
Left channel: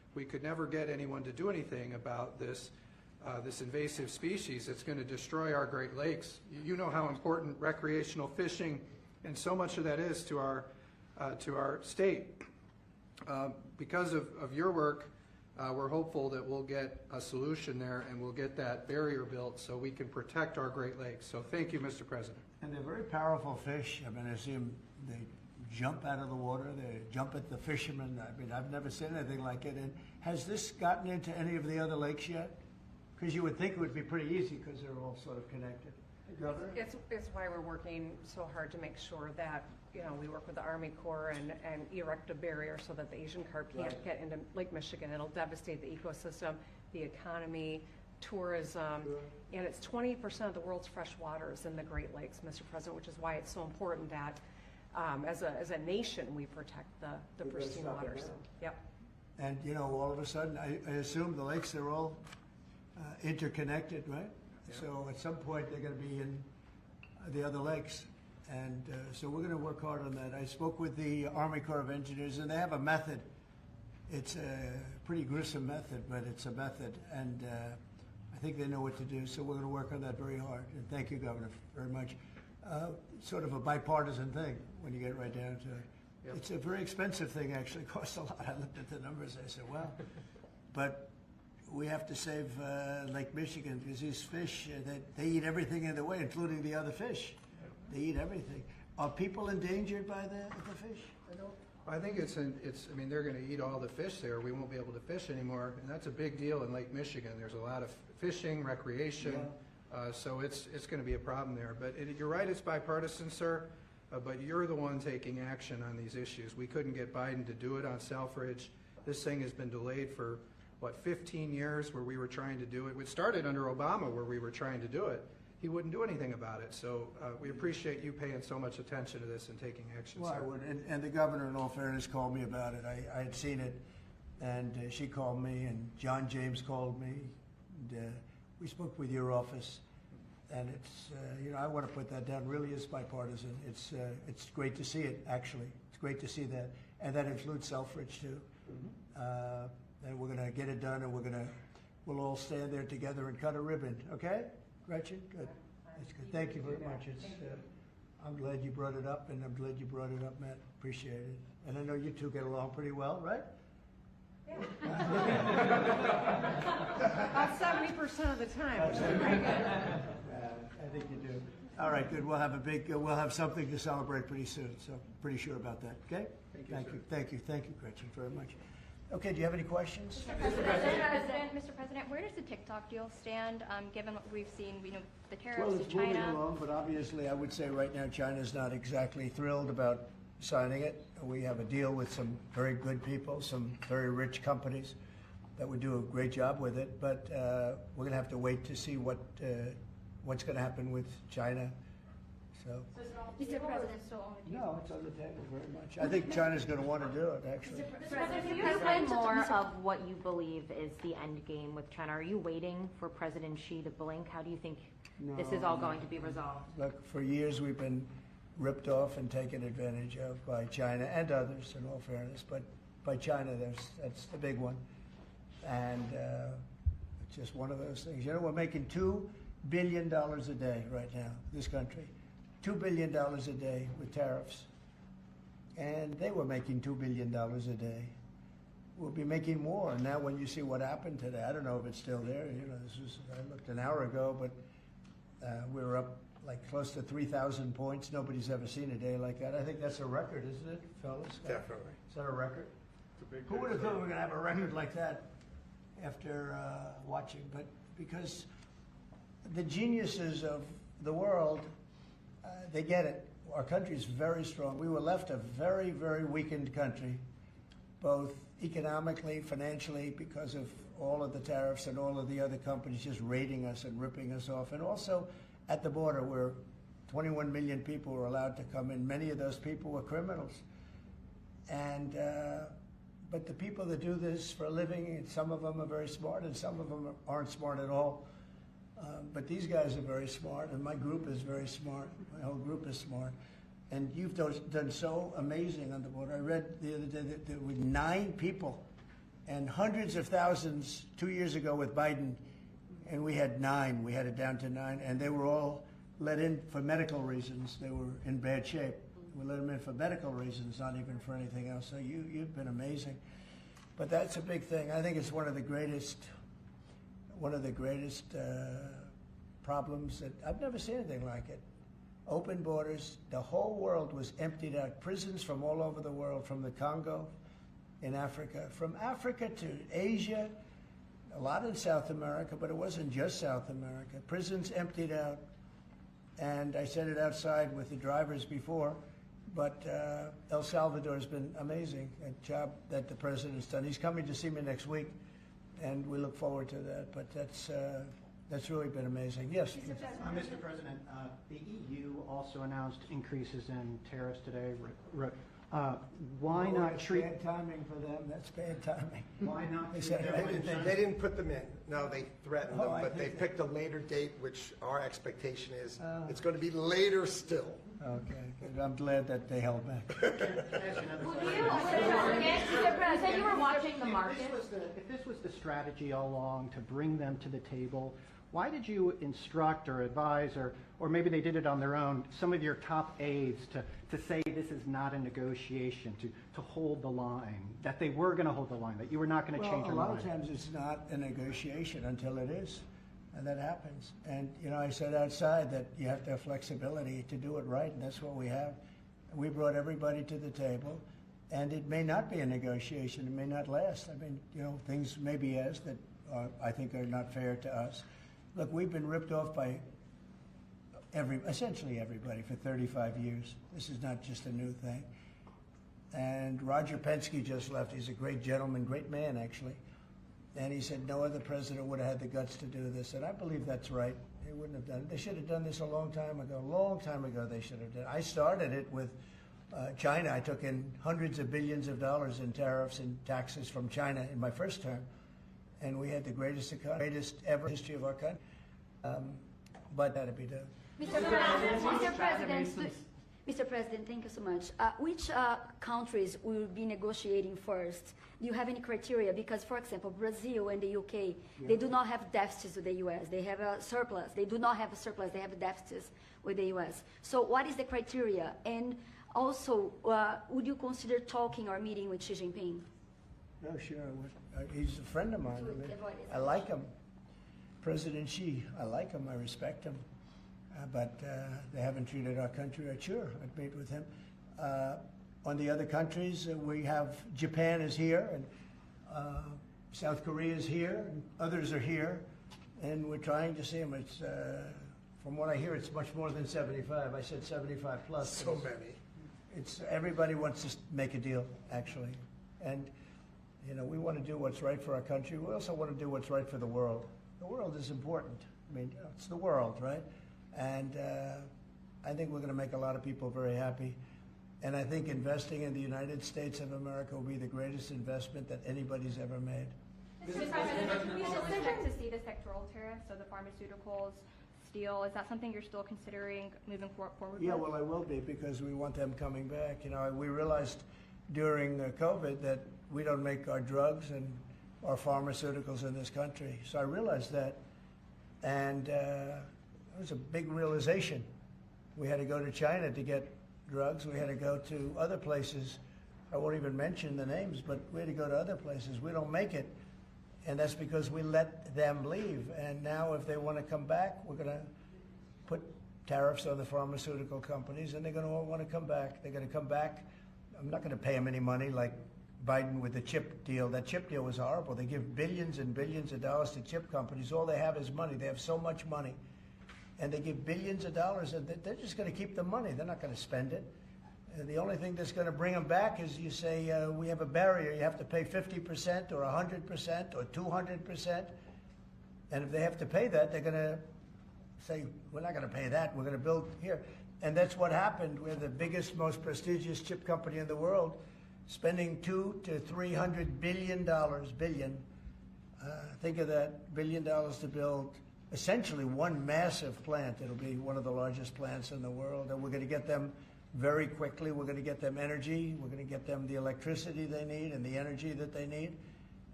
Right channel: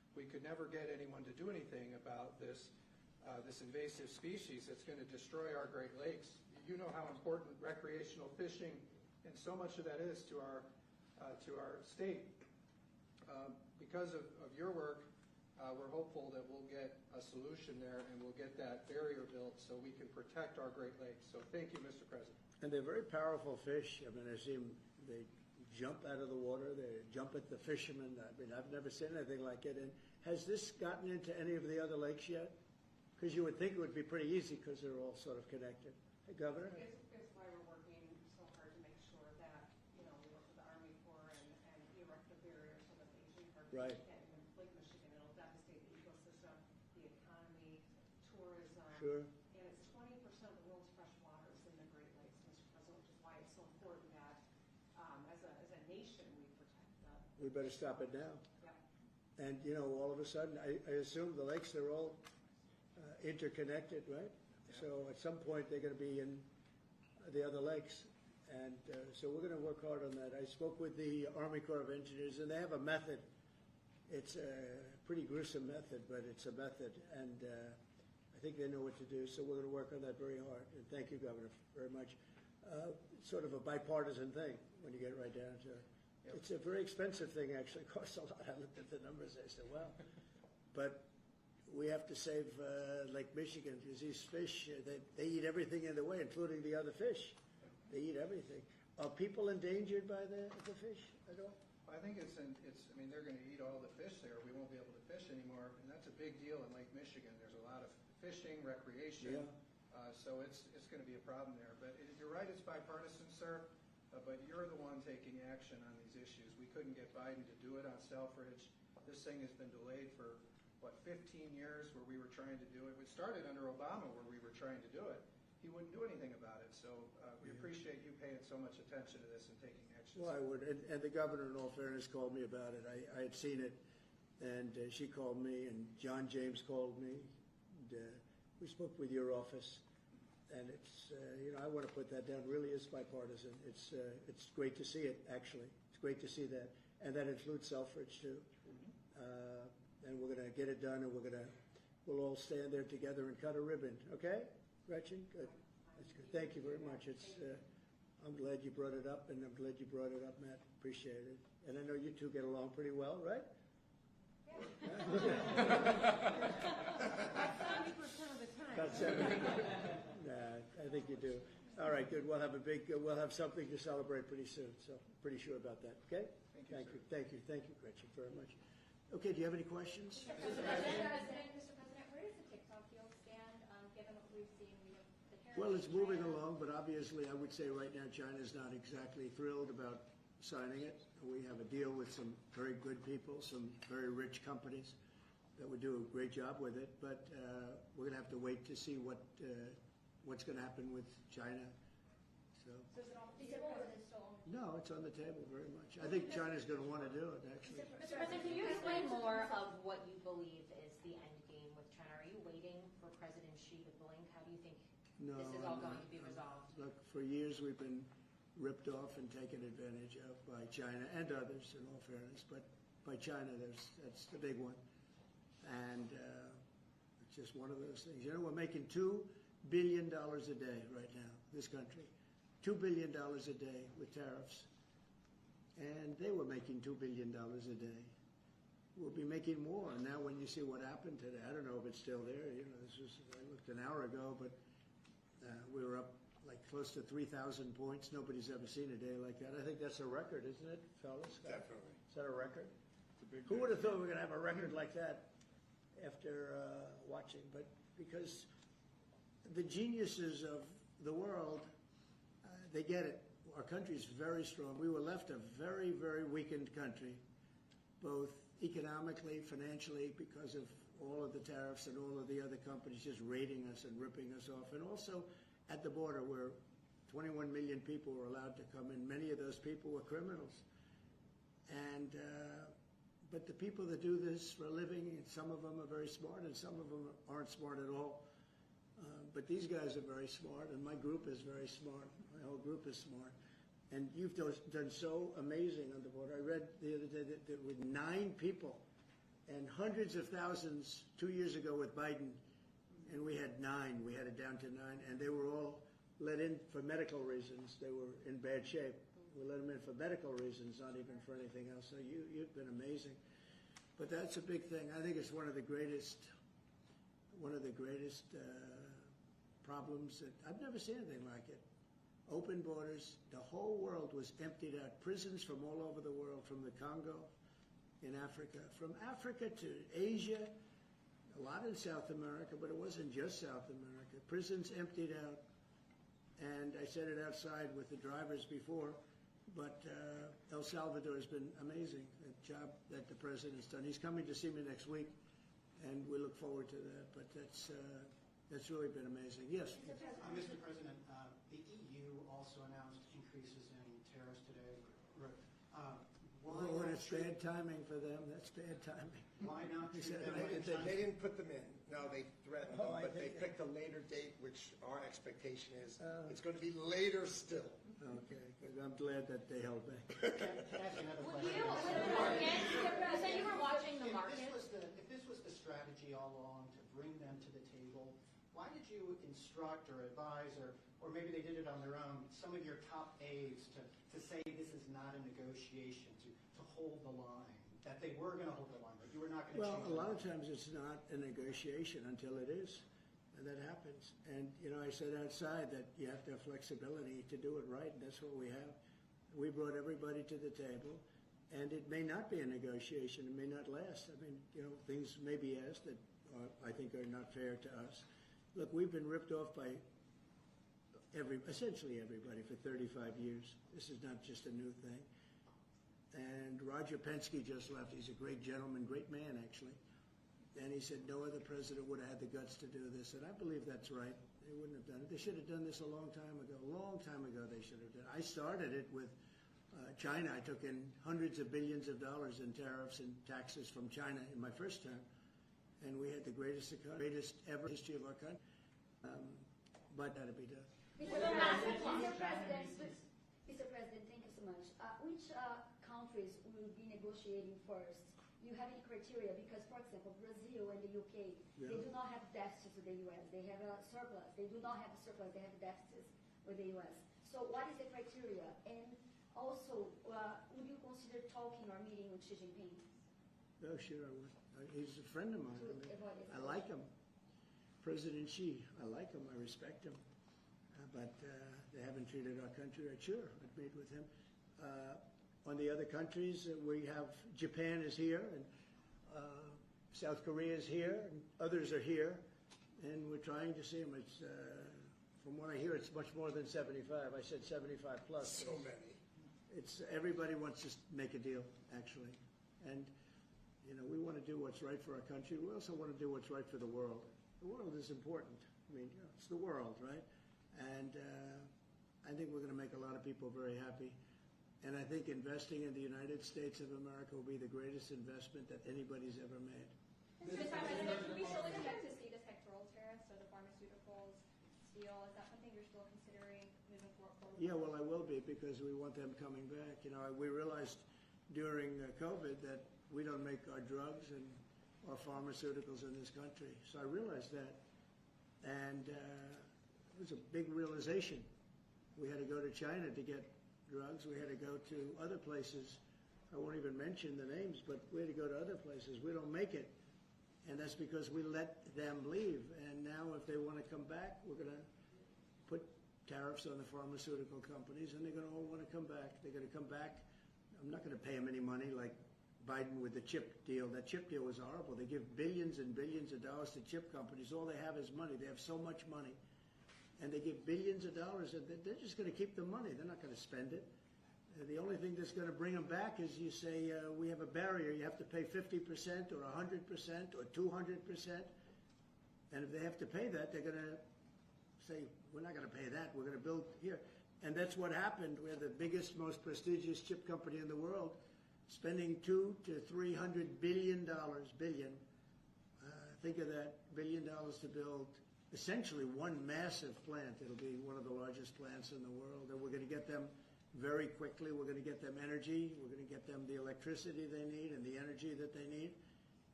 we could never get anyone to do anything about this invasive species that's going to destroy our Great Lakes. You know how important recreational fishing and so much of that is to our state. Because of your work, we're hopeful that we'll get a solution there and we'll get that barrier built so we can protect our Great Lakes. So thank you, Mr. President. And they're very powerful fish. I mean, I see them, they jump out of the water, they jump at the fishermen. I mean, I've never seen anything like it. And has this gotten into any of the other lakes yet? Because you would think it would be pretty easy because they're all sort of connected. Governor? It's why we're working so hard to make sure that, we work with the Army Corps and erect a barrier so that the Asian carp can't get into Lake Michigan. It'll devastate the ecosystem, the economy, tourism, and it's 20% of the world's fresh waters in the Great Lakes, Mr. President, which is why it's so important that as a nation we protect the pristine waters. Yep. And, all of a sudden, I assume the lakes are all interconnected, right? Yeah. So at some point, they're going to be in the other lakes. And so we're going to work hard on that. I spoke with the Army Corps of Engineers, and they have a method. It's a pretty gruesome method, but it's a method. And I think they know what to do. So we're going to work on that very hard. And thank you, Governor, very much. Sort of a bipartisan thing when you get right down to it. Yep. It's a very expensive thing, actually. It costs a lot. I looked at the numbers. I said, well, but we have to save Lake Michigan because these fish, they eat everything in the way, including the other fish. They eat everything. Are people endangered by the fish at all? I think I mean, they're going to eat all the fish there. We won't be able to fish anymore, and that's a big deal in Lake Michigan. There's a lot of fishing, recreation, so it's going to be a problem there. But you're right, it's bipartisan, sir, but you're the one taking action on these issues. We couldn't get Biden to do it on Selfridge. This thing has been delayed for, 15 years where we were trying to do it. It started under Obama where we were trying to do it. He wouldn't do anything about it. So we appreciate you paying so much attention to this and taking action, Well, sir. I would. And the governor, in all fairness, called me about it. I had seen it, and she called me, and John James called me. And, we spoke with your office, and it's, I want to put that down. Really is bipartisan. It's great to see it, actually. It's great to see that. And that includes Selfridge, too. Mm-hmm. And we're going to get it done, and we'll all stand there together and cut a ribbon, okay? Gretchen, good. That's good. Thank you very much. It's, I'm glad you brought it up, and I'm glad you brought it up, Matt. Appreciate it. And I know you two get along pretty well, right? Yeah. About 70% of the time, which is pretty good. I think you do. All right, good. We'll have something to celebrate pretty soon. So pretty sure about that. Okay. Thank you, Gretchen, very much. Okay, do you have any questions? Mr. President, where does the TikTok deal stand, given what we've seen, the tariffs Well, with it's China? moving along, but obviously I would say right now China's not exactly thrilled about signing it. We have a deal with some very good people, some very rich companies that would do a great job with it, but we're going to have to wait to see what's going to happen with China. So. Mr. President, No, it's on the table very much. I think China's going to want to do it, actually. Mr. President, can you explain more of what you believe is the end game with China? Are you waiting for President Xi to blink? How do you think this is all going to be resolved? Look, for years we've been ripped off and taken advantage of by China and others, in all fairness, but by China, that's the big one. And it's just one of those things. We're making $2 billion a day right now, this country. $2 billion a day with tariffs. And they were making $2 billion a day. We'll be making more. Now when you see what happened today, I don't know if it's still there. I looked an hour ago, but we were up like close to 3,000 points. Nobody's ever seen a day like that. I think that's a record, isn't it, fellas? Definitely. Is that a record? Who would have thought we were going to have a record like that after watching? But because the geniuses of the world, they get it. Our country is very strong. We were left a very, very weakened country, both economically, financially, because of all of the tariffs and all of the other companies just raiding us and ripping us off. And also at the border where 21 million people were allowed to come in. Many of those people were criminals. And but the people that do this for a living, and some of them are very smart and some of them aren't smart at all. But these guys are very smart, and my group is very smart. My whole group is smart. And you've done so amazing on the border. I read the other day that there were 9 people and hundreds of thousands 2 years ago with Biden, and we had 9. We had it down to 9, and they were all let in for medical reasons. They were in bad shape. We let them in for medical reasons, not even for anything else. So you've been amazing. But that's a big thing. I think it's one of the greatest problems that I've never seen anything like it. Open borders. The whole world was emptied out. Prisons from all over the world, from the Congo in Africa, from Africa to Asia, a lot in South America, but it wasn't just South America. Prisons emptied out. And I said it outside with the drivers before, but El Salvador has been amazing, a job that the president's done. He's coming to see me next week, and we look forward to that. But that's really been amazing. Yes? Mr. President, the EU also announced increases in tariffs today. Why Oh, not that's treat... bad timing for them. That's bad timing. Why not They treat said everything- They didn't put them in. No, they threatened Oh, them, I but they think picked a later date, which our expectation is Oh. it's going to be later still. Okay, good. I'm glad that they held back. You said you were watching the market. If this was the strategy all along to bring them to the table, why did you instruct or advise, or maybe they did it on their own, some of your top aides to say this is not a negotiation, to hold the line, that they were going to hold the line, that you were not going to change your A lot mind? of times it's not a negotiation until it is, and that happens. And, I said outside that you have to have flexibility to do it right, and that's what we have. We brought everybody to the table, and it may not be a negotiation. It may not last. I mean, things may be as that I think are not fair to us. Look, we've been ripped off by essentially everybody for 35 years. This is not just a new thing. And Roger Penske just left. He's a great gentleman, great man, actually. And he said no other president would have had the guts to do this. And I believe that's right. They wouldn't have done it. They should have done this a long time ago. A long time ago they should have done it. I started it with China. I took in hundreds of billions of dollars in tariffs and taxes from China in my first term. And we had the greatest ever history of our country. But that had to be done. Mr. President, thank you so much. Which countries will be negotiating first? Do you have any criteria? Because, for example, Brazil and the UK, they do not have deficits with the US. They have a surplus. They do not have a surplus. They have deficits with the US. So what is the criteria? And also, would you consider talking or meeting with Xi Jinping? No, sure I would. He's a friend of mine. I like him. President Xi, I like him. I respect him. But they haven't treated our country right. Sure, I'd meet with him. On the other countries, we have Japan is here, and South Korea is here, and others are here, and we're trying to see them. It's, from what I hear, it's much more than 75. I said 75 plus. So many. It's everybody wants to make a deal, actually, and we want to do what's right for our country. We also want to do what's right for the world. The world is important. I mean, it's the world, right? And I think we're going to make a lot of people very happy. And I think investing in the United States of America will be the greatest investment that anybody's ever made. Mr. President, we still expect to see the sectoral tariffs, so the pharmaceuticals, steel, is that something you're still considering moving forward with? Yeah, well, I will be, because we want them coming back. We realized during COVID that we don't make our drugs and our pharmaceuticals in this country. So I realized that, and it was a big realization. We had to go to China to get drugs. We had to go to other places. I won't even mention the names, but we had to go to other places. We don't make it, and that's because we let them leave. And now if they want to come back, we're going to put tariffs on the pharmaceutical companies, and they're going to all want to come back. They're going to come back. I'm not going to pay them any money like Biden with the chip deal. That chip deal was horrible. They give billions and billions of dollars to chip companies. All they have is money. They have so much money. And they give billions of dollars, and they're just going to keep the money. They're not going to spend it. And the only thing that's going to bring them back is you say, we have a barrier. You have to pay 50% or 100% or 200%. And if they have to pay that, they're going to say, we're not going to pay that. We're going to build here. And that's what happened. We're the biggest, most prestigious chip company in the world, spending $200 to $300 billion. Think of that, $1 billion to build essentially one massive plant. It'll be one of the largest plants in the world, and we're going to get them very quickly. We're going to get them energy. We're going to get them the electricity they need and the energy that they need.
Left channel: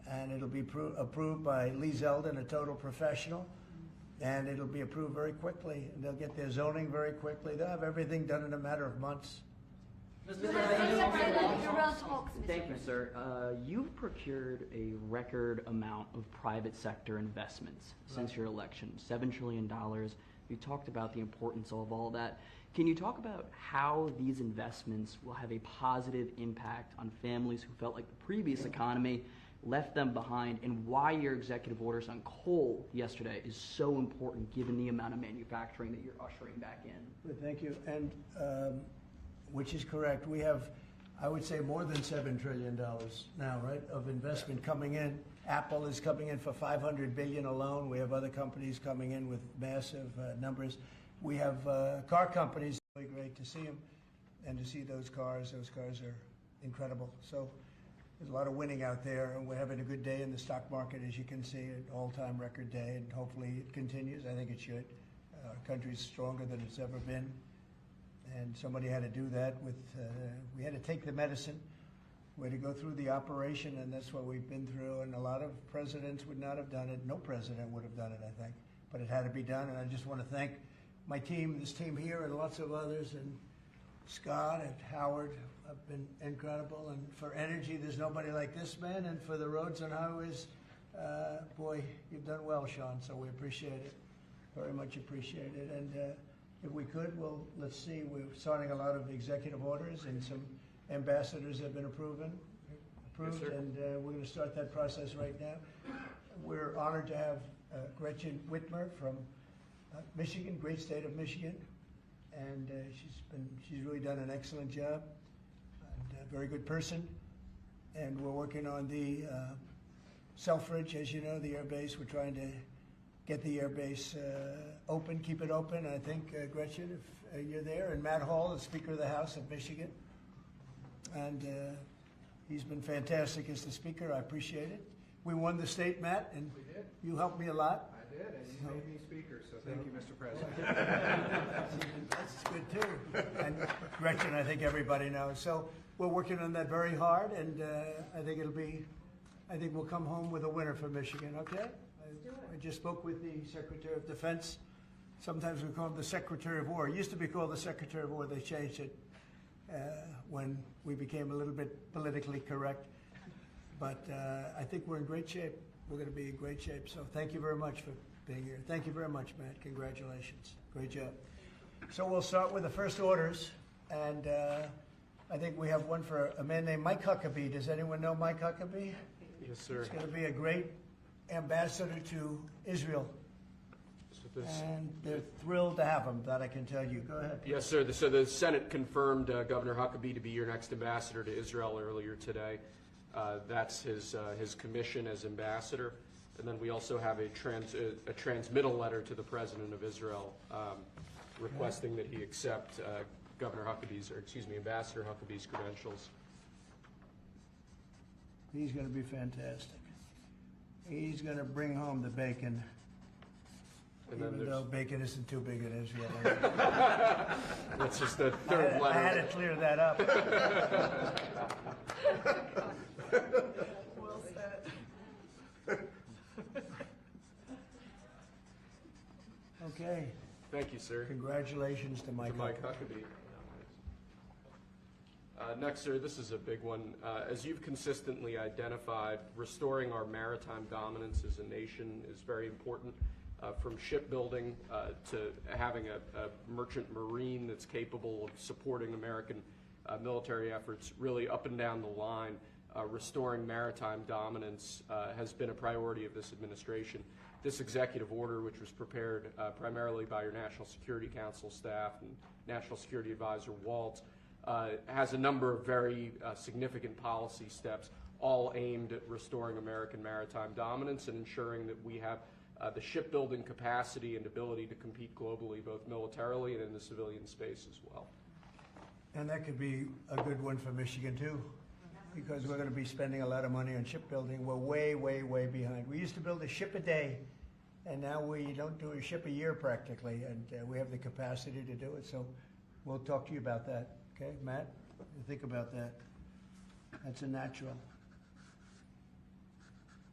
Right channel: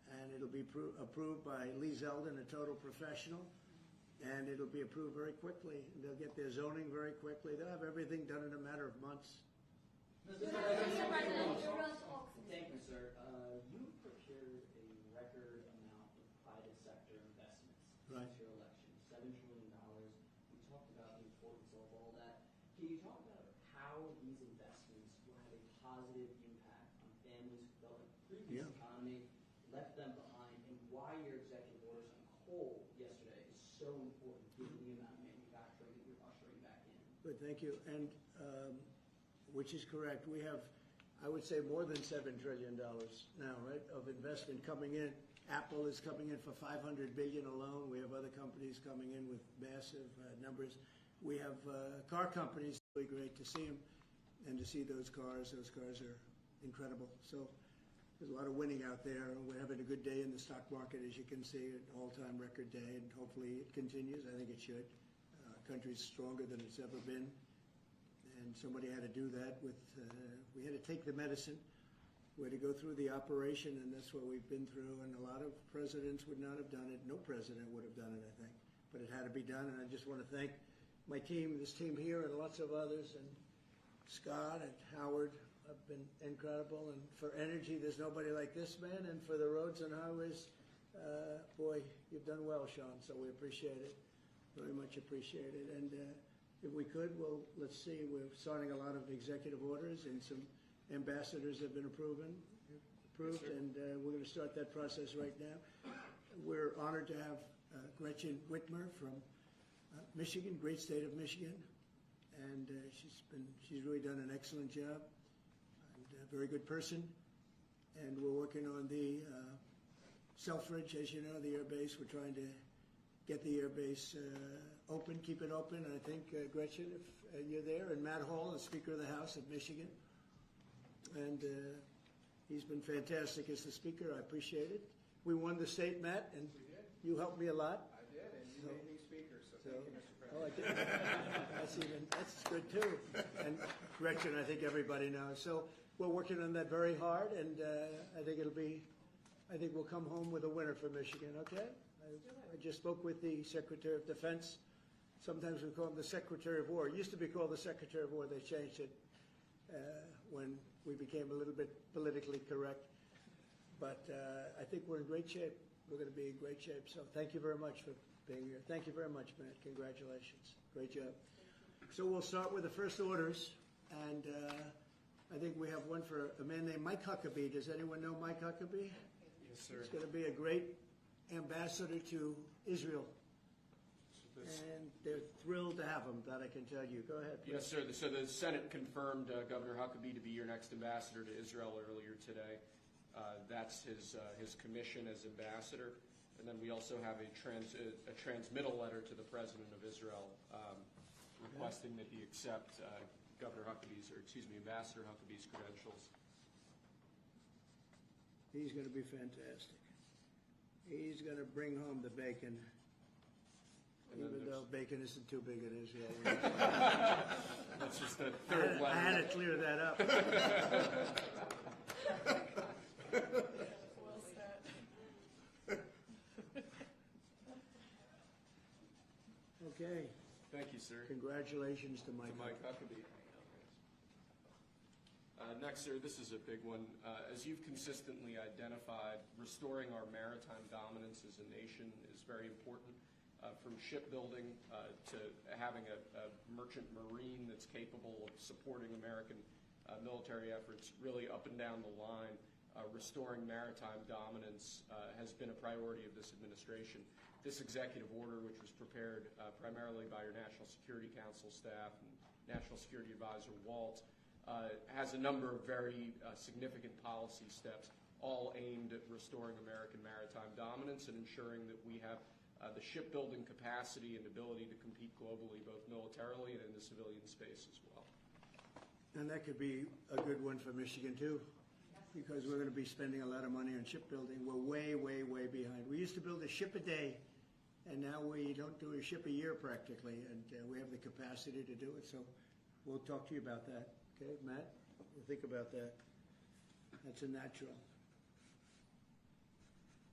and it'll be approved by Lee Zeldin, a total professional, and it'll be approved very quickly. And they'll get their zoning very quickly. They'll have everything done in a matter of months. Thank you, sir. You've procured a record amount of private sector investments since your election, $7 trillion. You talked about the importance of all that. Can you talk about how these investments will have a positive impact on families who felt like the previous economy left them behind, and why your executive orders on coal yesterday is so important given the amount of manufacturing that you're ushering back in? Good, thank you. And which is correct. We have, I would say, more than $7 trillion now, right, of investment coming in. Apple is coming in for $500 billion alone. We have other companies coming in with massive numbers. We have car companies. Really great to see them and to see those cars. Those cars are incredible. So there's a lot of winning out there, and we're having a good day in the stock market, as you can see, an all-time record day, and hopefully it continues. I think it should. Our country's stronger than it's ever been. And somebody had to do that with, we had to take the medicine. We had to go through the operation, and that's what we've been through. And a lot of presidents would not have done it. No president would have done it, I think. But it had to be done, and I just want to thank my team, this team here, and lots of others, and Scott and Howard have been incredible. And for energy, there's nobody like this man. And for the roads and highways, boy, you've done well, Sean, so we appreciate it. Very much appreciate it. And if we could, well, let's see, we're starting a lot of executive orders, and some ambassadors have been approved, Yes, sir. and we're going to start that process right now. We're honored to have Gretchen Whitmer from Michigan, great state of Michigan, and she's really done an excellent job, and a very good person. And we're working on the Selfridge, as you know, the air base. We're trying to get the air base open, keep it open. I think, Gretchen, if you're there, and Matt Hall, the Speaker of the House of Michigan, and he's been fantastic as the Speaker. I appreciate it. We won the state, Matt, and We did. you helped me a lot. I did, and you made me speaker, so thank you, Mr. President. That's good too. And Gretchen, I think everybody knows. So we're working on that very hard, and I think we'll come home with a winner for Michigan, okay? I just spoke with the Secretary of Defense. Sometimes we call him the Secretary of War. It used to be called the Secretary of War. They changed it when we became a little bit politically correct. But I think we're in great shape. We're going to be in great shape. So thank you very much for being here. Thank you very much, Matt. Congratulations. Great job. So we'll start with the first orders. And I think we have one for a man named Mike Huckabee. Does anyone know Mike Huckabee? Yes, sir. He's going to be a great ambassador to Israel. So this- And they're thrilled to have him, that I can tell you. Go ahead. Yes, sir. So the Senate confirmed Governor Huckabee to be your next ambassador to Israel earlier today. That's his commission as ambassador. And then we also have a transmittal letter to the President of Israel requesting that he accept Ambassador Huckabee's credentials. He's going to be fantastic. He's going to bring home the bacon, And then even there's, though bacon isn't too big in Israel. that's just the third I had letter. to clear that up. Well said. Okay. Thank you, sir. Congratulations to Mike. To Mike Huckabee. Next, sir, this is a big one. As you've consistently identified, restoring our maritime dominance as a nation is very important. From shipbuilding to having a merchant marine that's capable of supporting American military efforts, really up and down the line, restoring maritime dominance has been a priority of this administration. This executive order, which was prepared primarily by your National Security Council staff and National Security Advisor Waltz, has a number of very significant policy steps, all aimed at restoring American maritime dominance and ensuring that we have the shipbuilding capacity and ability to compete globally, both militarily and in the civilian space as well. And that could be a good one for Michigan too, because we're going to be spending a lot of money on shipbuilding. We're way, way, way behind. We used to build a ship a day, and now we don't do a ship a year practically, and we have the capacity to do it. So we'll talk to you about that. Okay, Matt? Think about that. That's a natural.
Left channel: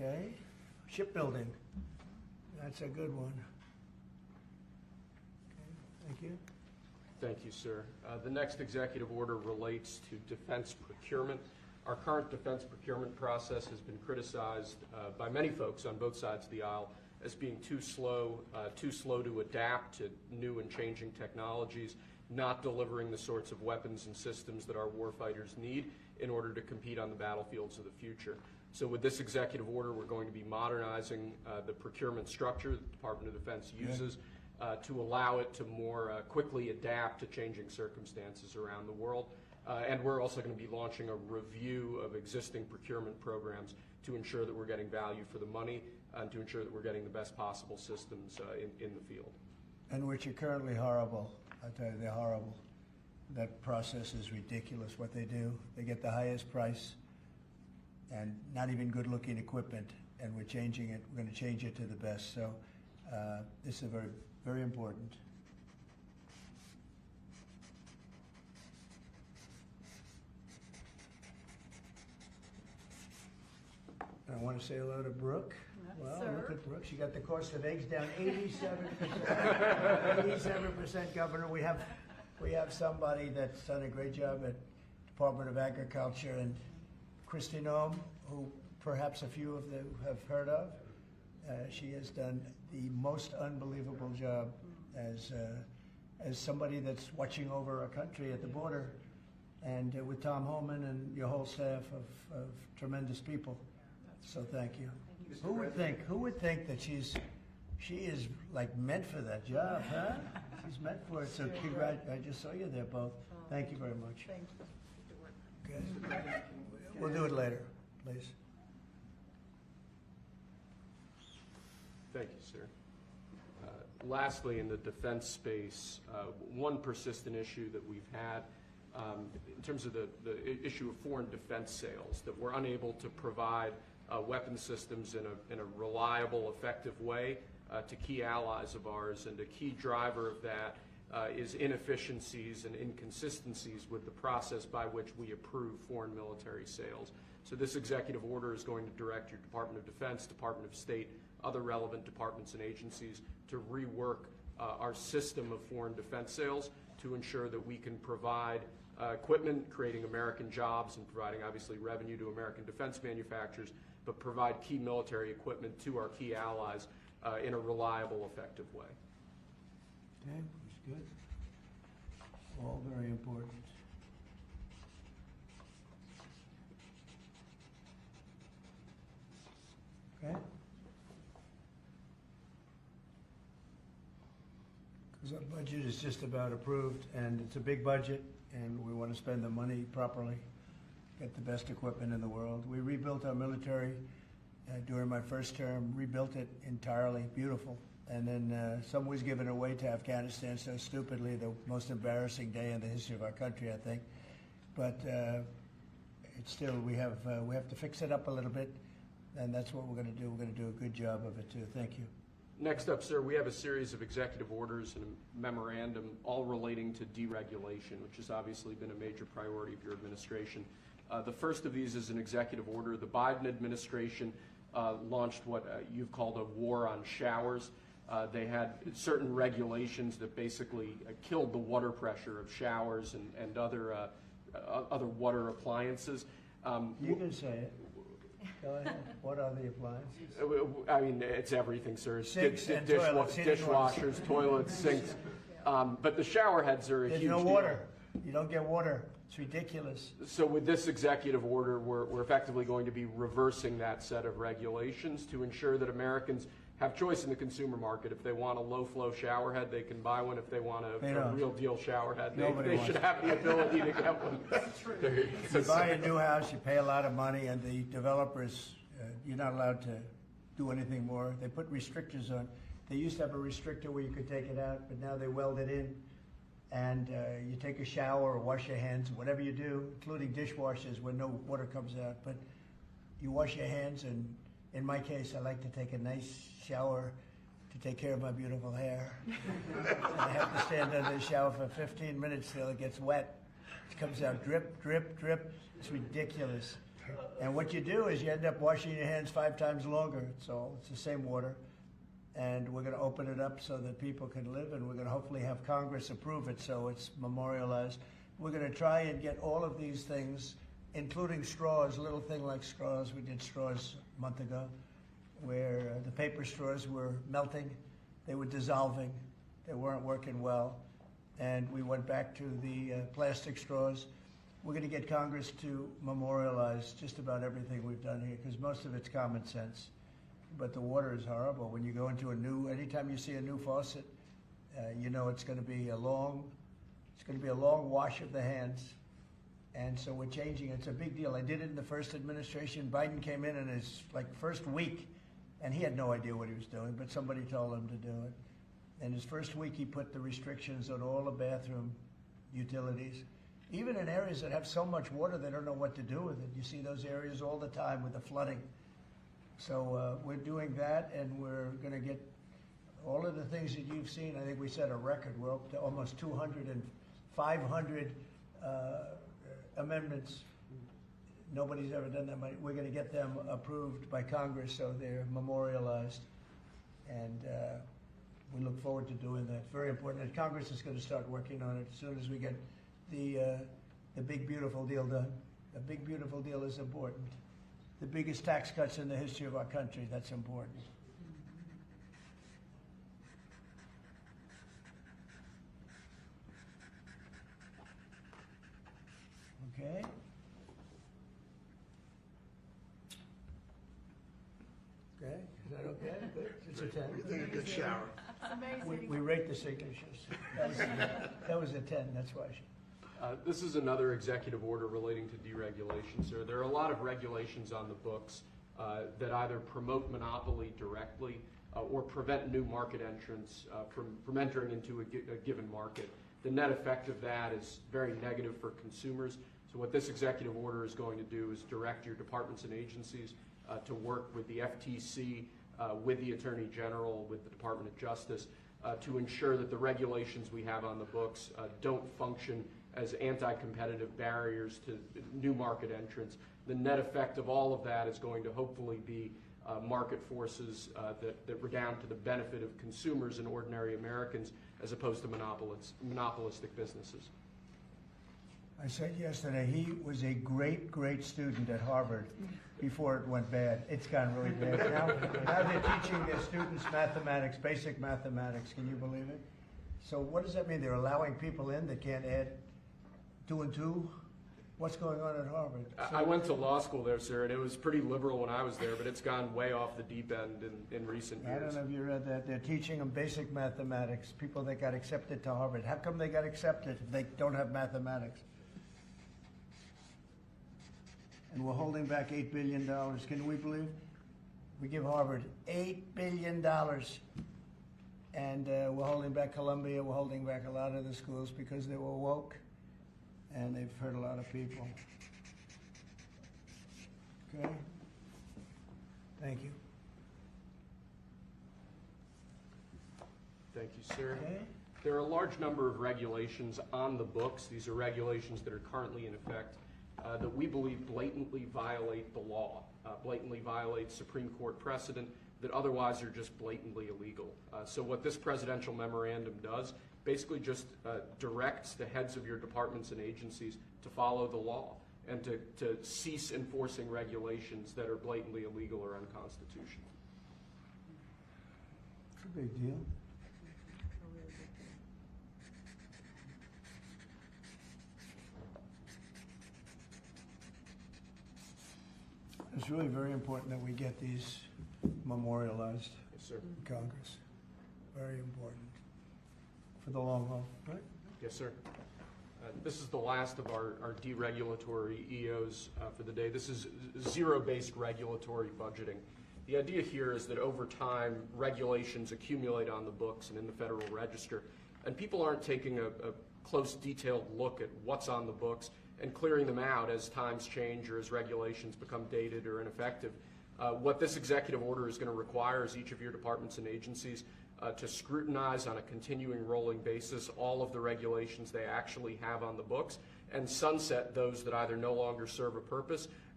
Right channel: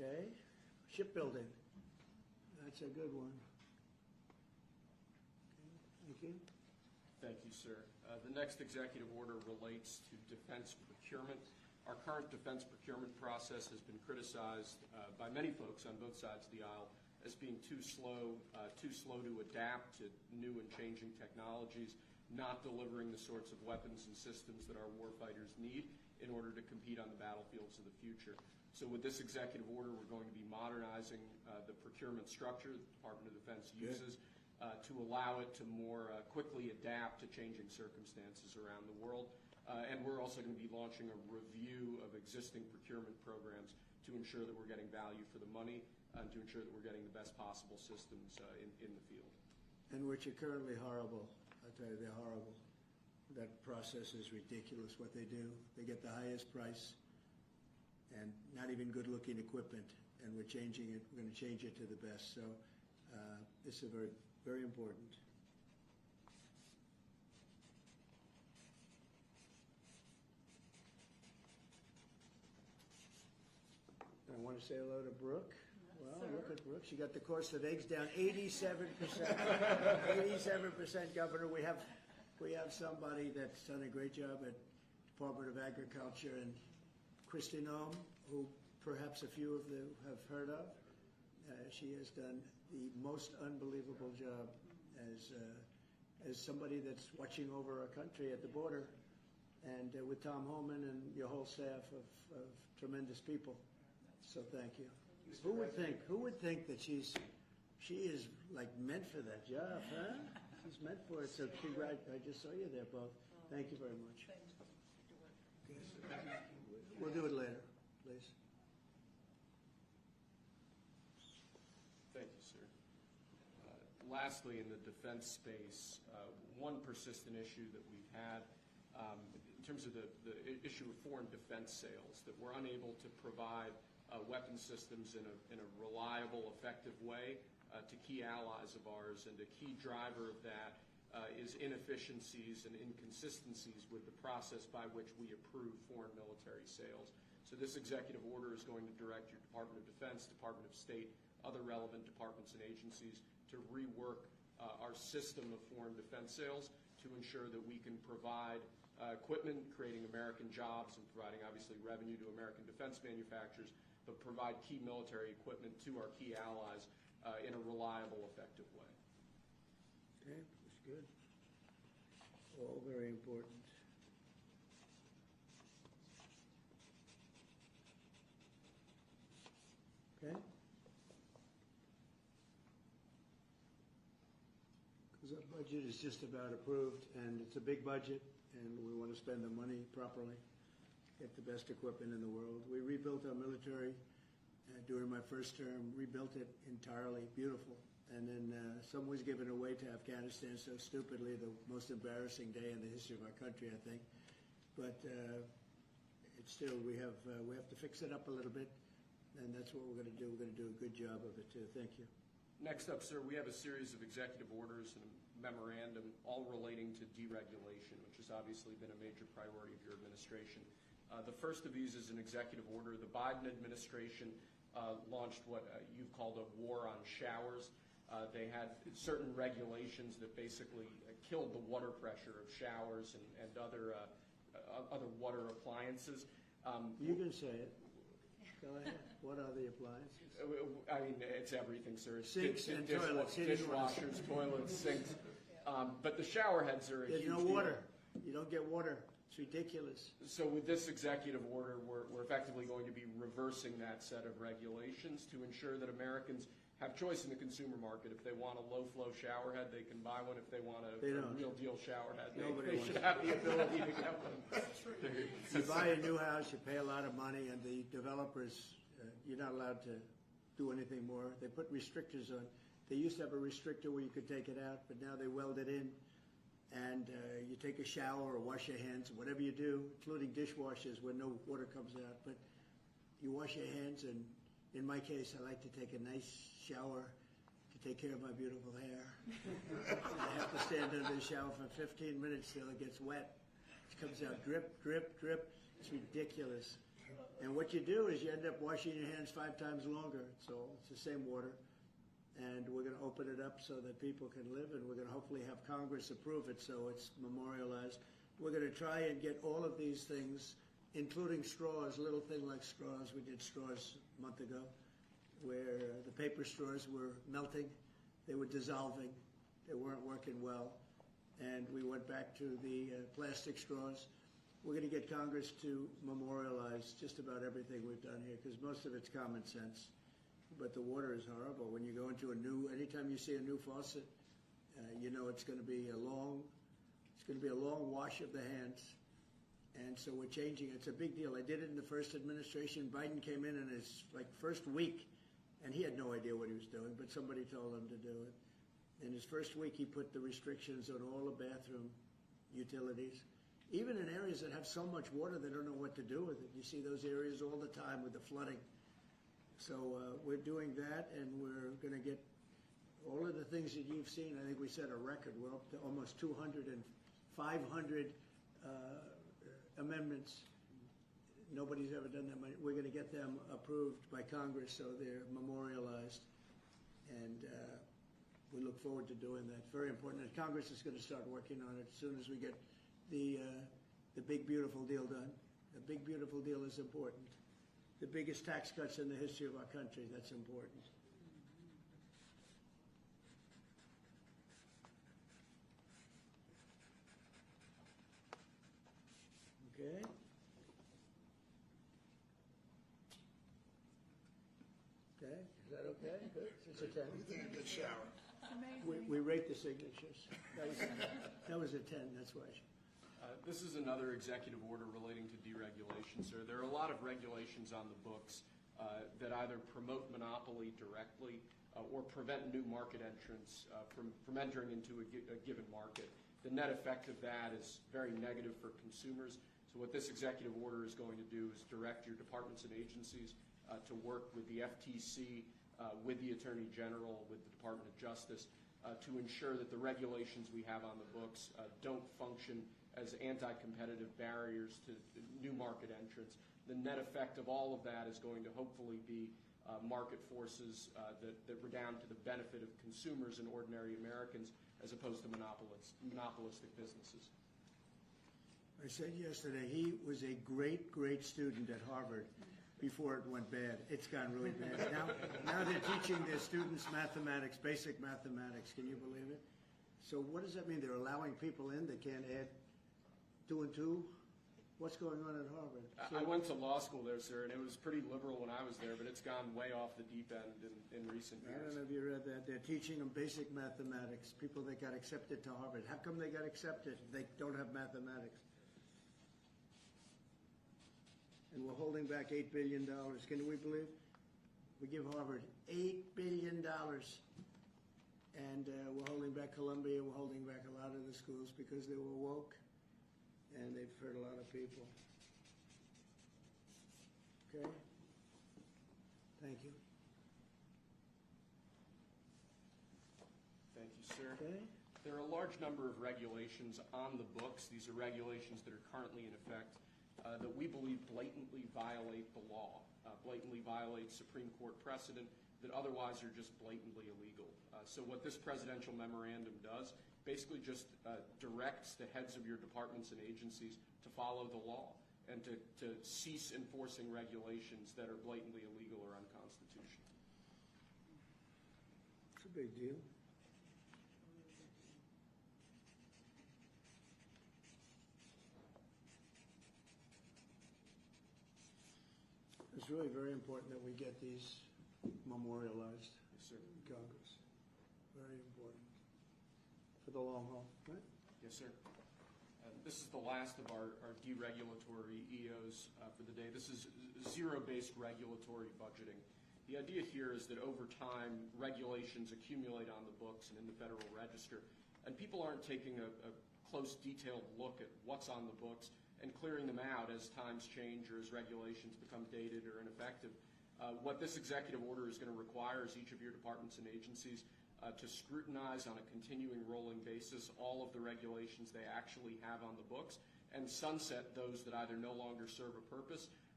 Okay. Shipbuilding. That's a good one. Okay, thank you. Thank you, sir. The next executive order relates to defense procurement. Our current defense procurement process has been criticized by many folks on both sides of the aisle as being too slow to adapt to new and changing technologies, not delivering the sorts of weapons and systems that our warfighters need in order to compete on the battlefields of the future. So with this executive order, we're going to be modernizing the procurement structure the Department of Defense uses to allow it to more quickly adapt to changing circumstances around the world. And we're also going to be launching a review of existing procurement programs to ensure that we're getting value for the money and to ensure that we're getting the best possible systems in the field. And which are currently horrible. I tell you, they're horrible. That process is ridiculous what they do. They get the highest price and not even good-looking equipment, and we're changing it. We're going to change it to the best. So this is very, very important. I want to say hello to Brooke. Well, look at Brooke. She got the cost of eggs down 87%. 87%, Governor. We have somebody that's done a great job at Department of Agriculture, and Christy Noem, who perhaps a few of them have heard of. She has done the most unbelievable job as somebody that's watching over a country at the border, and with Tom Homan and your whole staff of tremendous people. So thank you. Who would think that she is like meant for that job, huh? She's meant for it. So I just saw you there both. Thank you very much. Good. We'll do it later, please. Thank you, sir. Lastly, in the defense space, one persistent issue that we've had in terms of the issue of foreign defense sales, that we're unable to provide weapon systems in a reliable, effective way to key allies of ours, and a key driver of that is inefficiencies and inconsistencies with the process by which we approve foreign military sales. So this executive order is going to direct your Department of Defense, Department of State, other relevant departments and agencies to rework our system of foreign defense sales to ensure that we can provide equipment, creating American jobs and providing obviously revenue to American defense manufacturers, but provide key military equipment to our key allies in a reliable, effective way. Okay, that's good. All very important. Okay. Because our budget is just about approved, and it's a big budget, and we want to spend the money properly, get the best equipment in the world. We rebuilt our military during my first term, rebuilt it entirely, beautiful. And then some was given away to Afghanistan so stupidly, the most embarrassing day in the history of our country, I think. But it's still, we have to fix it up a little bit, and that's what we're going to do. We're going to do a good job of it too. Thank you. Next up, sir, we have a series of executive orders and a memorandum all relating to deregulation, which has obviously been a major priority of your administration. The first of these is an executive order. The Biden administration launched what you've called a war on showers. They had certain regulations that basically killed the water pressure of showers and other water appliances. You can say it. Go ahead. What are the appliances? I mean, it's everything, sir. Sinks and toilets, dishwashers, toilets, sinks. But the shower heads are a huge deal. There's no water. You don't get water. It's ridiculous. So with this executive order, we're effectively going to be reversing that set of regulations to ensure that Americans have choice in the consumer market. If they want a low-flow shower head, they can buy one. If they want a real deal shower head, they should have the ability to get one. You buy a new house, you pay a lot of money, and the developers, you're not allowed to do anything more. They put restrictors on. They used to have a restrictor where you could take it out, but now they weld it in. And you take a shower or wash your hands, whatever you do, including dishwashers where no water comes out. But you wash your hands, and in my case, I like to take a nice shower to take care of my beautiful hair. And I have to stand under the shower for 15 minutes till it gets wet. It comes out drip, drip, drip. It's ridiculous. And what you do is you end up washing your hands 5 times longer. It's the same water. And we're going to open it up so that people can live, and we're going to hopefully have Congress approve it so it's memorialized. We're going to try and get all of these things, including straws, a little thing like straws. We did straws a month ago, where the paper straws were melting, they were dissolving, they weren't working well, and we went back to the plastic straws. We're going to get Congress to memorialize just about everything we've done here, because most of it's common sense. But the water is horrible. When you go into anytime you see a new faucet, you know it's going to be a long wash of the hands. And so we're changing. It's a big deal. I did it in the first administration. Biden came in his first week, and he had no idea what he was doing, but somebody told him to do it. In his first week, he put the restrictions on all the bathroom utilities. Even in areas that have so much water, they don't know what to do with it. You see those areas all the time with the flooding. So we're doing that, and we're going to get all of the things that you've seen. I think we set a record. We're up to almost 200 and 500 amendments. Nobody's ever done that many. We're going to get them approved by Congress so they're memorialized. And we look forward to doing that. Very important. And Congress is going to start working on it as soon as we get the big, beautiful deal done. The big, beautiful deal is important. The biggest tax cuts in the history of our country, that's important. Okay. Okay, is that okay? Good. It's a 10. You did a good shower. We rate the signatures. That was a 10, that's why. This is another executive order relating to deregulation, sir. There are a lot of regulations on the books that either promote monopoly directly or prevent new market entrants from entering into a given market. The net effect of that is very negative for consumers. So what this executive order is going to do is direct your departments and agencies to work with the FTC, with the Attorney General, with the Department of Justice, to ensure that the regulations we have on the books don't function as anti-competitive barriers to new market entrants. The net effect of all of that is going to hopefully be market forces that redound to the benefit of consumers and ordinary Americans as opposed to monopolistic businesses. I said yesterday, he was a great, great student at Harvard before it went bad. It's gone really bad. Now they're teaching their students mathematics, basic mathematics. Can you believe it? So what does that mean? They're allowing people in that can't add 2 and 2? What's going on at Harvard? I went to law school there, sir, and it was pretty liberal when I was there, but it's gone way off the deep end in recent years. I don't know if you read that. They're teaching them basic mathematics, people that got accepted to Harvard. How come they got accepted if they don't have mathematics? And we're holding back $8 billion. Can we believe? We give Harvard $8 billion. And we're holding back Columbia. We're holding back a lot of the schools because they were woke. And they've hurt a lot of people. Okay? Thank you. Thank you, sir. Okay? There are a large number of regulations on the books. These are regulations that are currently in effect that we believe blatantly violate the law, blatantly violate Supreme Court precedent that otherwise are just blatantly illegal. So what this presidential memorandum does basically just directs the heads of your departments and agencies to follow the law and to cease enforcing regulations that are blatantly illegal or unconstitutional. It's a big deal. It's really very important that we get these memorialized Yes, sir. in Congress. Very important. For the long haul, right? Yes, sir. This is the last of our deregulatory EOs for the day. This is zero-based regulatory budgeting. The idea here is that over time, regulations accumulate on the books and in the Federal Register, and people aren't taking a close, detailed look at what's on the books and clearing them out as times change or as regulations become dated or ineffective. What this executive order is going to require is each of your departments and agencies to scrutinize on a continuing rolling basis all of the regulations they actually have on the books and sunset those that either no longer serve a purpose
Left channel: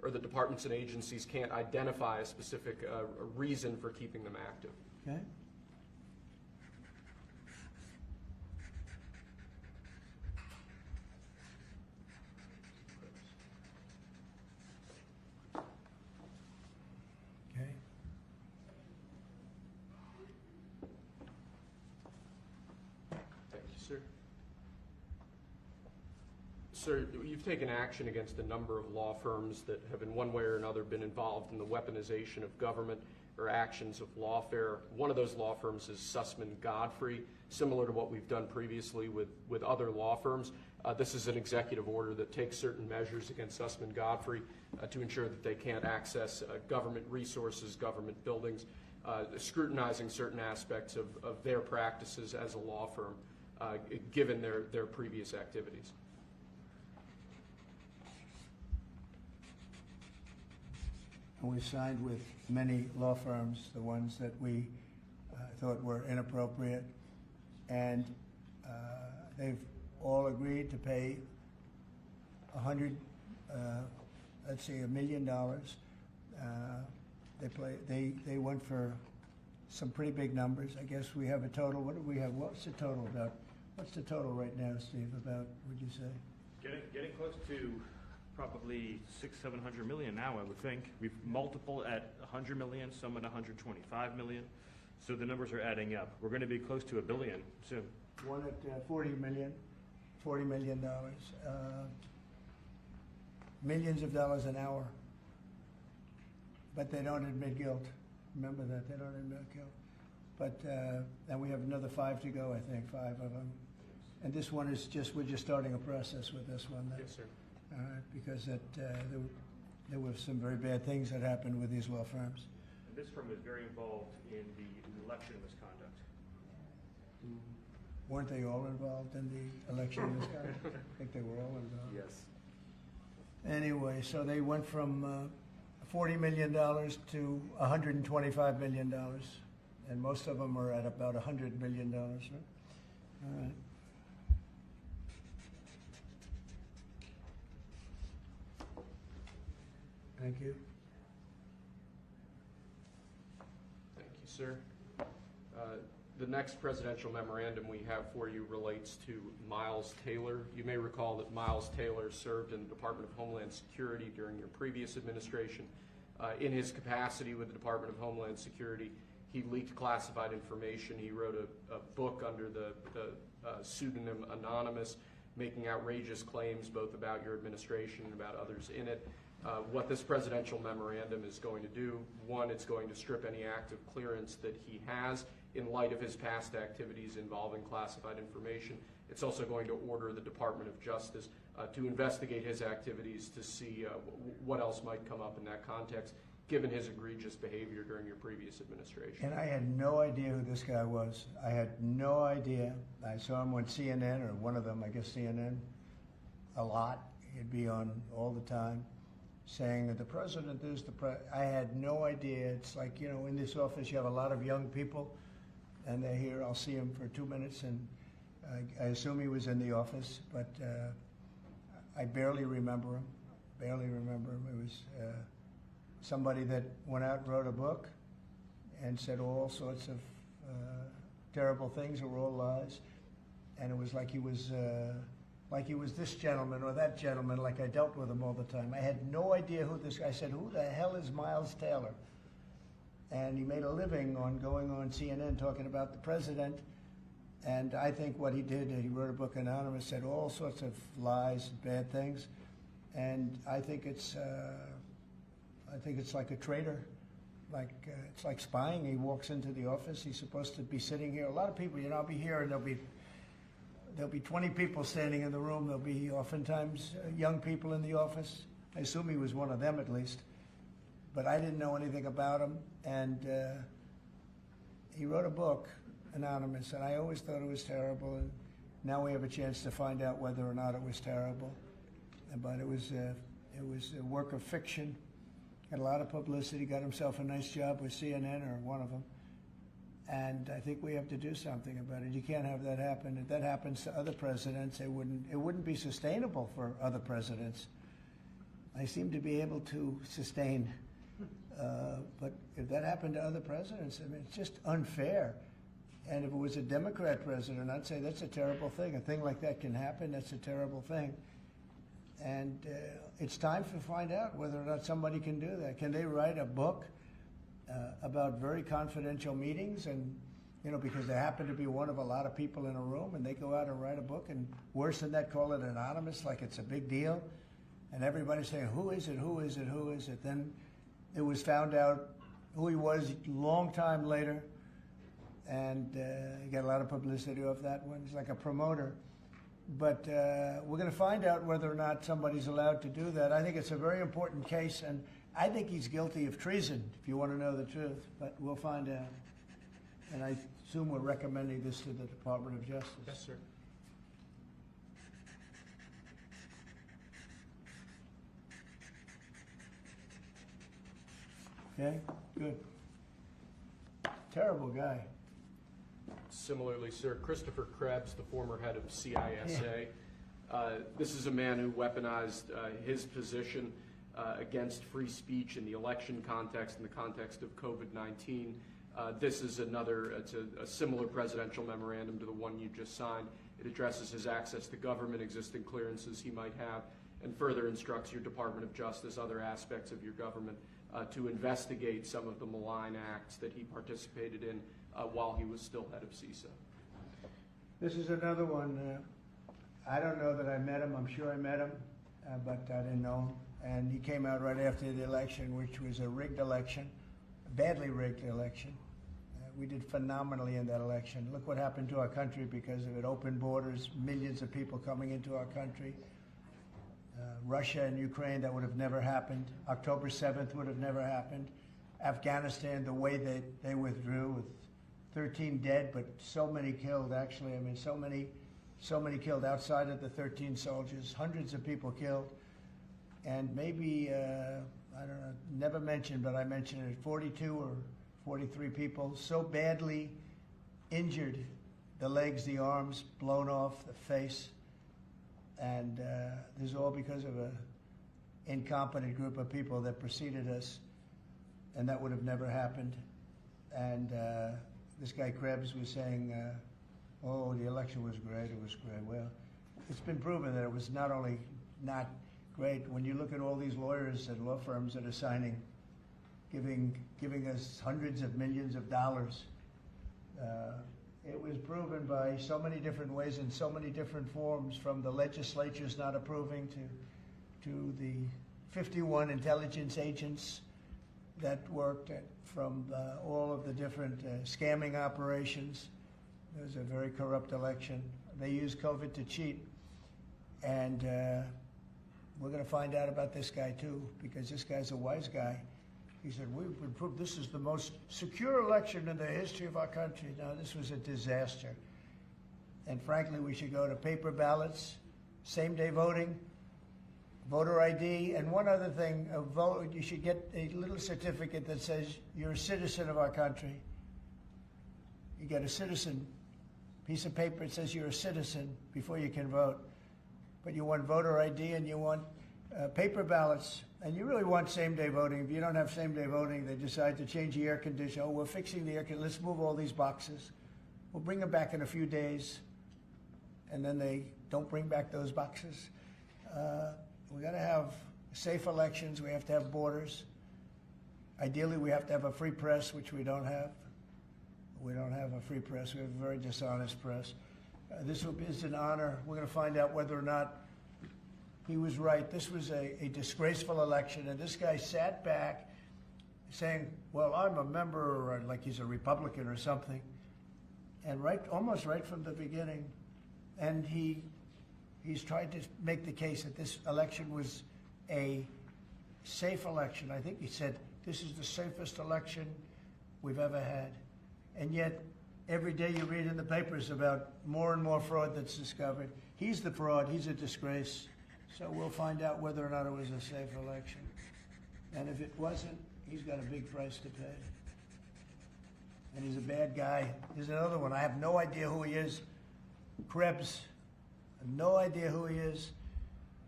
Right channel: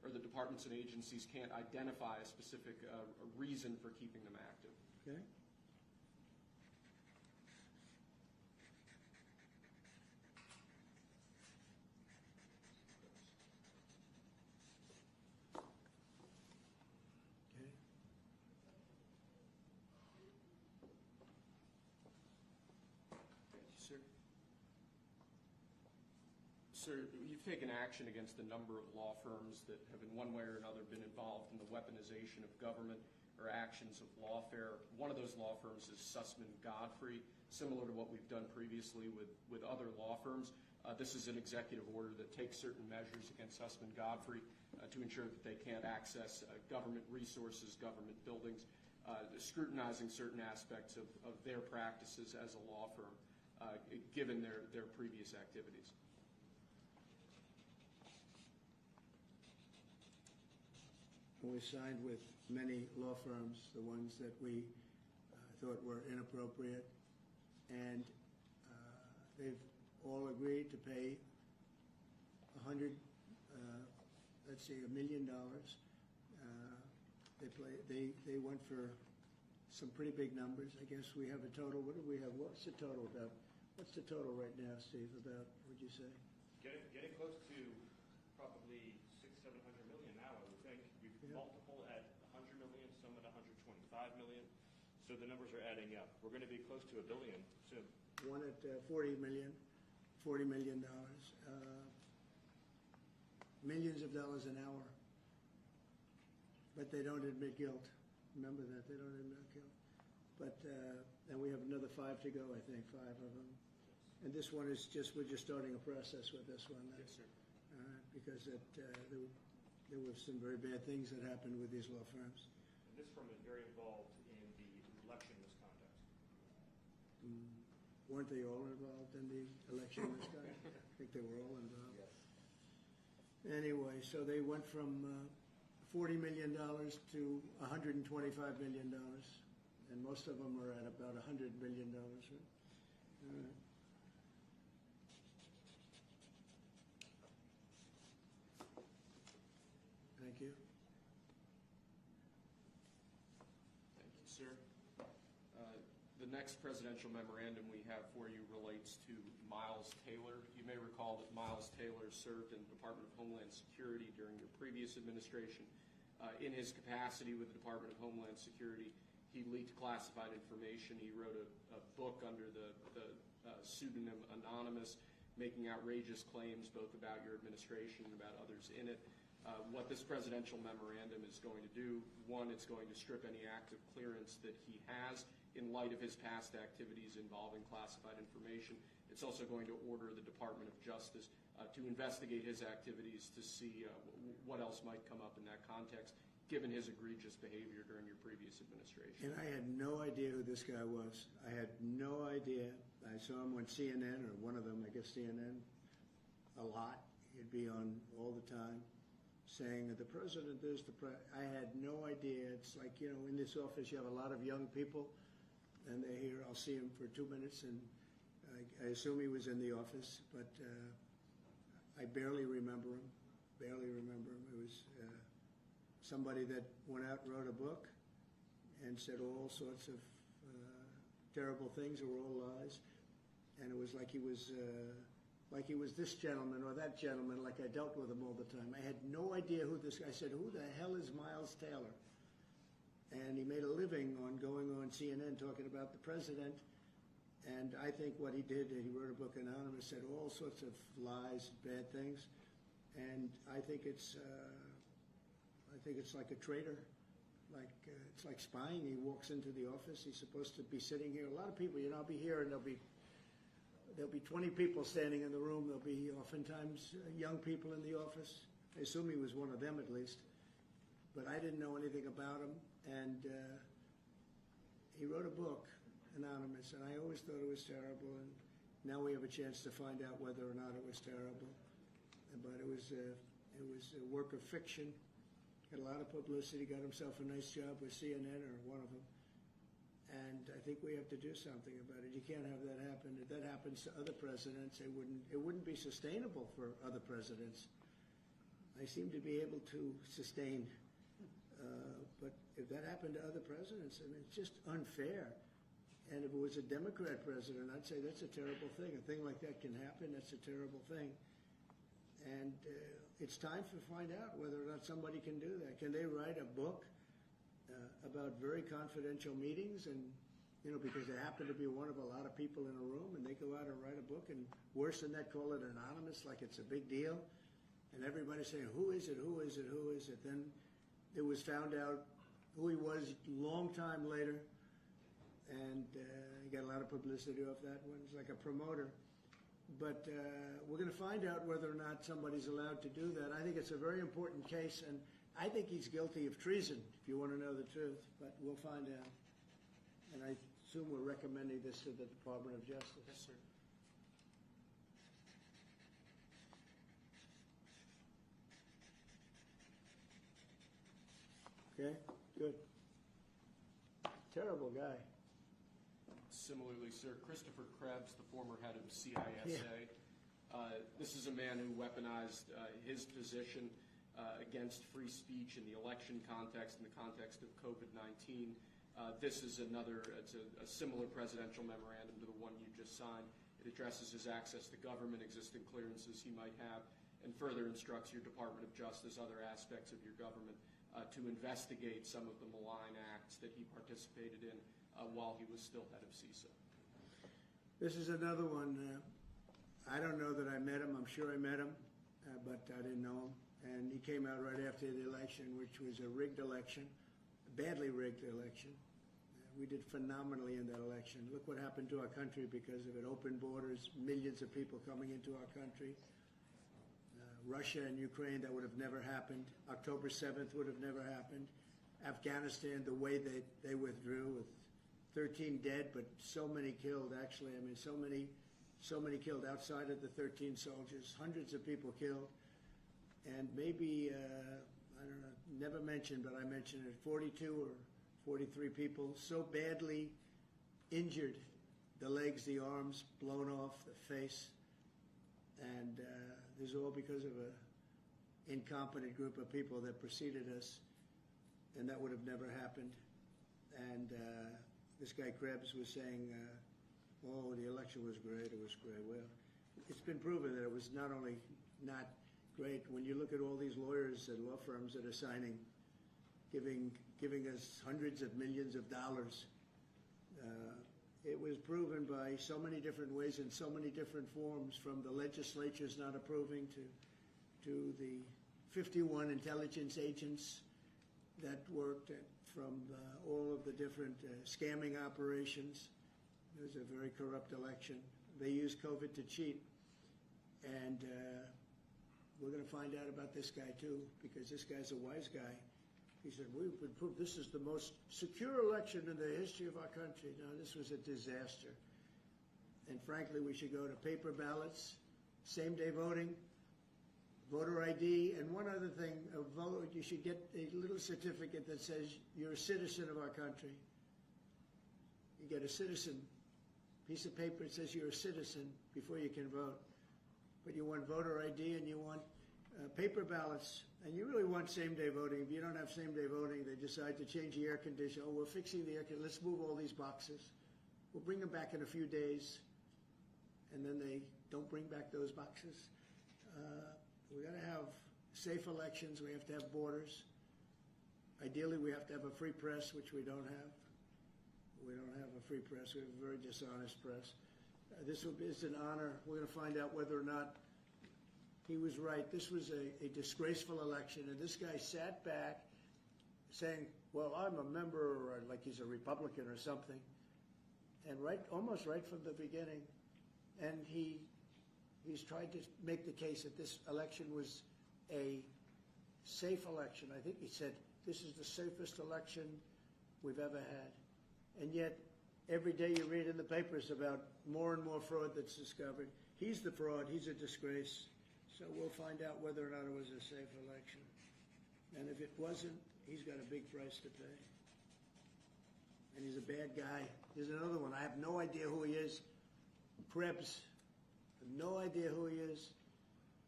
or the departments and agencies can't identify a specific reason for keeping them active. Okay? Okay. Thank you, sir. Sir, you've taken action against a number of law firms that have in one way or another been involved in the weaponization of government or actions of lawfare. One of those law firms is Sussman Godfrey, similar to what we've done previously with other law firms. This is an executive order that takes certain measures against Sussman Godfrey to ensure that they can't access government resources, government buildings, scrutinizing certain aspects of their practices as a law firm, given their previous activities. And we signed with many law firms, the ones that we thought were inappropriate, and they've all agreed to pay $1 million. They went for some pretty big numbers. I guess we have a total. What do we have? What's the total about? What's the total right now, Steve? About, would you say? Getting close to probably 600-700 million now, I would think. We've multiple at 100 million, some at 125 million. So the numbers are adding up. We're going to be close to $1 billion soon. One at $40 million. Millions of dollars an hour. But they don't admit guilt. Remember that, they don't admit guilt. But, and we have another 5 to go, I think, 5 of them. And this one is we're just starting a process with this one. Yes, sir. Because there were some very bad things that happened with these law firms. And this firm is very involved in the election misconduct. Weren't they all involved in the election misconduct? I think they were all involved. Yes. Anyway, so they went from $40 million to $125 million, and most of them are at about $100 million, right? All right. Thank you. Thank you, sir. The next presidential memorandum we have for you relates to Miles Taylor. You may recall that Miles Taylor served in the Department of Homeland Security during your previous administration. In his capacity with the Department of Homeland Security, he leaked classified information. He wrote a book under the pseudonym Anonymous, making outrageous claims both about your administration and about others in it. What this presidential memorandum is going to do, one, it's going to strip any active clearance that he has in light of his past activities involving classified information. It's also going to order the Department of Justice to investigate his activities to see what else might come up in that context, given his egregious behavior during your previous administration. And I had no idea who this guy was. I had no idea. I saw him on CNN, or one of them, I guess CNN, a lot. He'd be on all the time, saying that the president is I had no idea. It's like, you know, in this office you have a lot of young people, and they're here. I'll see him for 2 minutes, and I assume he was in the office, but I barely remember him. It was somebody that went out and wrote a book and said all sorts of terrible things that were all lies, and it was like he was this gentleman or that gentleman, like I dealt with him all the time. I had no idea who this guy. I said, who the hell is Miles Taylor? And he made a living on going on CNN talking about the president. And I think what he did, he wrote a book, Anonymous, said all sorts of lies and bad things. And I think it's like a traitor. It's like spying. He walks into the office. He's supposed to be sitting here. A lot of people, you know, I'll be here and there'll be 20 people standing in the room. There'll be oftentimes young people in the office. I assume he was one of them at least. But I didn't know anything about him. And he wrote a book, Anonymous, and I always thought it was terrible. And now we have a chance to find out whether or not it was terrible. But it was a work of fiction. Had a lot of publicity. Got himself a nice job with CNN, or one of them. And I think we have to do something about it. You can't have that happen. If that happens to other presidents, it wouldn't be sustainable for other presidents I seem to be able to sustain. But if that happened to other presidents, I mean, it's just unfair. And if it was a Democrat president, I'd say that's a terrible thing. A thing like that can happen. That's a terrible thing. And it's time to find out whether or not somebody can do that. Can they write a book about very confidential meetings? And, you know, because they happen to be one of a lot of people in a room, and they go out and write a book, and worse than that, call it anonymous, like it's a big deal. And everybody's saying, who is it, who is it, who is it? Then it was found out who he was a long time later, and he got a lot of publicity off that one. He's like a promoter. But we're going to find out whether or not somebody's allowed to do that. I think it's a very important case, and I think he's guilty of treason, if you want to know the truth. But we'll find out. And I assume we're recommending this to the Department of Justice. Yes, sir. Okay, good. Terrible guy. Similarly, sir, Christopher Krebs, the former head of CISA. This is a man who weaponized his position against free speech in the election context, in the context of COVID-19. This is it's a similar presidential memorandum to the one you just signed. It addresses his access to government, existing clearances he might have, and further instructs your Department of Justice, other aspects of your government, to investigate some of the malign acts that he participated in while he was still head of CISA. This is another one. I don't know that I met him. I'm sure I met him, but I didn't know him. And he came out right after the election, which was a rigged election, a badly rigged election. We did phenomenally in that election. Look what happened to our country because of it. Open borders, millions of people coming into our country. Russia and Ukraine, that would have never happened. October 7th would have never happened. Afghanistan, the way they withdrew with 13 dead, but so many killed, actually. I mean, so many killed outside of the 13 soldiers, hundreds of people killed. And maybe, I don't know, never mentioned, but I mentioned it, 42 or 43 people so badly injured, the legs, the arms, blown off, the face. And this is all because of an incompetent group of people that preceded us, and that would have never happened. And this guy Krebs was saying, oh, the election was great, it was great. Well, it's been proven that it was not only not great. When you look at all these lawyers and law firms that are signing, giving us hundreds of millions of dollars, it was proven by so many different ways in so many different forms, from the legislatures not approving to the 51 intelligence agents that worked, from all of the different scamming operations. It was a very corrupt election. They used COVID to cheat. And we're going to find out about this guy too, because this guy's a wise guy. He said, we've proved this is the most secure election in the history of our country. Now, this was a disaster. And frankly, we should go to paper ballots, same-day voting, voter ID, and one other thing, you should get a little certificate that says you're a citizen of our country. You get a citizen piece of paper that says you're a citizen before you can vote. But you want voter ID and you want paper ballots, and you really want same-day voting. If you don't have same-day voting, they decide to change the air conditioner. Oh, we're fixing the air conditioner. Let's move all these boxes. We'll bring them back in a few days, and then they don't bring back those boxes. We got to have safe elections. We have to have borders. Ideally, we have to have a free press, which we don't have. We don't have a free press. We have a very dishonest press. This is an honor. We're going to find out whether or not he was right. This was a disgraceful election, and this guy sat back saying, well, I'm a member, like he's a Republican or something, and almost right from the beginning. And he's tried to make the case that this election was a safe election. I think he said, this is the safest election we've ever had. And yet, every day you read in the papers about more and more fraud that's discovered. He's the fraud. He's a disgrace. So we'll find out whether or not it was a safe election. And if it wasn't, he's got a big price to pay. And he's a bad guy. Here's another one. I have no idea who he is. Krebs. I have no idea who he is.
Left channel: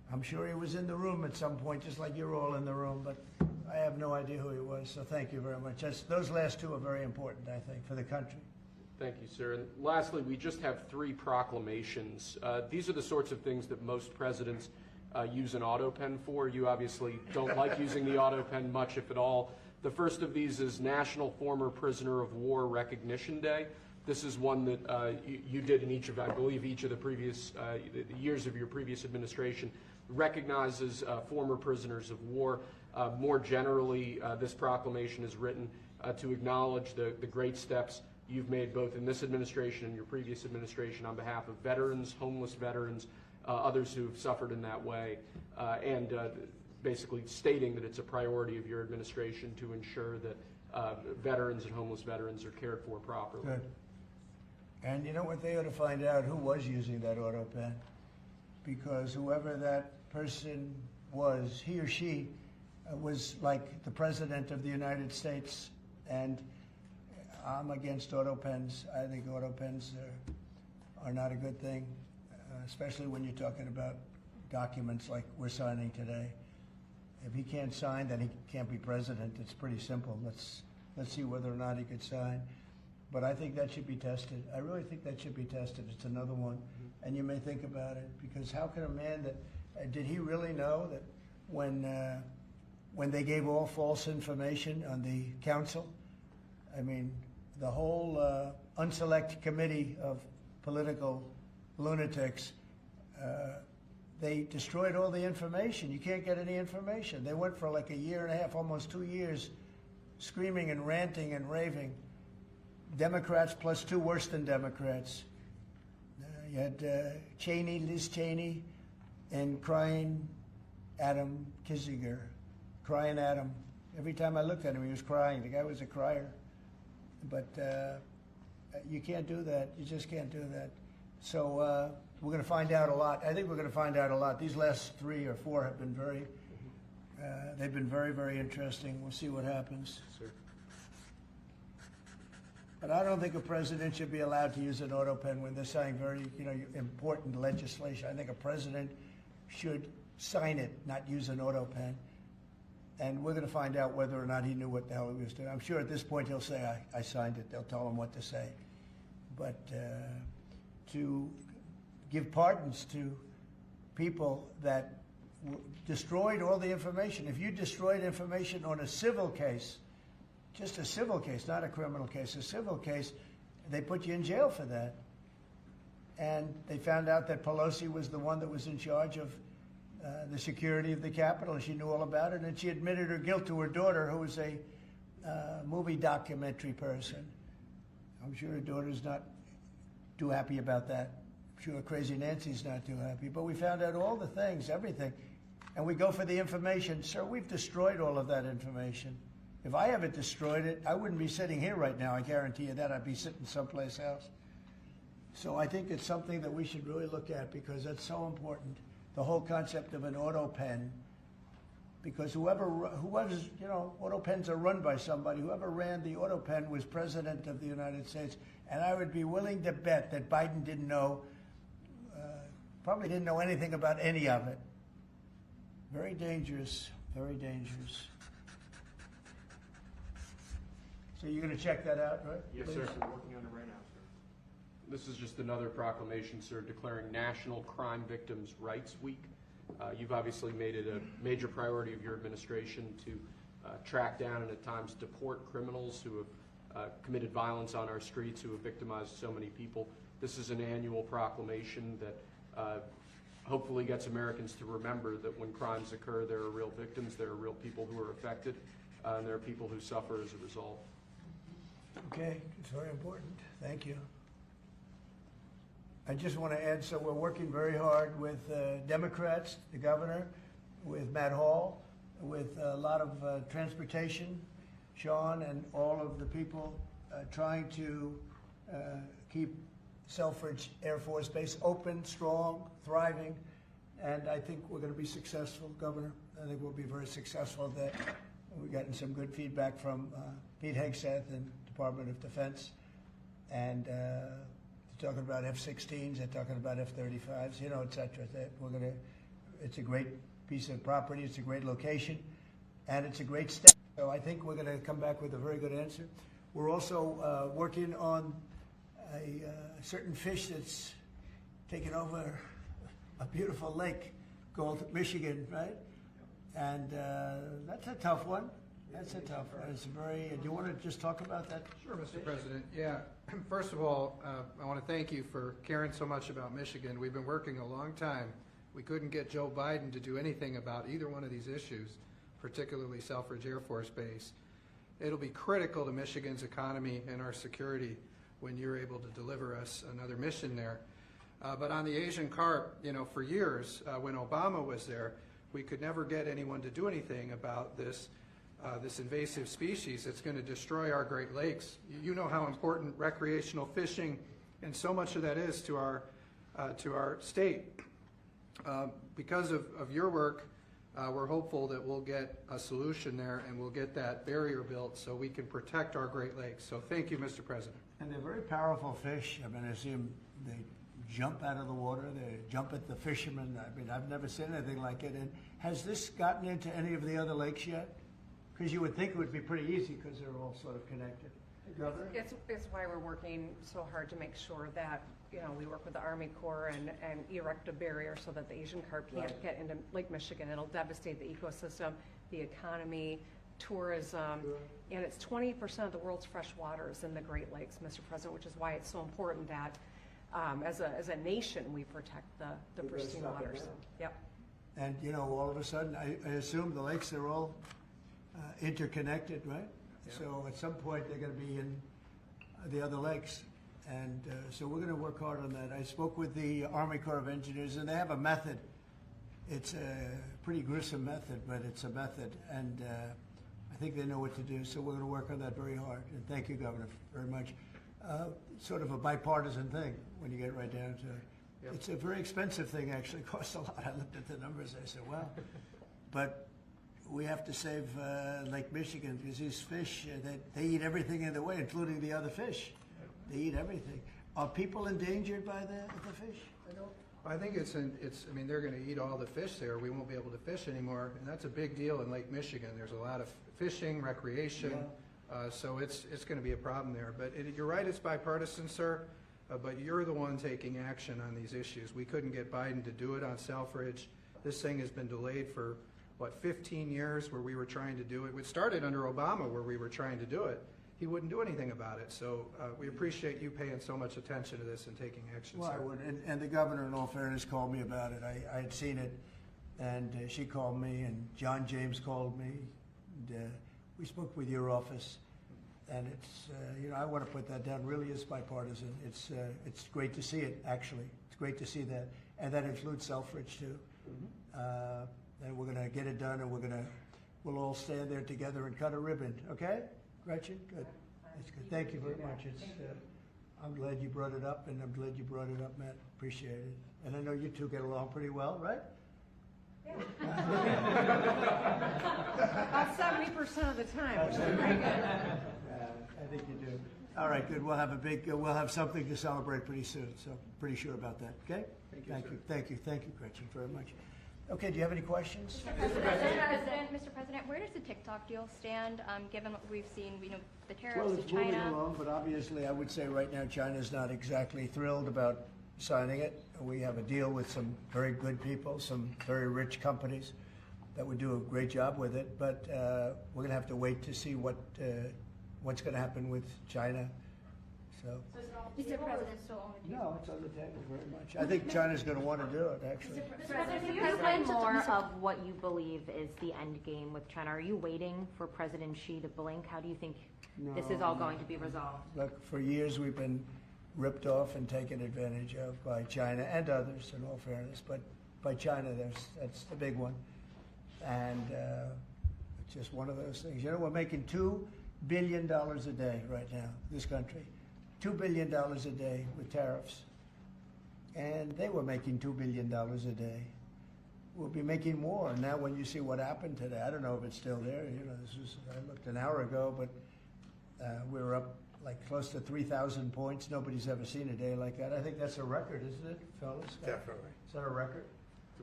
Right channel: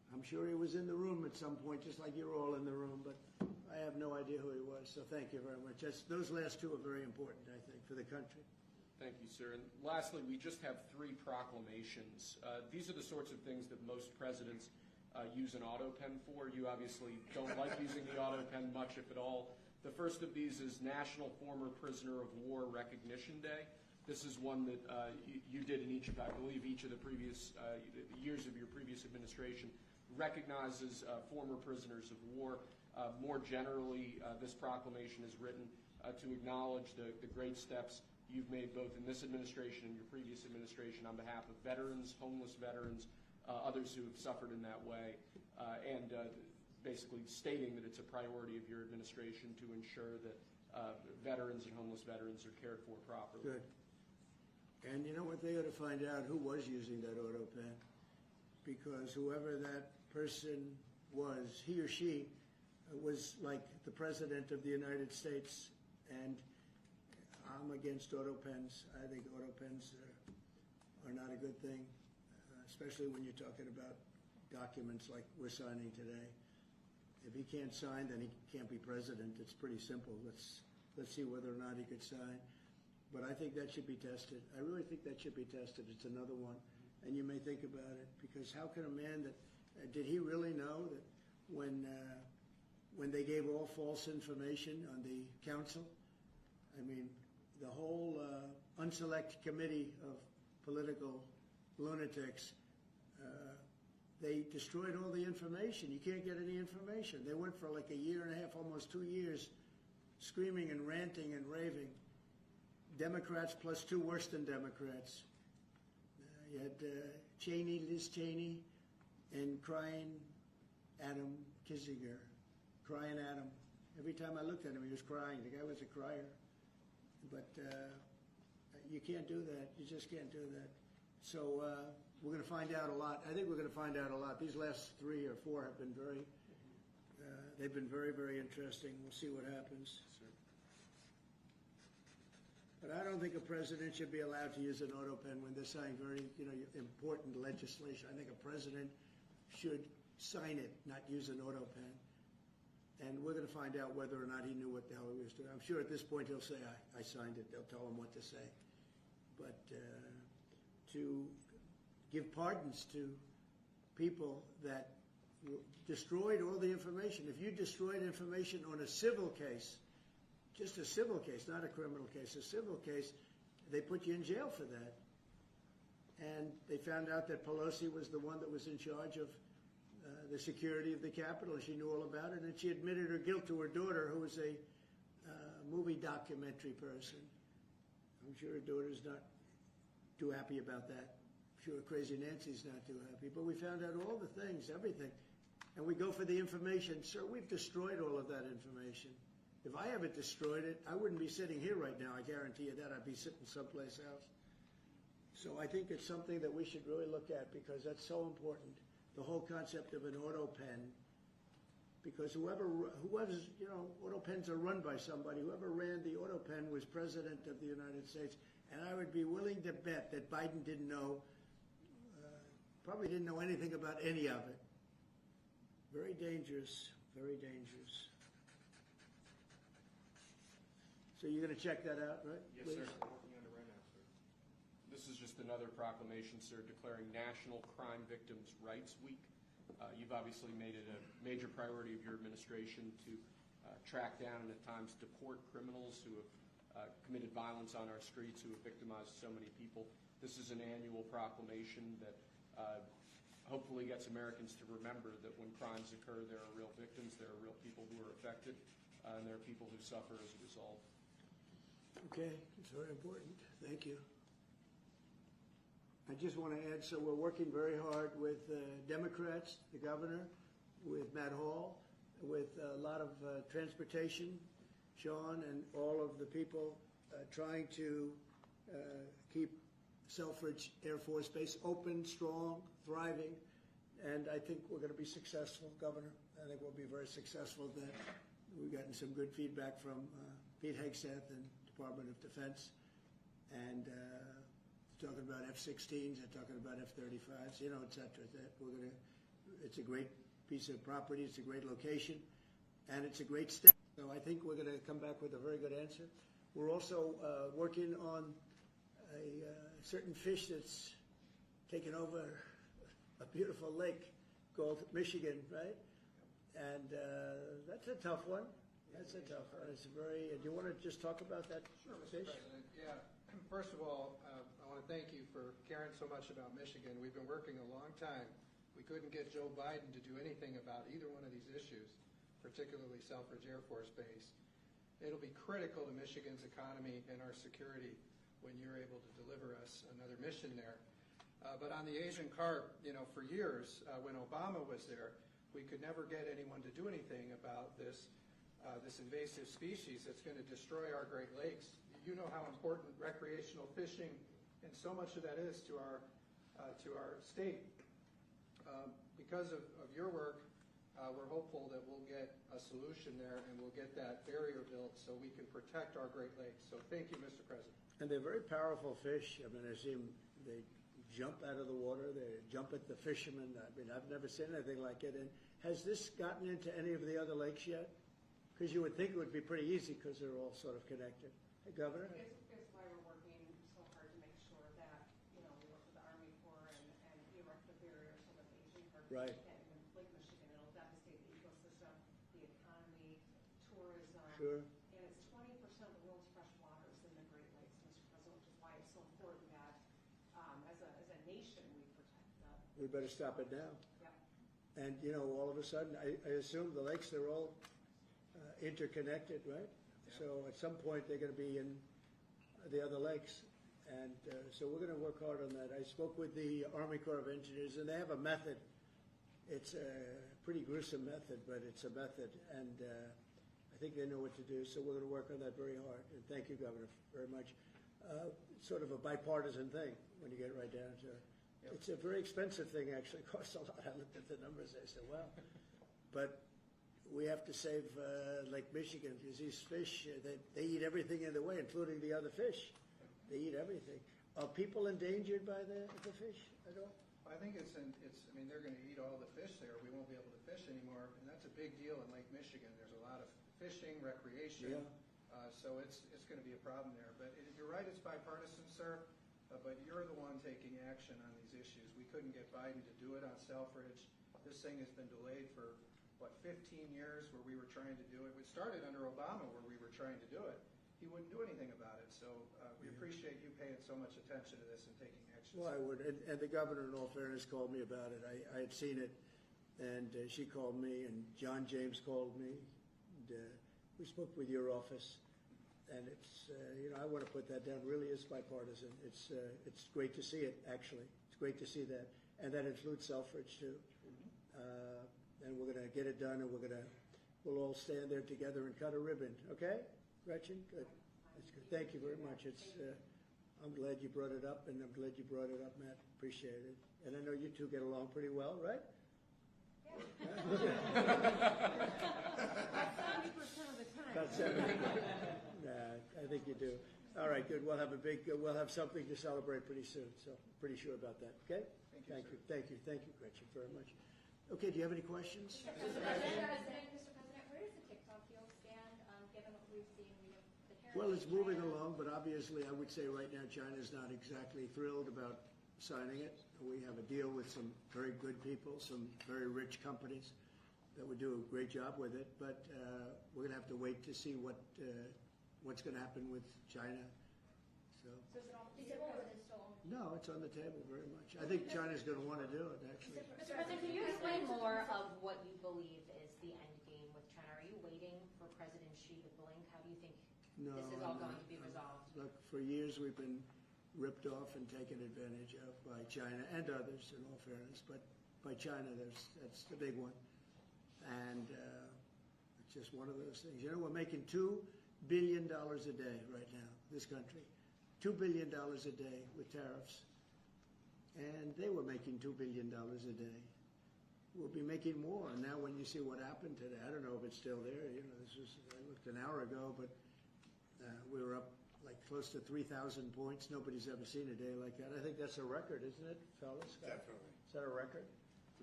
I'm sure he was in the room at some point, just like you're all in the room, but I have no idea who he was, so thank you very much. Those last two are very important, I think, for the country. Thank you, sir. And lastly, we just have 3 proclamations. These are the sorts of things that most presidents use an auto pen for. You obviously don't like using the auto pen much, if at all. The first of these is National Former Prisoner of War Recognition Day. This is one that you did in each of, I believe, each of the previous years of your previous administration, recognizes former prisoners of war. More generally, this proclamation is written to acknowledge the great steps you've made both in this administration and your previous administration on behalf of veterans, homeless veterans, others who've suffered in that way, and basically stating that it's a priority of your administration to ensure that veterans and homeless veterans are cared for properly. Good. And you know what? They ought to find out who was using that auto pen, because whoever that person was, he or she was like the President of the United States, and I'm against auto pens. I think auto pens are not a good thing, especially when you're talking about documents like we're signing today. If he can't sign, then he can't be president. It's pretty simple. Let's see whether or not he could sign. But I think that should be tested. I really think that should be tested. It's another one. And you may think about it, because how can a man that, did he really know that when they gave all false information on the council, I mean, the whole unselect committee of political lunatics, they destroyed all the information. You can't get any information. They went for like a year and a half, almost 2 years, screaming and ranting and raving. Democrats plus 2 worse than Democrats. You had Cheney, Liz Cheney, and crying Adam Kinzinger. Crying Adam. Every time I looked at him, he was crying. The guy was a crier. But you can't do that. You just can't do that. So we're going to find out a lot. I think we're going to find out a lot. These last 3 or 4 have been they've been very, very interesting. We'll see what happens. Sir. But I don't think a president should be allowed to use an auto pen when they're signing very, important legislation. I think a president should sign it, not use an auto pen. And we're going to find out whether or not he knew what the hell he was doing. I'm sure at this point he'll say, I signed it. They'll tell him what to say. But to give pardons to people that destroyed all the information. If you destroyed information on a civil case, just a civil case, not a criminal case, a civil case, they put you in jail for that. And they found out that Pelosi was the one that was in charge of the security of the Capitol, and she knew all about it, and she admitted her guilt to her daughter, who was a movie documentary person. I'm sure her daughter's not too happy about that. I'm sure Crazy Nancy's not too happy. But we found out all the things, everything. And we go for the information. Sir, we've destroyed all of that information. If I haven't destroyed it, I wouldn't be sitting here right now. I guarantee you that. I'd be sitting someplace else. So I think it's something that we should really look at, because that's so important. The whole concept of an auto pen, because whoever's, auto pens are run by somebody. Whoever ran the auto pen was President of the United States. And I would be willing to bet that Biden didn't know, probably didn't know anything about any of it. Very dangerous, very dangerous. So you're going to check that out, right? Yes, please? sir. We're working on it right now, sir. This is just another proclamation, sir, declaring National Crime Victims' Rights Week. You've obviously made it a major priority of your administration to track down and at times deport criminals who have committed violence on our streets, who have victimized so many people. This is an annual proclamation that hopefully gets Americans to remember that when crimes occur, there are real victims, there are real people who are affected, and there are people who suffer as a result. Okay, it's very important. Thank you. I just want to add, so we're working very hard with Democrats, the governor, with Matt Hall, with a lot of transportation, Sean, and all of the people trying to keep Selfridge Air Force Base open, strong, thriving, and I think we're going to be successful, Governor. I think we'll be very successful at that. We've gotten some good feedback from Pete Hegseth and Department of Defense, and they're talking about F-16s, they're talking about F-35s, et cetera. That we're going to It's a great piece of property, it's a great location, and it's a great state. So I think we're going to come back with a very good answer. We're also working on a certain fish that's taken over a beautiful lake called Michigan, right? And that's a tough one. That's a tough one. It's very. Do you want to just talk about that? Sure, Mr. President. Yeah. First of all, I want to thank you for caring so much about Michigan. We've been working a long time. We couldn't get Joe Biden to do anything about either one of these issues, particularly Selfridge Air Force Base. It'll be critical to Michigan's economy and our security when you're able to deliver us another mission there. But on the Asian carp, for years, when Obama was there, we could never get anyone to do anything about this invasive species. It's going to destroy our Great Lakes. You know how important recreational fishing and so much of that is to our state. Because of your work, we're hopeful that we'll get a solution there and we'll get that barrier built so we can protect our Great Lakes. So thank you, Mr. President. And they're very powerful fish. I mean, I see them, they jump out of the water, they jump at the fishermen. I mean, I've never seen anything like it. And has this gotten into any of the other lakes yet? Because you would think it would be pretty easy because they're all sort of connected. Hey, Governor? It's why we're working so hard to make sure that, we work with the Army Corps and erect a barrier so that the Asian carp can't get into Lake Michigan. It'll devastate the ecosystem, the economy, tourism, and it's 20% of the world's fresh waters in the Great Lakes, Mr. President, which is why it's so important that as a nation we protect the pristine waters. Yep. And all of a sudden, I assume the lakes are all interconnected, right? Yeah. So at some point they're going to be in the other lakes. And so we're going to work hard on that. I spoke with the Army Corps of Engineers, and they have a method. It's a pretty gruesome method, but it's a method, and I think they know what to do. So we're going to work on that very hard. And thank you, Governor, very much. Sort of a bipartisan thing when you get right down to it. Yep. It's a very expensive thing, actually. It costs a lot. I looked at the numbers. I said, well, but we have to save Lake Michigan because these fish, they eat everything in the way, including the other fish. They eat everything. Are people endangered by the fish? I think it's. I mean, they're going to eat all the fish there. We won't be able to fish anymore, and that's a big deal in Lake Michigan. There's a lot of fishing, recreation, so it's going to be a problem there. But you're right, it's bipartisan, sir. But you're the one taking action on these issues. We couldn't get Biden to do it on Selfridge. This thing has been delayed for 15 years, where we were trying to do it. It started under Obama, where we were trying to do it. He wouldn't do anything about it. So we appreciate you paying so much attention to this and taking action. Well, sir. I would. And the governor, in all fairness, called me about it. I had seen it, and she called me, and John James called me. And, we spoke with your office, and it's, I want to put that down. Really is bipartisan. It's great to see it, actually. It's great to see that. And that includes Selfridge, too. Mm-hmm. And we're going to get it done, and we'll all stand there together and cut a ribbon, okay? Gretchen, good. That's good. Thank you very much. It's, I'm glad you brought it up, and I'm glad you brought it up, Matt. Appreciate it. And I know you two get along pretty well, right? Yeah. About 70% of the time, which is pretty good. I think you do. All right, good. We'll have something to celebrate pretty soon. So pretty sure about that. Okay. Thank you, Gretchen, very much. Okay, do you have any questions? Mr. President, where does the TikTok deal stand, given what we've seen, the tariffs Well, with it's China? moving along, but obviously I would say right now China's not exactly thrilled about signing it. We have a deal with some very good people, some very rich companies that would do a great job with it, but we're going to have to wait to see what's going to happen with China. So. Mr. President, No, it's on the table very much. I think China's going to want to do it, actually. Mr. President, can you explain more of what you believe is the end game with China? Are you waiting for President Xi to blink? How do you think this is all going to be resolved? Look, for years we've been ripped off and taken advantage of by China and others, in all fairness. But by China, that's the big one. And it's just one of those things. We're making $2 billion a day right now, this country. $2 billion a day with tariffs. And they were making $2 billion a day. We'll be making more. Now when you see what happened today, I don't know if it's still there. I looked an hour ago, but we were up like close to 3,000 points. Nobody's ever seen a day like that. I think that's a record, isn't it, fellas? Definitely. Is that a record? It's a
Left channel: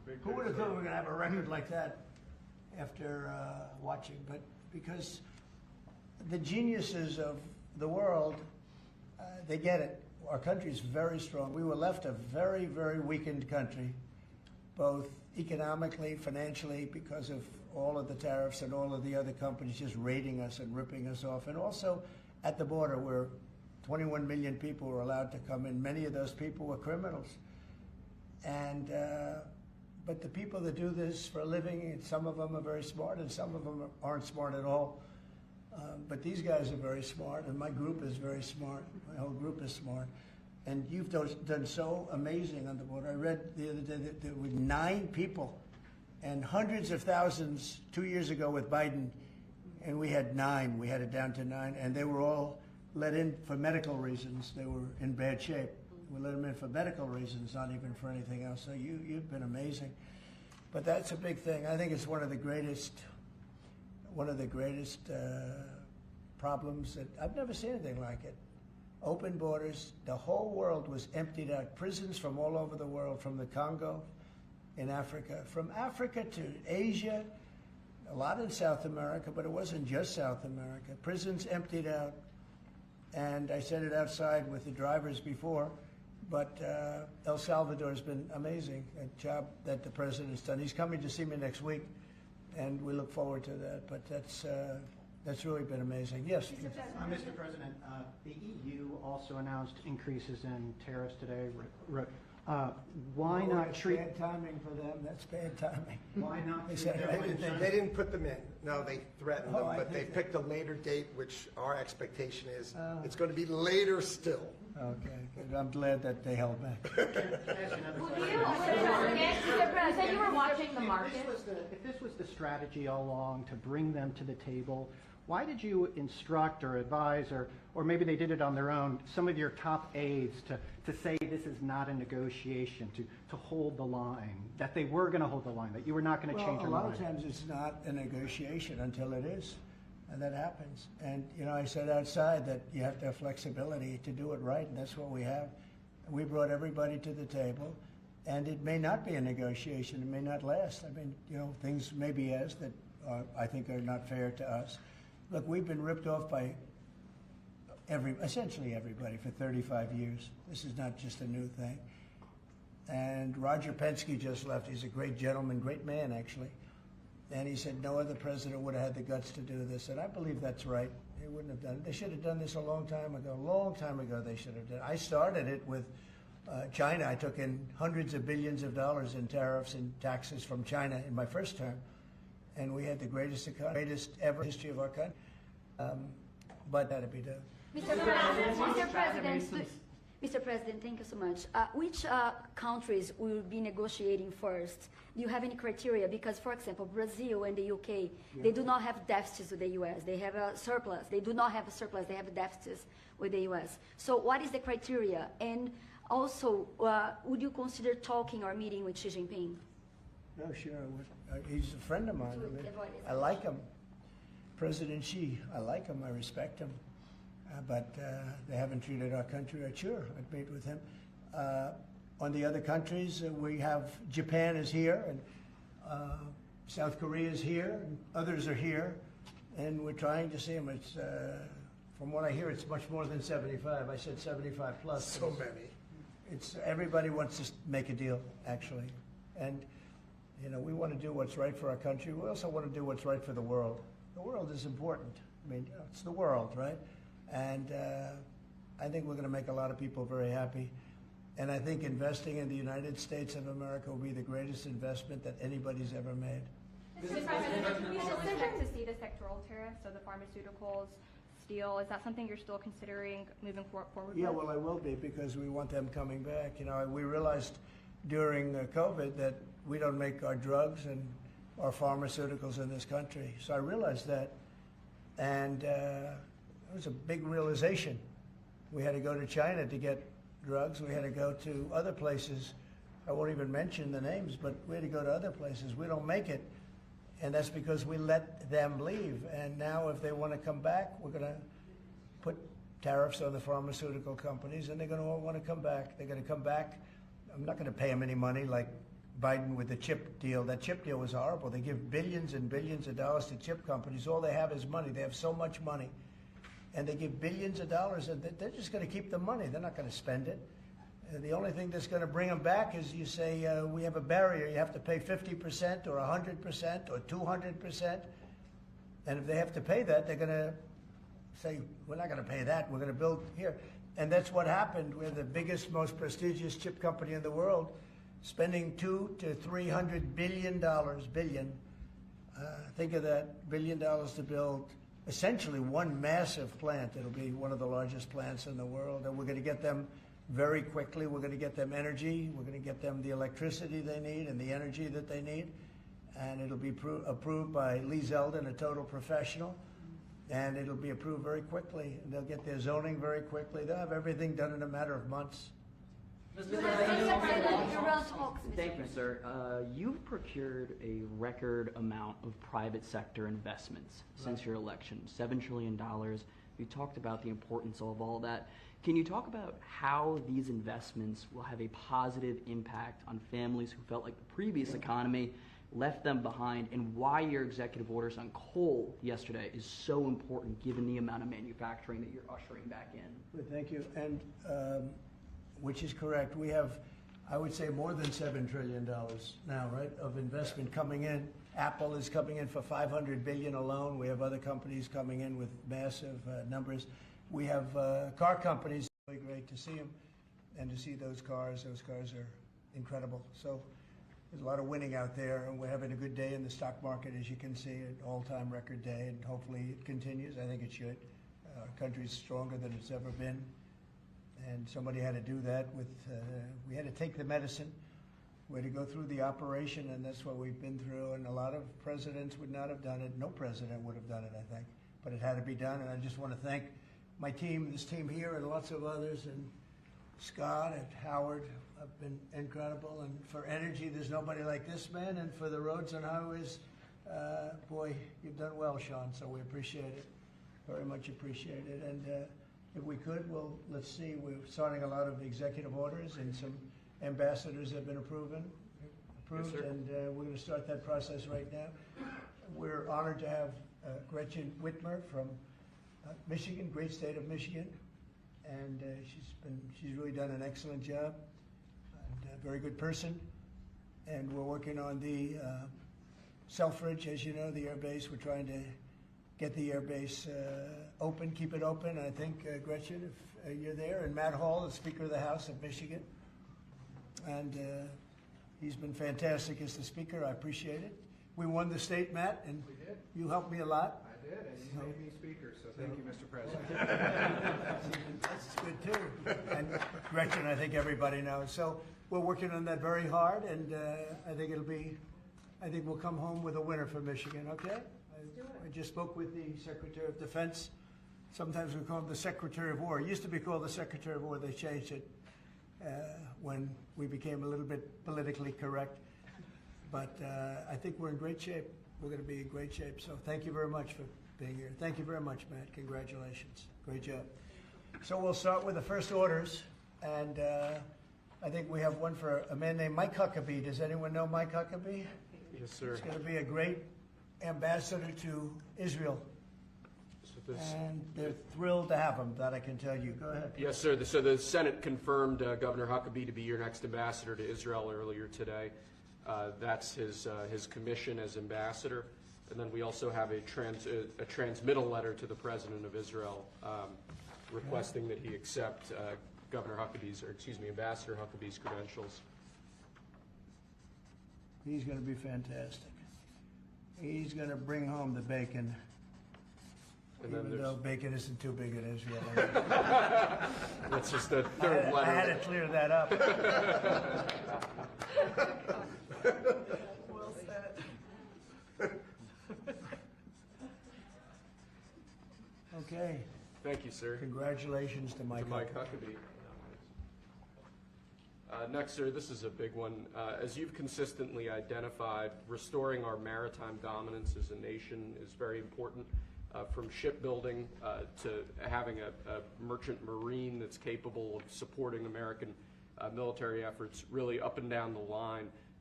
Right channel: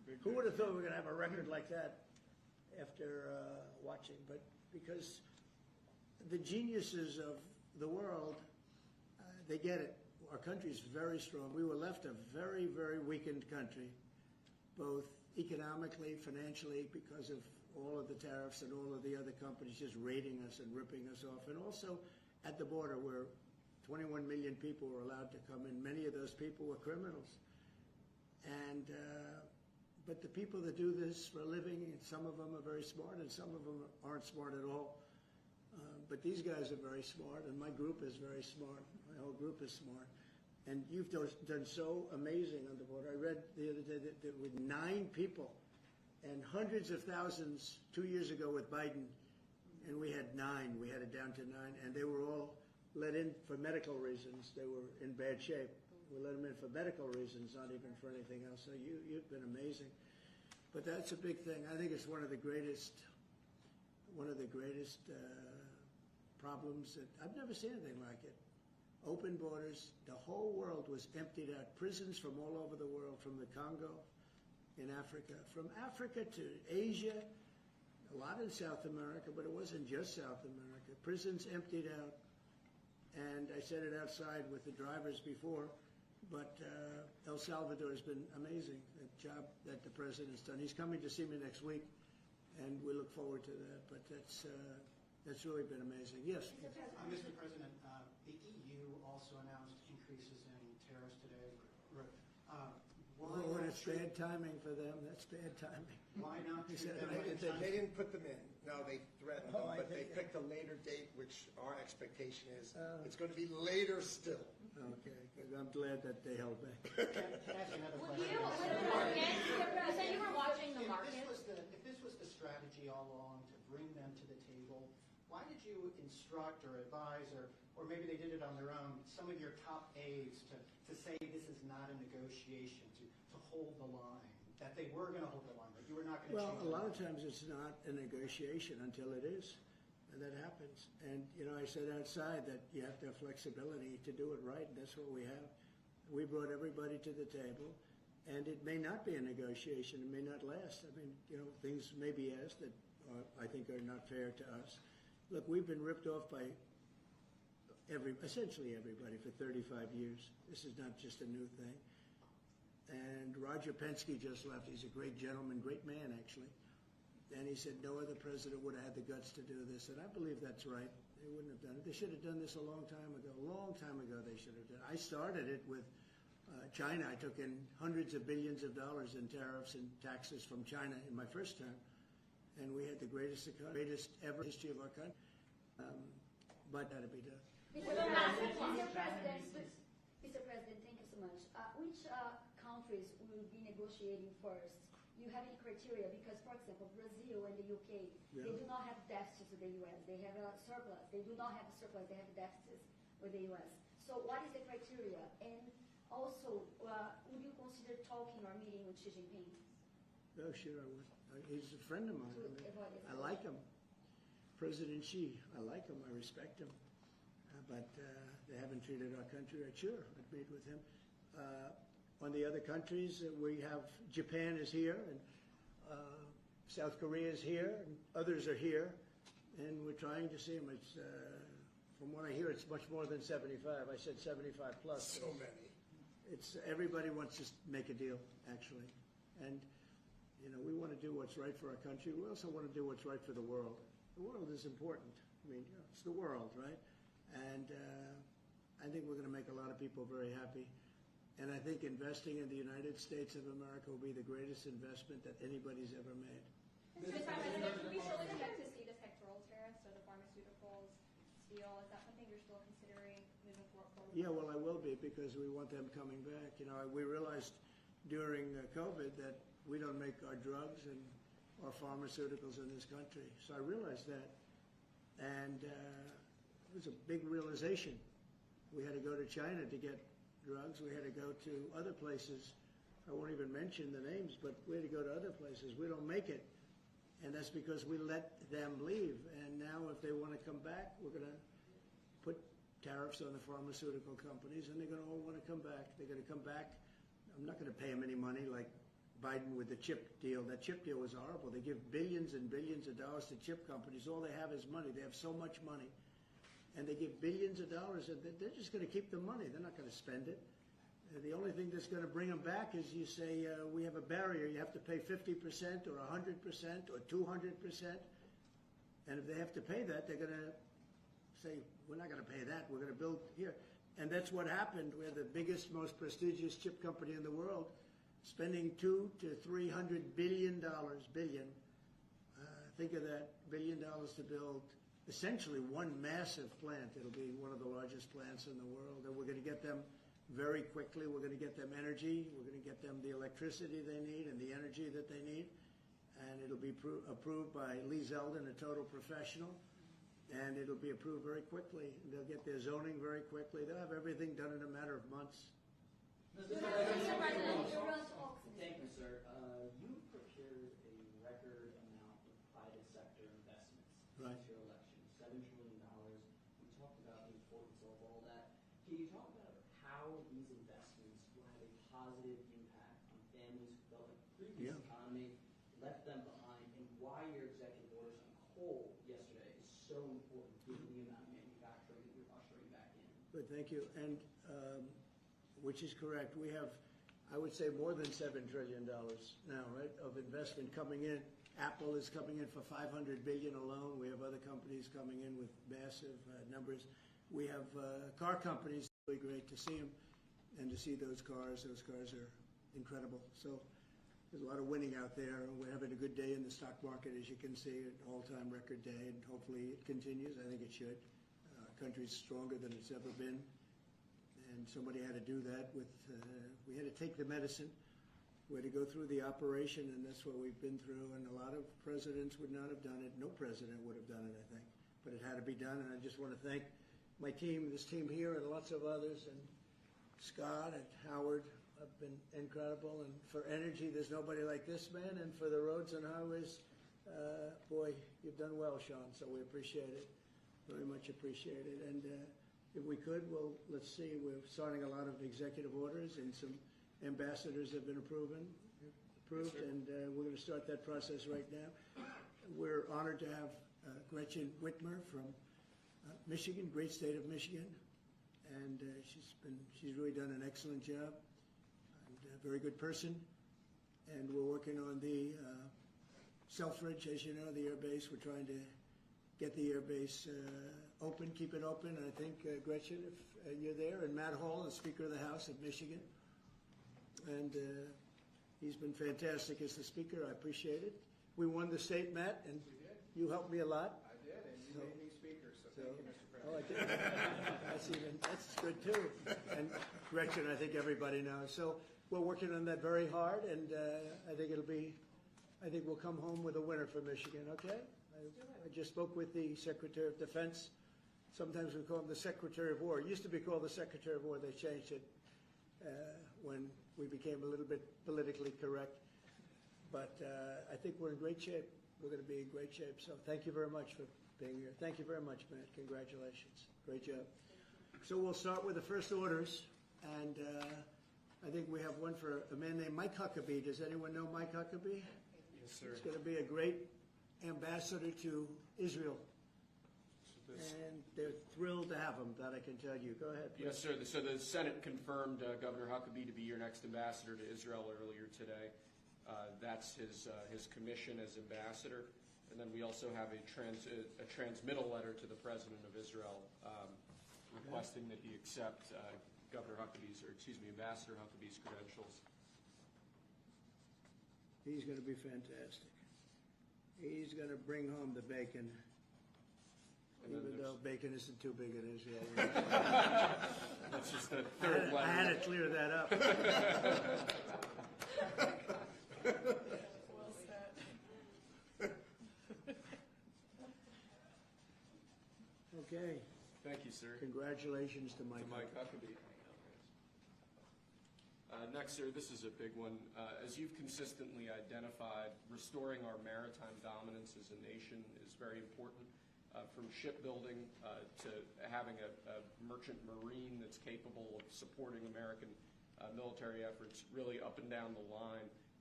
Who would have thought we were going to have a record like that after watching? But because the geniuses of the world, they get it. Our country is very strong. We were left a very, very weakened country, both economically, financially, because of all of the tariffs and all of the other companies just raiding us and ripping us off. And also at the border where 21 million people were allowed to come in. Many of those people were criminals. And but the people that do this for a living, and some of them are very smart and some of them aren't smart at all. But these guys are very smart, and my group is very smart. My whole group is smart. And you've done so amazing on the border. I read the other day that there were 9 people and hundreds of thousands 2 years ago with Biden, and we had 9. We had it down to 9, and they were all let in for medical reasons. They were in bad shape. We let them in for medical reasons, not even for anything else. So you've been amazing. But that's a big thing. I think it's one of the greatest problems that I've never seen anything like it. Open borders. The whole world was emptied out. Prisons from all over the world, from the Congo in Africa, from Africa to Asia, a lot in South America, but it wasn't just South America. Prisons emptied out. And I said it outside with the drivers before, but El Salvador has been amazing, a job that the president's done. He's coming to see me next week, and we look forward to that. But that's really been amazing. Yes? Mr. President, the EU also announced increases in tariffs today. Why not That's treat... bad timing for them. That's bad timing. Why not They treat said, everyone They didn't put them in. No, they threatened them, Oh, I but they think picked a later date, which our expectation is it's going to be later still. Okay, good. I'm glad that they held back. You said you were watching the market. If this was the strategy all along to bring them to the table, why did you instruct or advise, or maybe they did it on their own, some of your top aides to say this is not a negotiation, to hold the line, that they were going to hold the line, that you were not going to change your A lot mind? of times it's not a negotiation until it is, and that happens. And, I said outside that you have to have flexibility to do it right, and that's what we have. We brought everybody to the table, and it may not be a negotiation. It may not last. I mean, things may be asked that I think are not fair to us. Look, we've been ripped off by essentially everybody for 35 years. This is not just a new thing. And Roger Penske just left. He's a great gentleman, great man, actually. And he said no other president would have had the guts to do this. And I believe that's right. They wouldn't have done it. They should have done this a long time ago. A long time ago they should have done it. I started it with China. I took in hundreds of billions of dollars in tariffs and taxes from China in my first term. And we had the greatest ever history of our country. But that had to be done. Mr. President, thank you so much. Which countries will be negotiating first? Do you have any criteria? Because, for example, Brazil and the UK, they do not have deficits with the US. They have a surplus. They do not have a surplus. They have deficits with the US. So what is the criteria? And also, would you consider talking or meeting with Xi Jinping? No, sure I would. He's a friend of mine. I like him. President Xi, I like him. I respect him. But they haven't treated our country right. Sure, I'd meet with him. On the other countries, we have Japan is here, and South Korea is here, and others are here, and we're trying to see them. It's, from what I hear, it's much more than 75. I said 75 plus. So many. It's everybody wants to make a deal, actually, and we want to do what's right for our country. We also want to do what's right for the world. The world is important. I mean, it's the world, right? And I think we're going to make a lot of people very happy. And I think investing in the United States of America will be the greatest investment that anybody's ever made. Mr. President, can we still expect to see the sectoral tariffs, so the pharmaceuticals, steel, is that something you're still considering moving forward Yeah, with? well, I will be, because we want them coming back. We realized during COVID that we don't make our drugs and our pharmaceuticals in this country. So I realized that, and it was a big realization. We had to go to China to get drugs. We had to go to other places. I won't even mention the names, but we had to go to other places. We don't make it, and that's because we let them leave. And now if they want to come back, we're going to put tariffs on the pharmaceutical companies, and they're going to all want to come back. They're going to come back. I'm not going to pay them any money like Biden with the chip deal. That chip deal was horrible. They give billions and billions of dollars to chip companies. All they have is money. They have so much money. And they give billions of dollars, and they're just going to keep the money. They're not going to spend it. The only thing that's going to bring them back is you say, we have a barrier. You have to pay 50% or 100% or 200%. And if they have to pay that, they're going to say, we're not going to pay that. We're going to build here. And that's what happened. We're the biggest, most prestigious chip company in the world, spending $200 to $300 billion. Think of that, $1 billion to build essentially one massive plant. It'll be one of the largest plants in the world. And we're going to get them very quickly. We're going to get them energy. We're going to get them the electricity they need and the energy that they need. And it'll be approved by Lee Zeldin, a total professional. And it'll be approved very quickly. And they'll get their zoning very quickly. They'll have everything done in a matter of months. Thank you, sir. You've procured a record amount of private sector investments since your election, $7 trillion. You talked about the importance of all that. Can you talk about how these investments will have a positive impact on families who felt like the previous economy left them behind, and why your executive orders on coal yesterday is so important given the amount of manufacturing that you're ushering back in? Good, thank you. And which is correct. We have, I would say, more than $7 trillion now, right, of investment coming in. Apple is coming in for $500 billion alone. We have other companies coming in with massive numbers. We have car companies. Really great to see them and to see those cars. Those cars are incredible. So there's a lot of winning out there, and we're having a good day in the stock market, as you can see, an all-time record day, and hopefully it continues. I think it should. Our country's stronger than it's ever been. And somebody had to do that with, we had to take the medicine. We had to go through the operation, and that's what we've been through. And a lot of presidents would not have done it. No president would have done it, I think. But it had to be done, and I just want to thank my team, this team here, and lots of others, and Scott and Howard have been incredible. And for energy, there's nobody like this man. And for the roads and highways, boy, you've done well, Sean, so we appreciate it. Very much appreciate it. And if we could, well, let's see, we're starting a lot of executive orders, and some ambassadors have been approved, Yes, and we're going to start that process right now. We're honored to have Gretchen Whitmer from Michigan, great state of Michigan, and she's really done an excellent job, and a very good person. And we're working on the Selfridge, as you know, the air base. We're trying to get the air base open, keep it open. I think, Gretchen, if you're there, and Matt Hall, the Speaker of the House of Michigan. And he's been fantastic as the Speaker. I appreciate it. We won the state, Matt, and We did. you helped me a lot. I did, and you made me speaker, so thank you, Mr. President. That's good too. And Gretchen, I think everybody knows. So we're working on that very hard, and I think we'll come home with a winner for Michigan, okay? I just spoke with the Secretary of Defense. Sometimes we call him the Secretary of War. It used to be called the Secretary of War. They changed it when we became a little bit politically correct. But I think we're in great shape. We're going to be in great shape. So thank you very much for being here. Thank you very much, Matt. Congratulations. Great job. So we'll start with the first orders. And I think we have one for a man named Mike Huckabee. Does anyone know Mike Huckabee? Yes, sir. He's going to be a great ambassador to Israel. So this, And they're thrilled to have him, that I can tell you. Go ahead. yes, sir. So the Senate confirmed Governor Huckabee to be your next ambassador to Israel earlier today. That's his commission as ambassador. And then we also have a transmittal letter to the President of Israel requesting that he accept Ambassador Huckabee's credentials. He's going to be fantastic. He's going to bring home the bacon, And then even though bacon isn't too big in Israel. that's just the third letter. I had to clear that up. Well said. Okay. Thank you, sir. Congratulations to Mike. To Mike Huckabee. Next, sir, this is a big one. As you've consistently identified, restoring our maritime dominance as a nation is very important, from shipbuilding to having a merchant marine that's capable of supporting American military efforts, really up and down the line.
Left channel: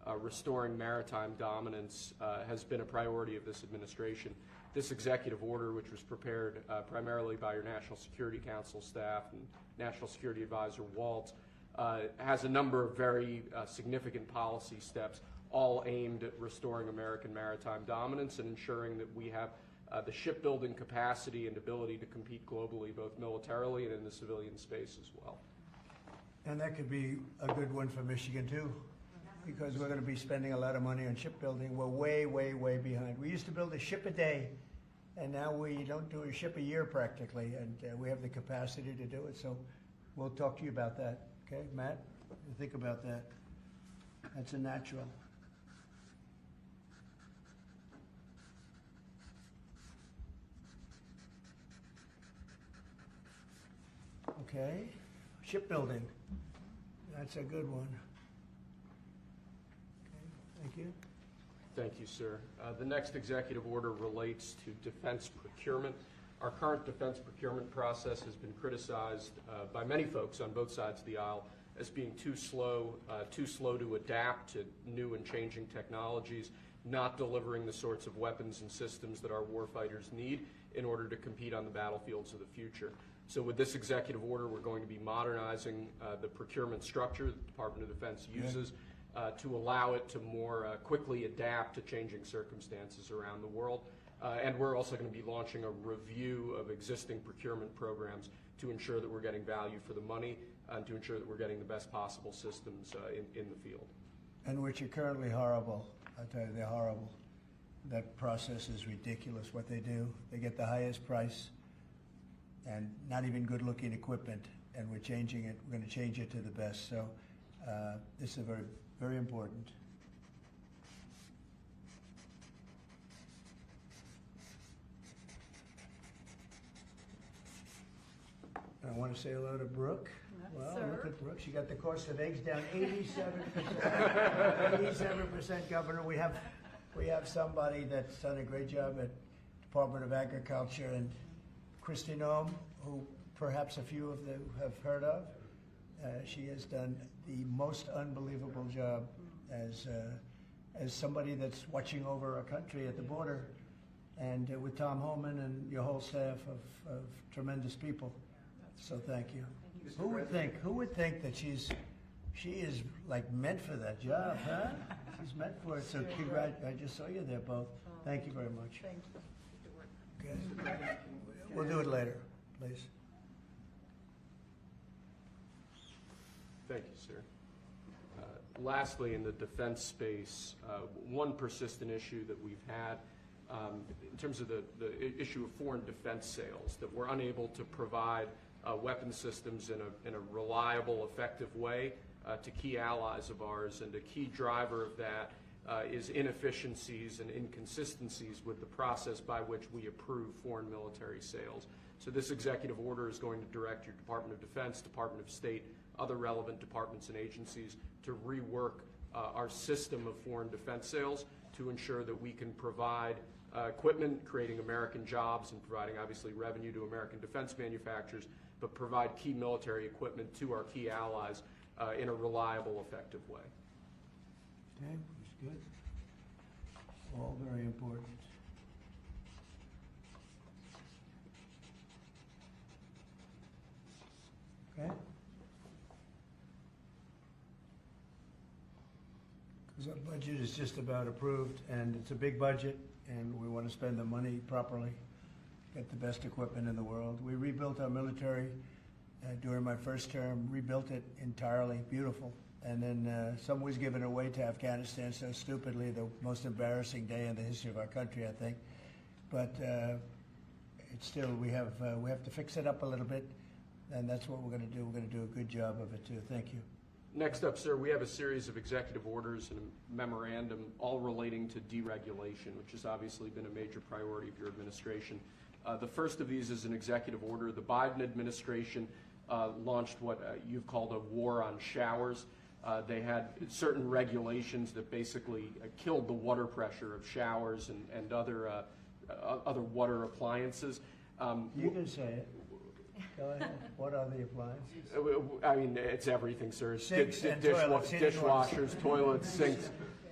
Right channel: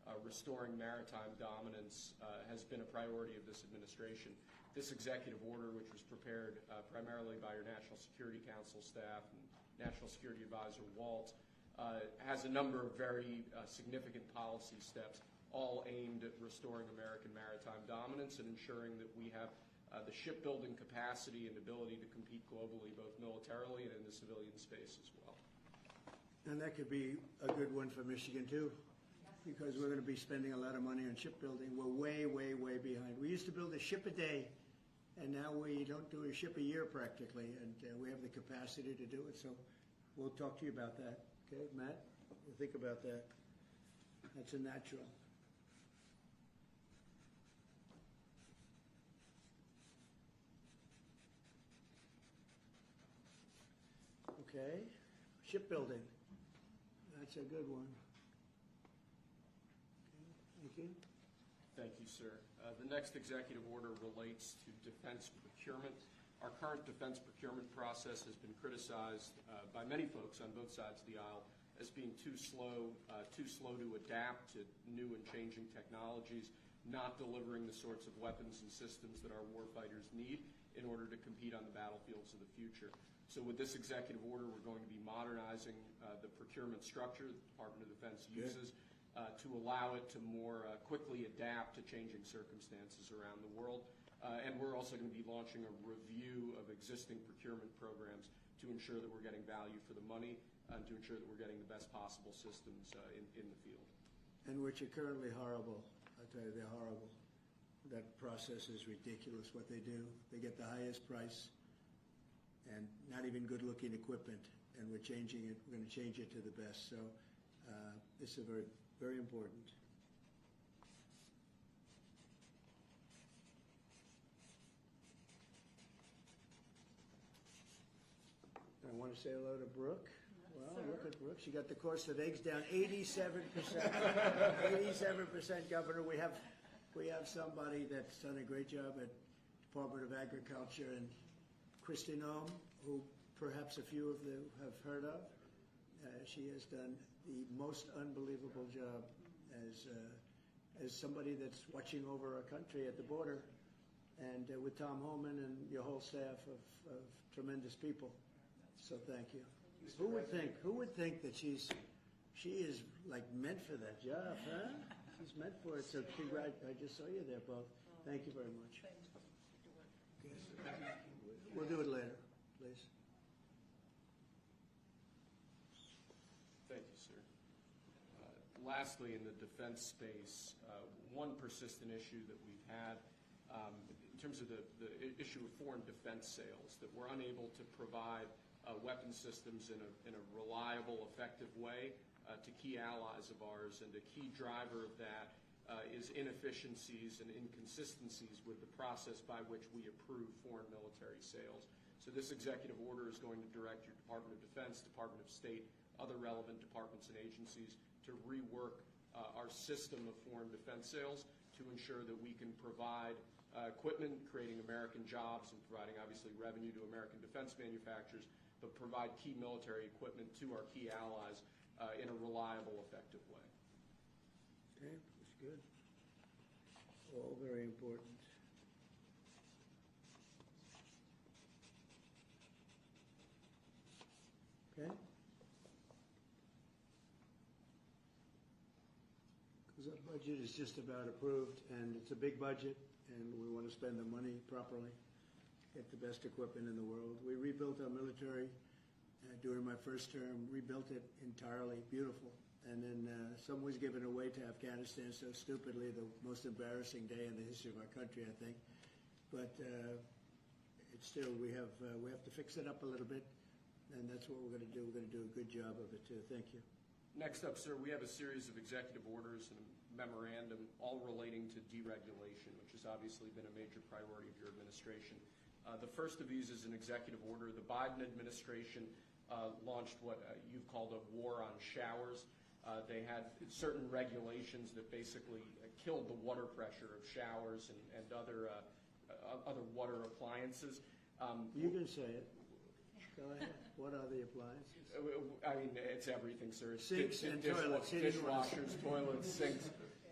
restoring maritime dominance has been a priority of this administration. This executive order, which was prepared primarily by your National Security Council staff and National Security Advisor Waltz, has a number of very significant policy steps, all aimed at restoring American maritime dominance and ensuring that we have the shipbuilding capacity and ability to compete globally, both militarily and in the civilian space as well. And that could be a good one for Michigan too, because we're going to be spending a lot of money on shipbuilding. We're way, way, way behind. We used to build a ship a day, and now we don't do a ship a year practically, and we have the capacity to do it. So we'll talk to you about that. Okay, Matt? You think about that. That's a natural. Okay, shipbuilding. That's a good one. Okay, thank you. Thank you, sir. The next executive order relates to defense procurement. Our current defense procurement process has been criticized by many folks on both sides of the aisle as being too slow to adapt to new and changing technologies, not delivering the sorts of weapons and systems that our warfighters need in order to compete on the battlefields of the future. So with this executive order, we're going to be modernizing the procurement structure that the Department of Defense uses to allow it to more quickly adapt to changing circumstances around the world. And we're also going to be launching a review of existing procurement programs to ensure that we're getting value for the money and to ensure that we're getting the best possible systems in the field. And which are currently horrible. I'll tell you, they're horrible. That process is ridiculous, what they do. They get the highest price and not even good-looking equipment, and we're changing it. We're going to change it to the best. So this is very, very important. I want to say hello to Brooke. Wow, look at Brooke. She got the cost of eggs down 87%. 87% governor. We have somebody that's done a great job at Department of Agriculture, and Kristi Noem, who perhaps a few of you have heard of. She has done the most unbelievable job as somebody that's watching over our country at the border, and with Tom Homan and your whole staff of tremendous people. So thank you. Who would think that she is like meant for that job, huh? She's meant for it. So I just saw you there both. Thank you very much. Okay. We'll do it later, please. Thank you, sir. Lastly, in the defense space, one persistent issue that we've had in terms of the issue of foreign defense sales, that we're unable to provide weapon systems in a reliable, effective way to key allies of ours, and a key driver of that is inefficiencies and inconsistencies with the process by which we approve foreign military sales. So this executive order is going to direct your Department of Defense, Department of State, other relevant departments and agencies to rework our system of foreign defense sales to ensure that we can provide equipment, creating American jobs and providing obviously revenue to American defense manufacturers, but provide key military equipment to our key allies in a reliable, effective way. Okay, that's good. All very important. Okay? Because our budget is just about approved, and it's a big budget, and we want to spend the money properly, get the best equipment in the world. We rebuilt our military during my first term, rebuilt it entirely, beautiful. And then some was given away to Afghanistan so stupidly, the most embarrassing day in the history of our country, I think. But it's still, we have to fix it up a little bit, and that's what we're going to do. We're going to do a good job of it too. Thank you. Next up, sir, we have a series of executive orders and a memorandum all relating to deregulation, which has obviously been a major priority of your administration. The first of these is an executive order. The Biden administration launched what you've called a war on showers. They had certain regulations that basically killed the water pressure of showers and other water appliances. You can say it. Go ahead. What are the appliances? I mean, it's everything, sir. Sinks and toilets, dishwashers, toilets, sinks.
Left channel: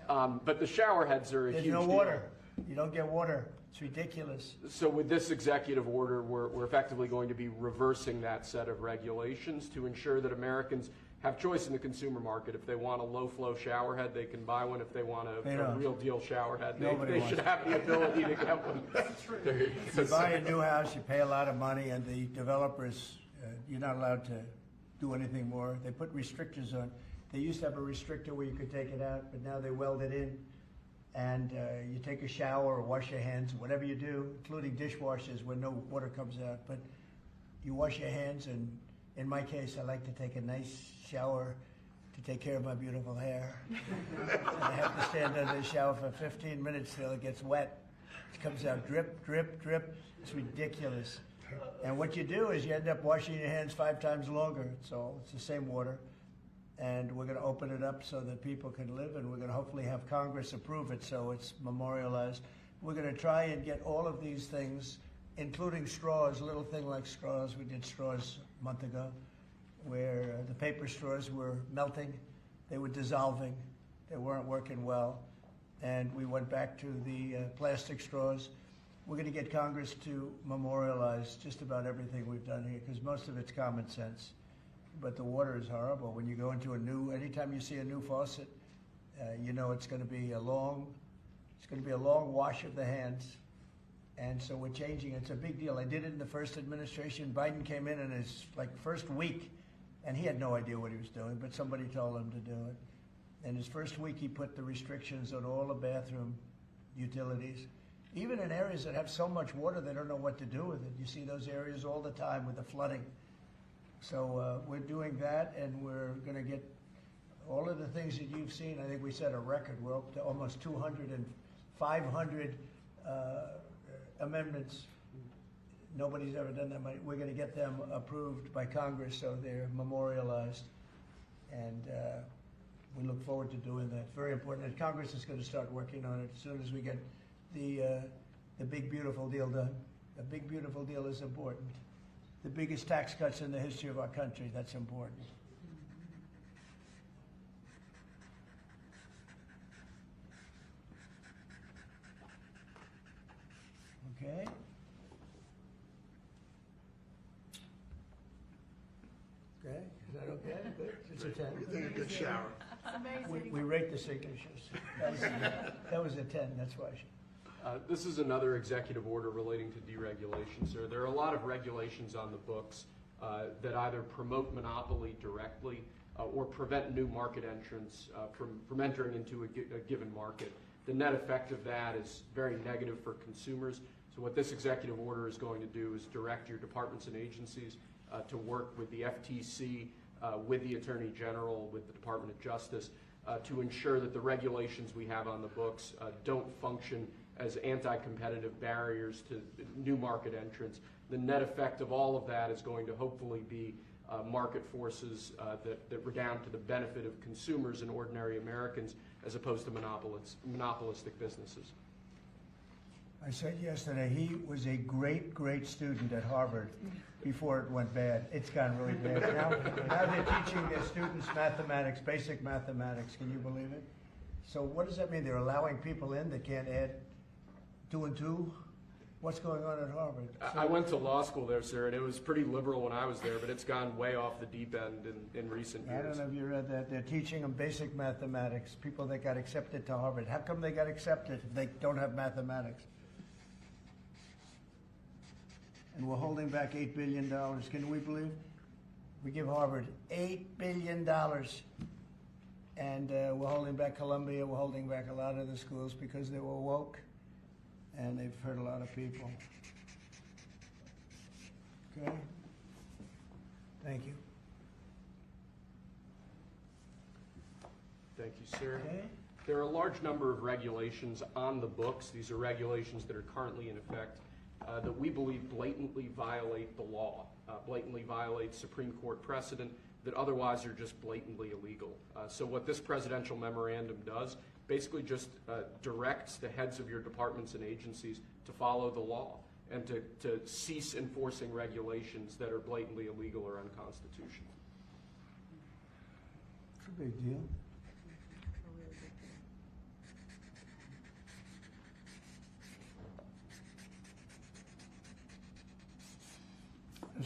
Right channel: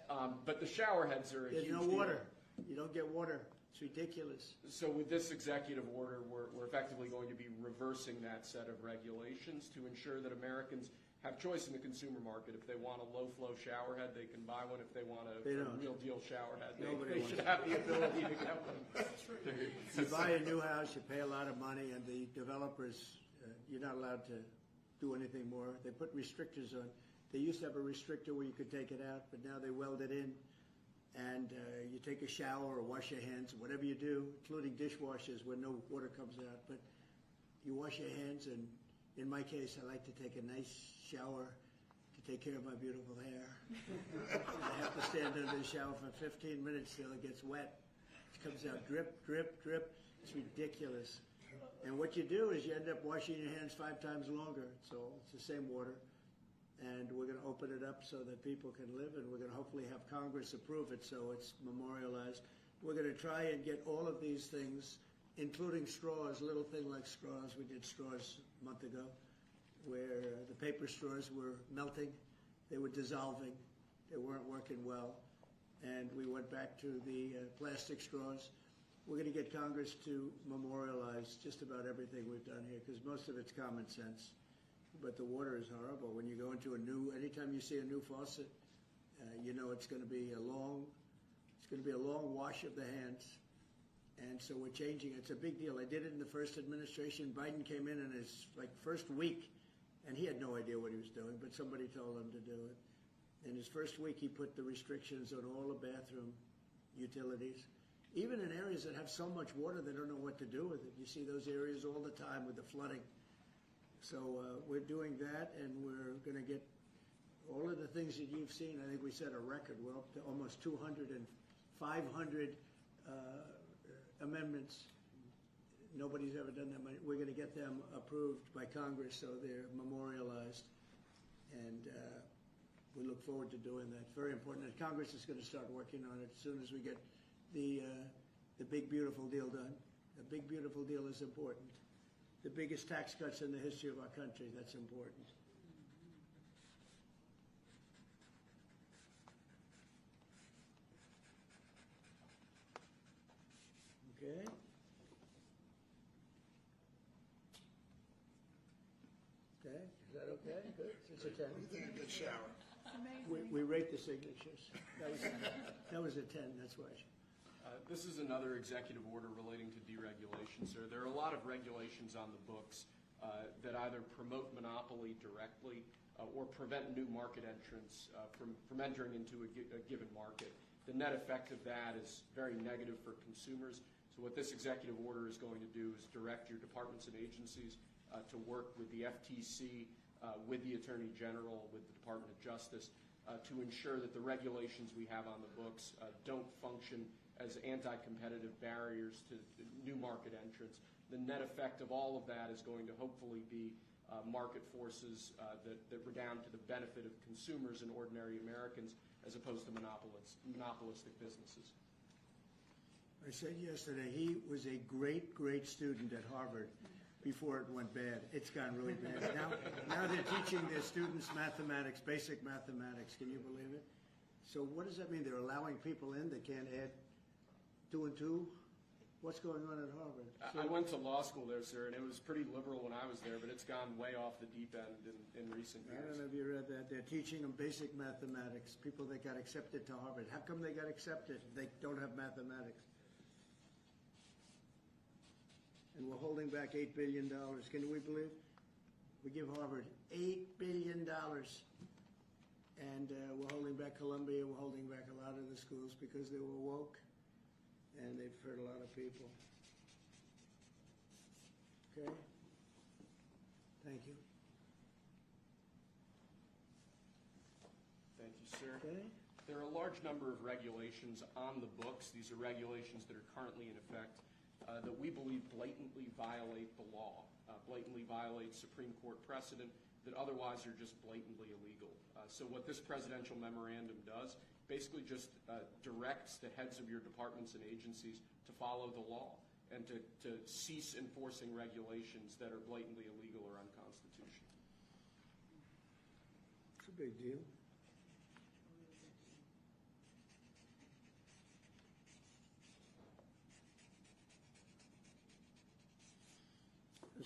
But the shower heads are a There's huge no deal. water. You don't get water. It's ridiculous. So with this executive order, we're effectively going to be reversing that set of regulations to ensure that Americans have choice in the consumer market. If they want a low-flow shower head, they can buy one. If they want They a don't. real deal shower head, Nobody they wants should it. have the ability to get one. You buy a new house, you pay a lot of money, and the developers, you're not allowed to do anything more. They put restrictors on. They used to have a restrictor where you could take it out, but now they weld it in. And you take a shower or wash your hands, whatever you do, including dishwashers where no water comes out. But you wash your hands, and in my case, I like to take a nice shower to take care of my beautiful hair. And I have to stand under the shower for 15 minutes till it gets wet. It comes out drip, drip, drip. It's ridiculous. And what you do is you end up washing your hands 5 times longer. So it's the same water. And we're going to open it up so that people can live, and we're going to hopefully have Congress approve it so it's memorialized. We're going to try and get all of these things, including straws, a little thing like straws. We did straws a month ago, where the paper straws were melting, they were dissolving, they weren't working well, and we went back to the plastic straws. We're going to get Congress to memorialize just about everything we've done here, because most of it's common sense. But the water is horrible. When you go into anytime you see a new faucet, you know it's going to be a long wash of the hands. And so we're changing. It's a big deal. I did it in the first administration. Biden came in his first week, and he had no idea what he was doing, but somebody told him to do it. In his first week, he put the restrictions on all the bathroom utilities. Even in areas that have so much water, they don't know what to do with it. You see those areas all the time with the flooding. So we're doing that, and we're going to get all of the things that you've seen. I think we set a record. We're up to almost 200 and 500 amendments. Nobody's ever done that. We're going to get them approved by Congress so they're memorialized, and we look forward to doing that. Very important. And Congress is going to start working on it as soon as we get the big beautiful deal done. The big beautiful deal is important. The biggest tax cuts in the history of our country, that's important. Okay. Okay, is that okay? Good. It's a 10. You think a good shower. We rate the signatures. That was a 10, that's why. This is another executive order relating to deregulation, sir. There are a lot of regulations on the books that either promote monopoly directly or prevent new market entrants from entering into a given market. The net effect of that is very negative for consumers. So what this executive order is going to do is direct your departments and agencies to work with the FTC, with the Attorney General, with the Department of Justice, to ensure that the regulations we have on the books don't function as anti-competitive barriers to new market entrants. The net effect of all of that is going to hopefully be market forces that redound to the benefit of consumers and ordinary Americans as opposed to monopolistic businesses. I said yesterday, he was a great, great student at Harvard before it went bad. It's gone really bad. Now they're teaching their students mathematics, basic mathematics. Can you believe it? So what does that mean? They're allowing people in that can't add 2 and 2? What's going on at Harvard? I went to law school there, sir, and it was pretty liberal when I was there, but it's gone way off the deep end in recent years. I don't know if you read that. They're teaching them basic mathematics, people that got accepted to Harvard. How come they got accepted if they don't have mathematics? And we're holding back $8 billion. Can we believe? We give Harvard $8 billion. And we're holding back Columbia. We're holding back a lot of the schools because they were woke. And they've hurt a lot of people. Okay? Thank you. Thank you, sir. Okay? There are a large number of regulations on the books. These are regulations that are currently in effect that we believe blatantly violate the law, blatantly violate Supreme Court precedent that otherwise are just blatantly illegal. So what this presidential memorandum does basically just directs the heads of your departments and agencies to follow the law and to cease enforcing regulations that are blatantly illegal or unconstitutional. It's a big deal.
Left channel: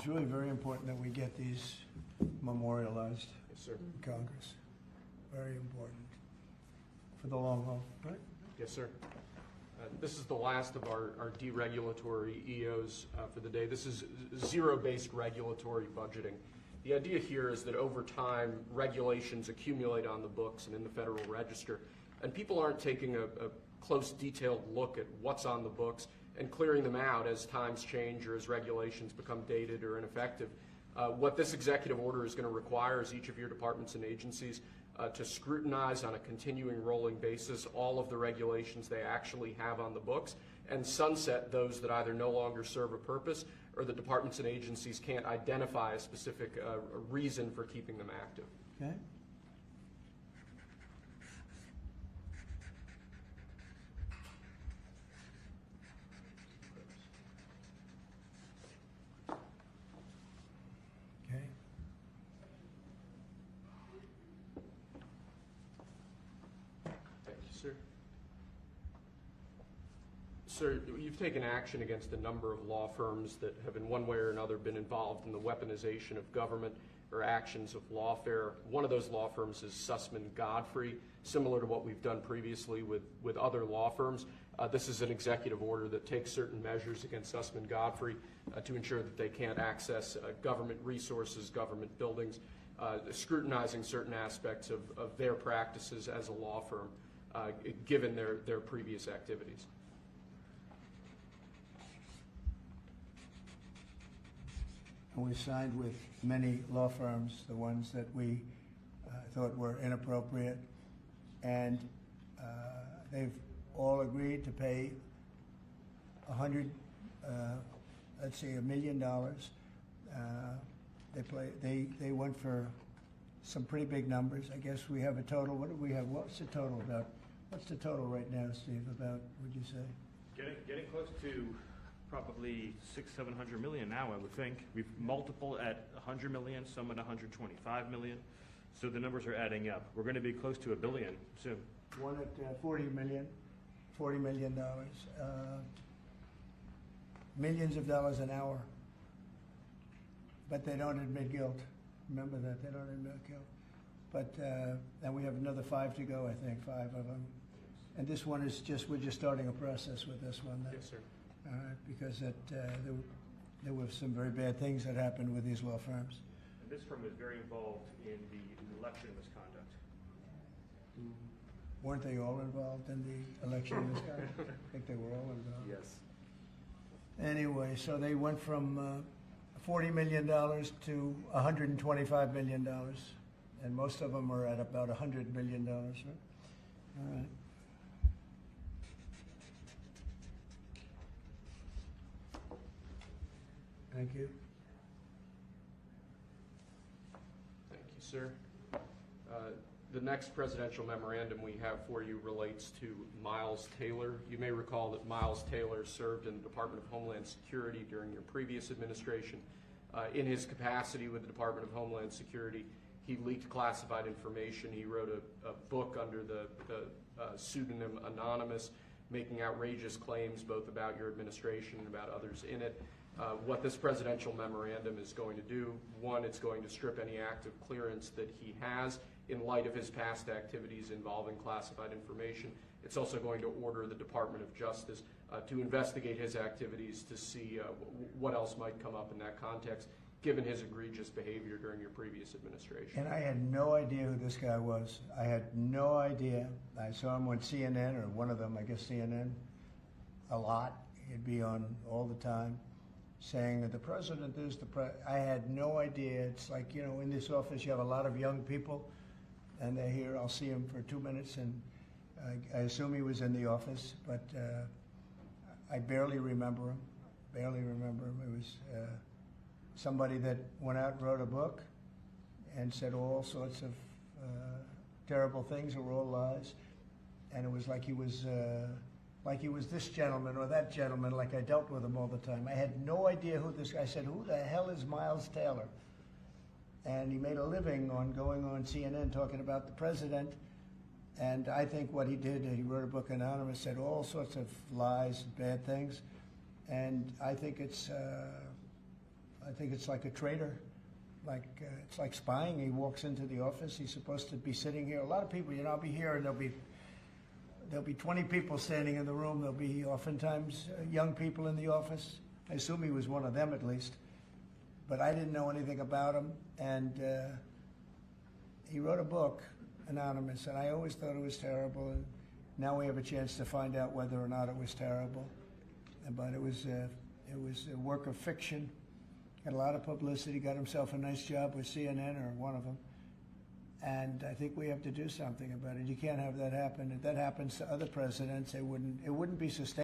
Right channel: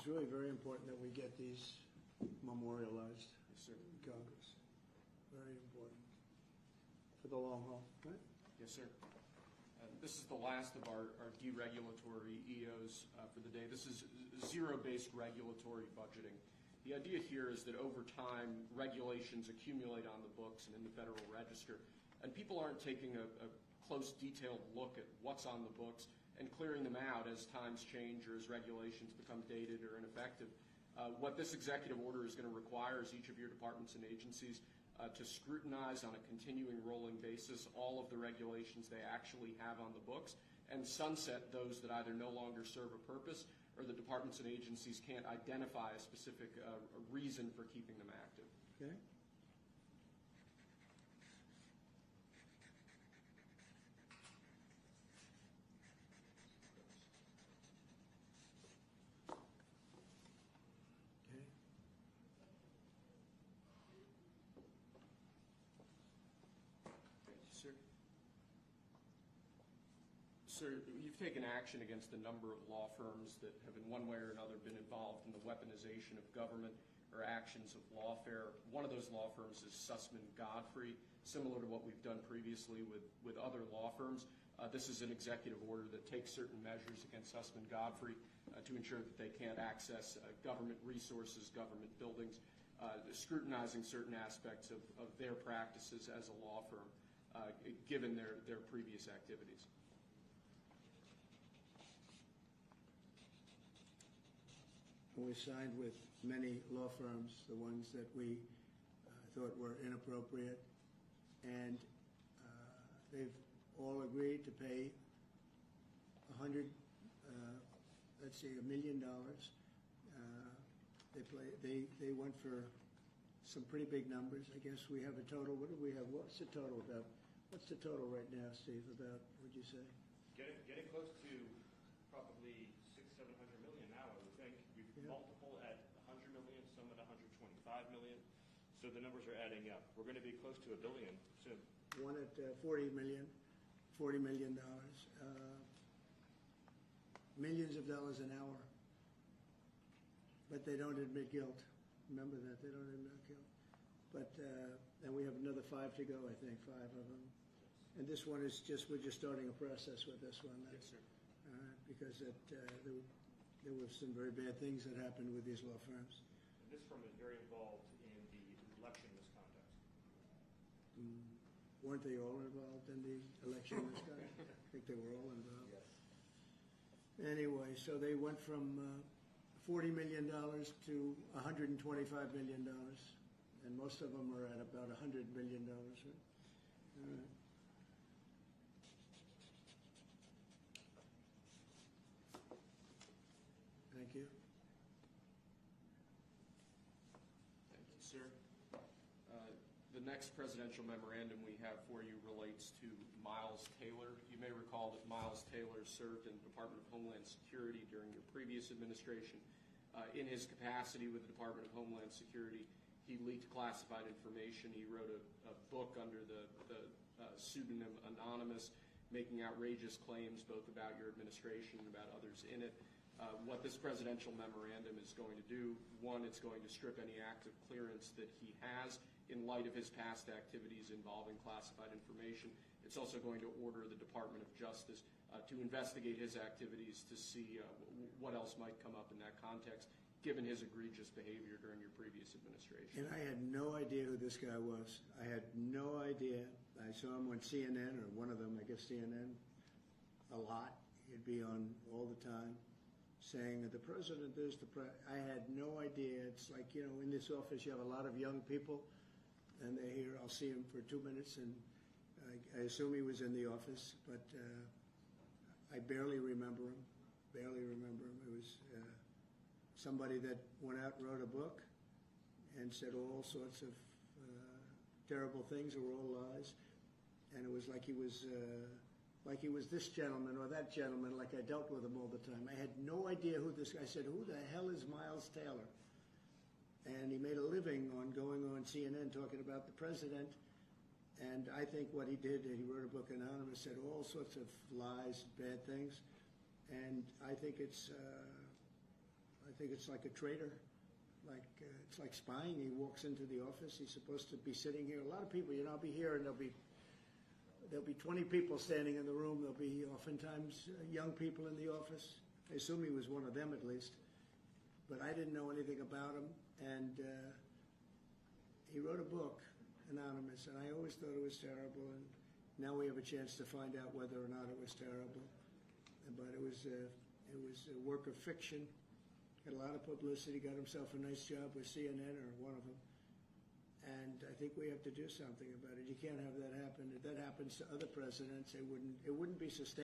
it's really very important that we get these memorialized Yes, sir. in Congress. Very important for the long haul, right? Yes, sir. This is the last of our deregulatory EOs for the day. This is zero-based regulatory budgeting. The idea here is that over time, regulations accumulate on the books and in the Federal Register, and people aren't taking a close, detailed look at what's on the books and clearing them out as times change or as regulations become dated or ineffective. What this executive order is going to require is each of your departments and agencies to scrutinize on a continuing rolling basis all of the regulations they actually have on the books and sunset those that either no longer serve a purpose or the departments and agencies can't identify a specific reason for keeping them active. Okay? Okay. Thank you, sir. Sir, you've taken action against a number of law firms that have in one way or another been involved in the weaponization of government or actions of lawfare. One of those law firms is Sussman Godfrey, similar to what we've done previously with other law firms. This is an executive order that takes certain measures against Sussman Godfrey to ensure that they can't access government resources, government buildings, scrutinizing certain aspects of their practices as a law firm, given their previous activities. And we signed with many law firms, the ones that we thought were inappropriate, and they've all agreed to pay $100 million. They went for some pretty big numbers. I guess we have a total. What do we have? What's the total about? What's the total right now, Steve? About, would you say? Getting close to probably 600-700 million now, I would think. We've multiple at 100 million, some at 125 million. So the numbers are adding up. We're going to be close to $1 billion soon. One at $40 million. Millions of dollars an hour. But they don't admit guilt. Remember that, they don't admit guilt. But, and we have another 5 to go, I think, 5 of them. And this one is just, we're just starting a process with this one. Yes, sir. Because there were some very bad things that happened with these law firms. And this firm is very involved in the election misconduct. Weren't they all involved in the election misconduct? I think they were all involved. Yes. Anyway, so they went from $40 million to $125 million. And most of them are at about $100 million, right? All right. Thank you. Thank you, sir. The next presidential memorandum we have for you relates to Miles Taylor. You may recall that Miles Taylor served in the Department of Homeland Security during your previous administration. In his capacity with the Department of Homeland Security, he leaked classified information. He wrote a book under the pseudonym Anonymous, making outrageous claims both about your administration and about others in it. What this presidential memorandum is going to do, one, it's going to strip any active clearance that he has in light of his past activities involving classified information. It's also going to order the Department of Justice to investigate his activities to see what else might come up in that context, given his egregious behavior during your previous administration. And I had no idea who this guy was. I had no idea. I saw him on CNN, or one of them, I guess CNN, a lot. He'd be on all the time, saying that the president is the president. I had no idea. It's like, you know, in this office you have a lot of young people, and they're here. I'll see him for 2 minutes, and I assume he was in the office, but I barely remember him. It was somebody that went out and wrote a book and said all sorts of terrible things that were all lies, and it was like he was this gentleman or that gentleman, like I dealt with him all the time. I had no idea who this guy. I said, who the hell is Miles Taylor? And he made a living on going on CNN talking about the president. And I think what he did, he wrote a book, Anonymous, said all sorts of lies and bad things. And I think it's I think it's like a traitor. It's like spying. He walks into the office. He's supposed to be sitting here. A lot of people, I'll be here, and there'll be 20 people standing in the room. There'll be oftentimes young people in the office. I assume he was one of them at least. But I didn't know anything about him. And he wrote a book, Anonymous, and I always thought it was terrible. And now we have a chance to find out whether or not it was terrible. But it was a work of fiction. Got a lot of publicity, got himself a nice job with CNN or one of them. And I think we have to do something about it. You can't have that happen. If that happens to other presidents, it wouldn't be sustainable.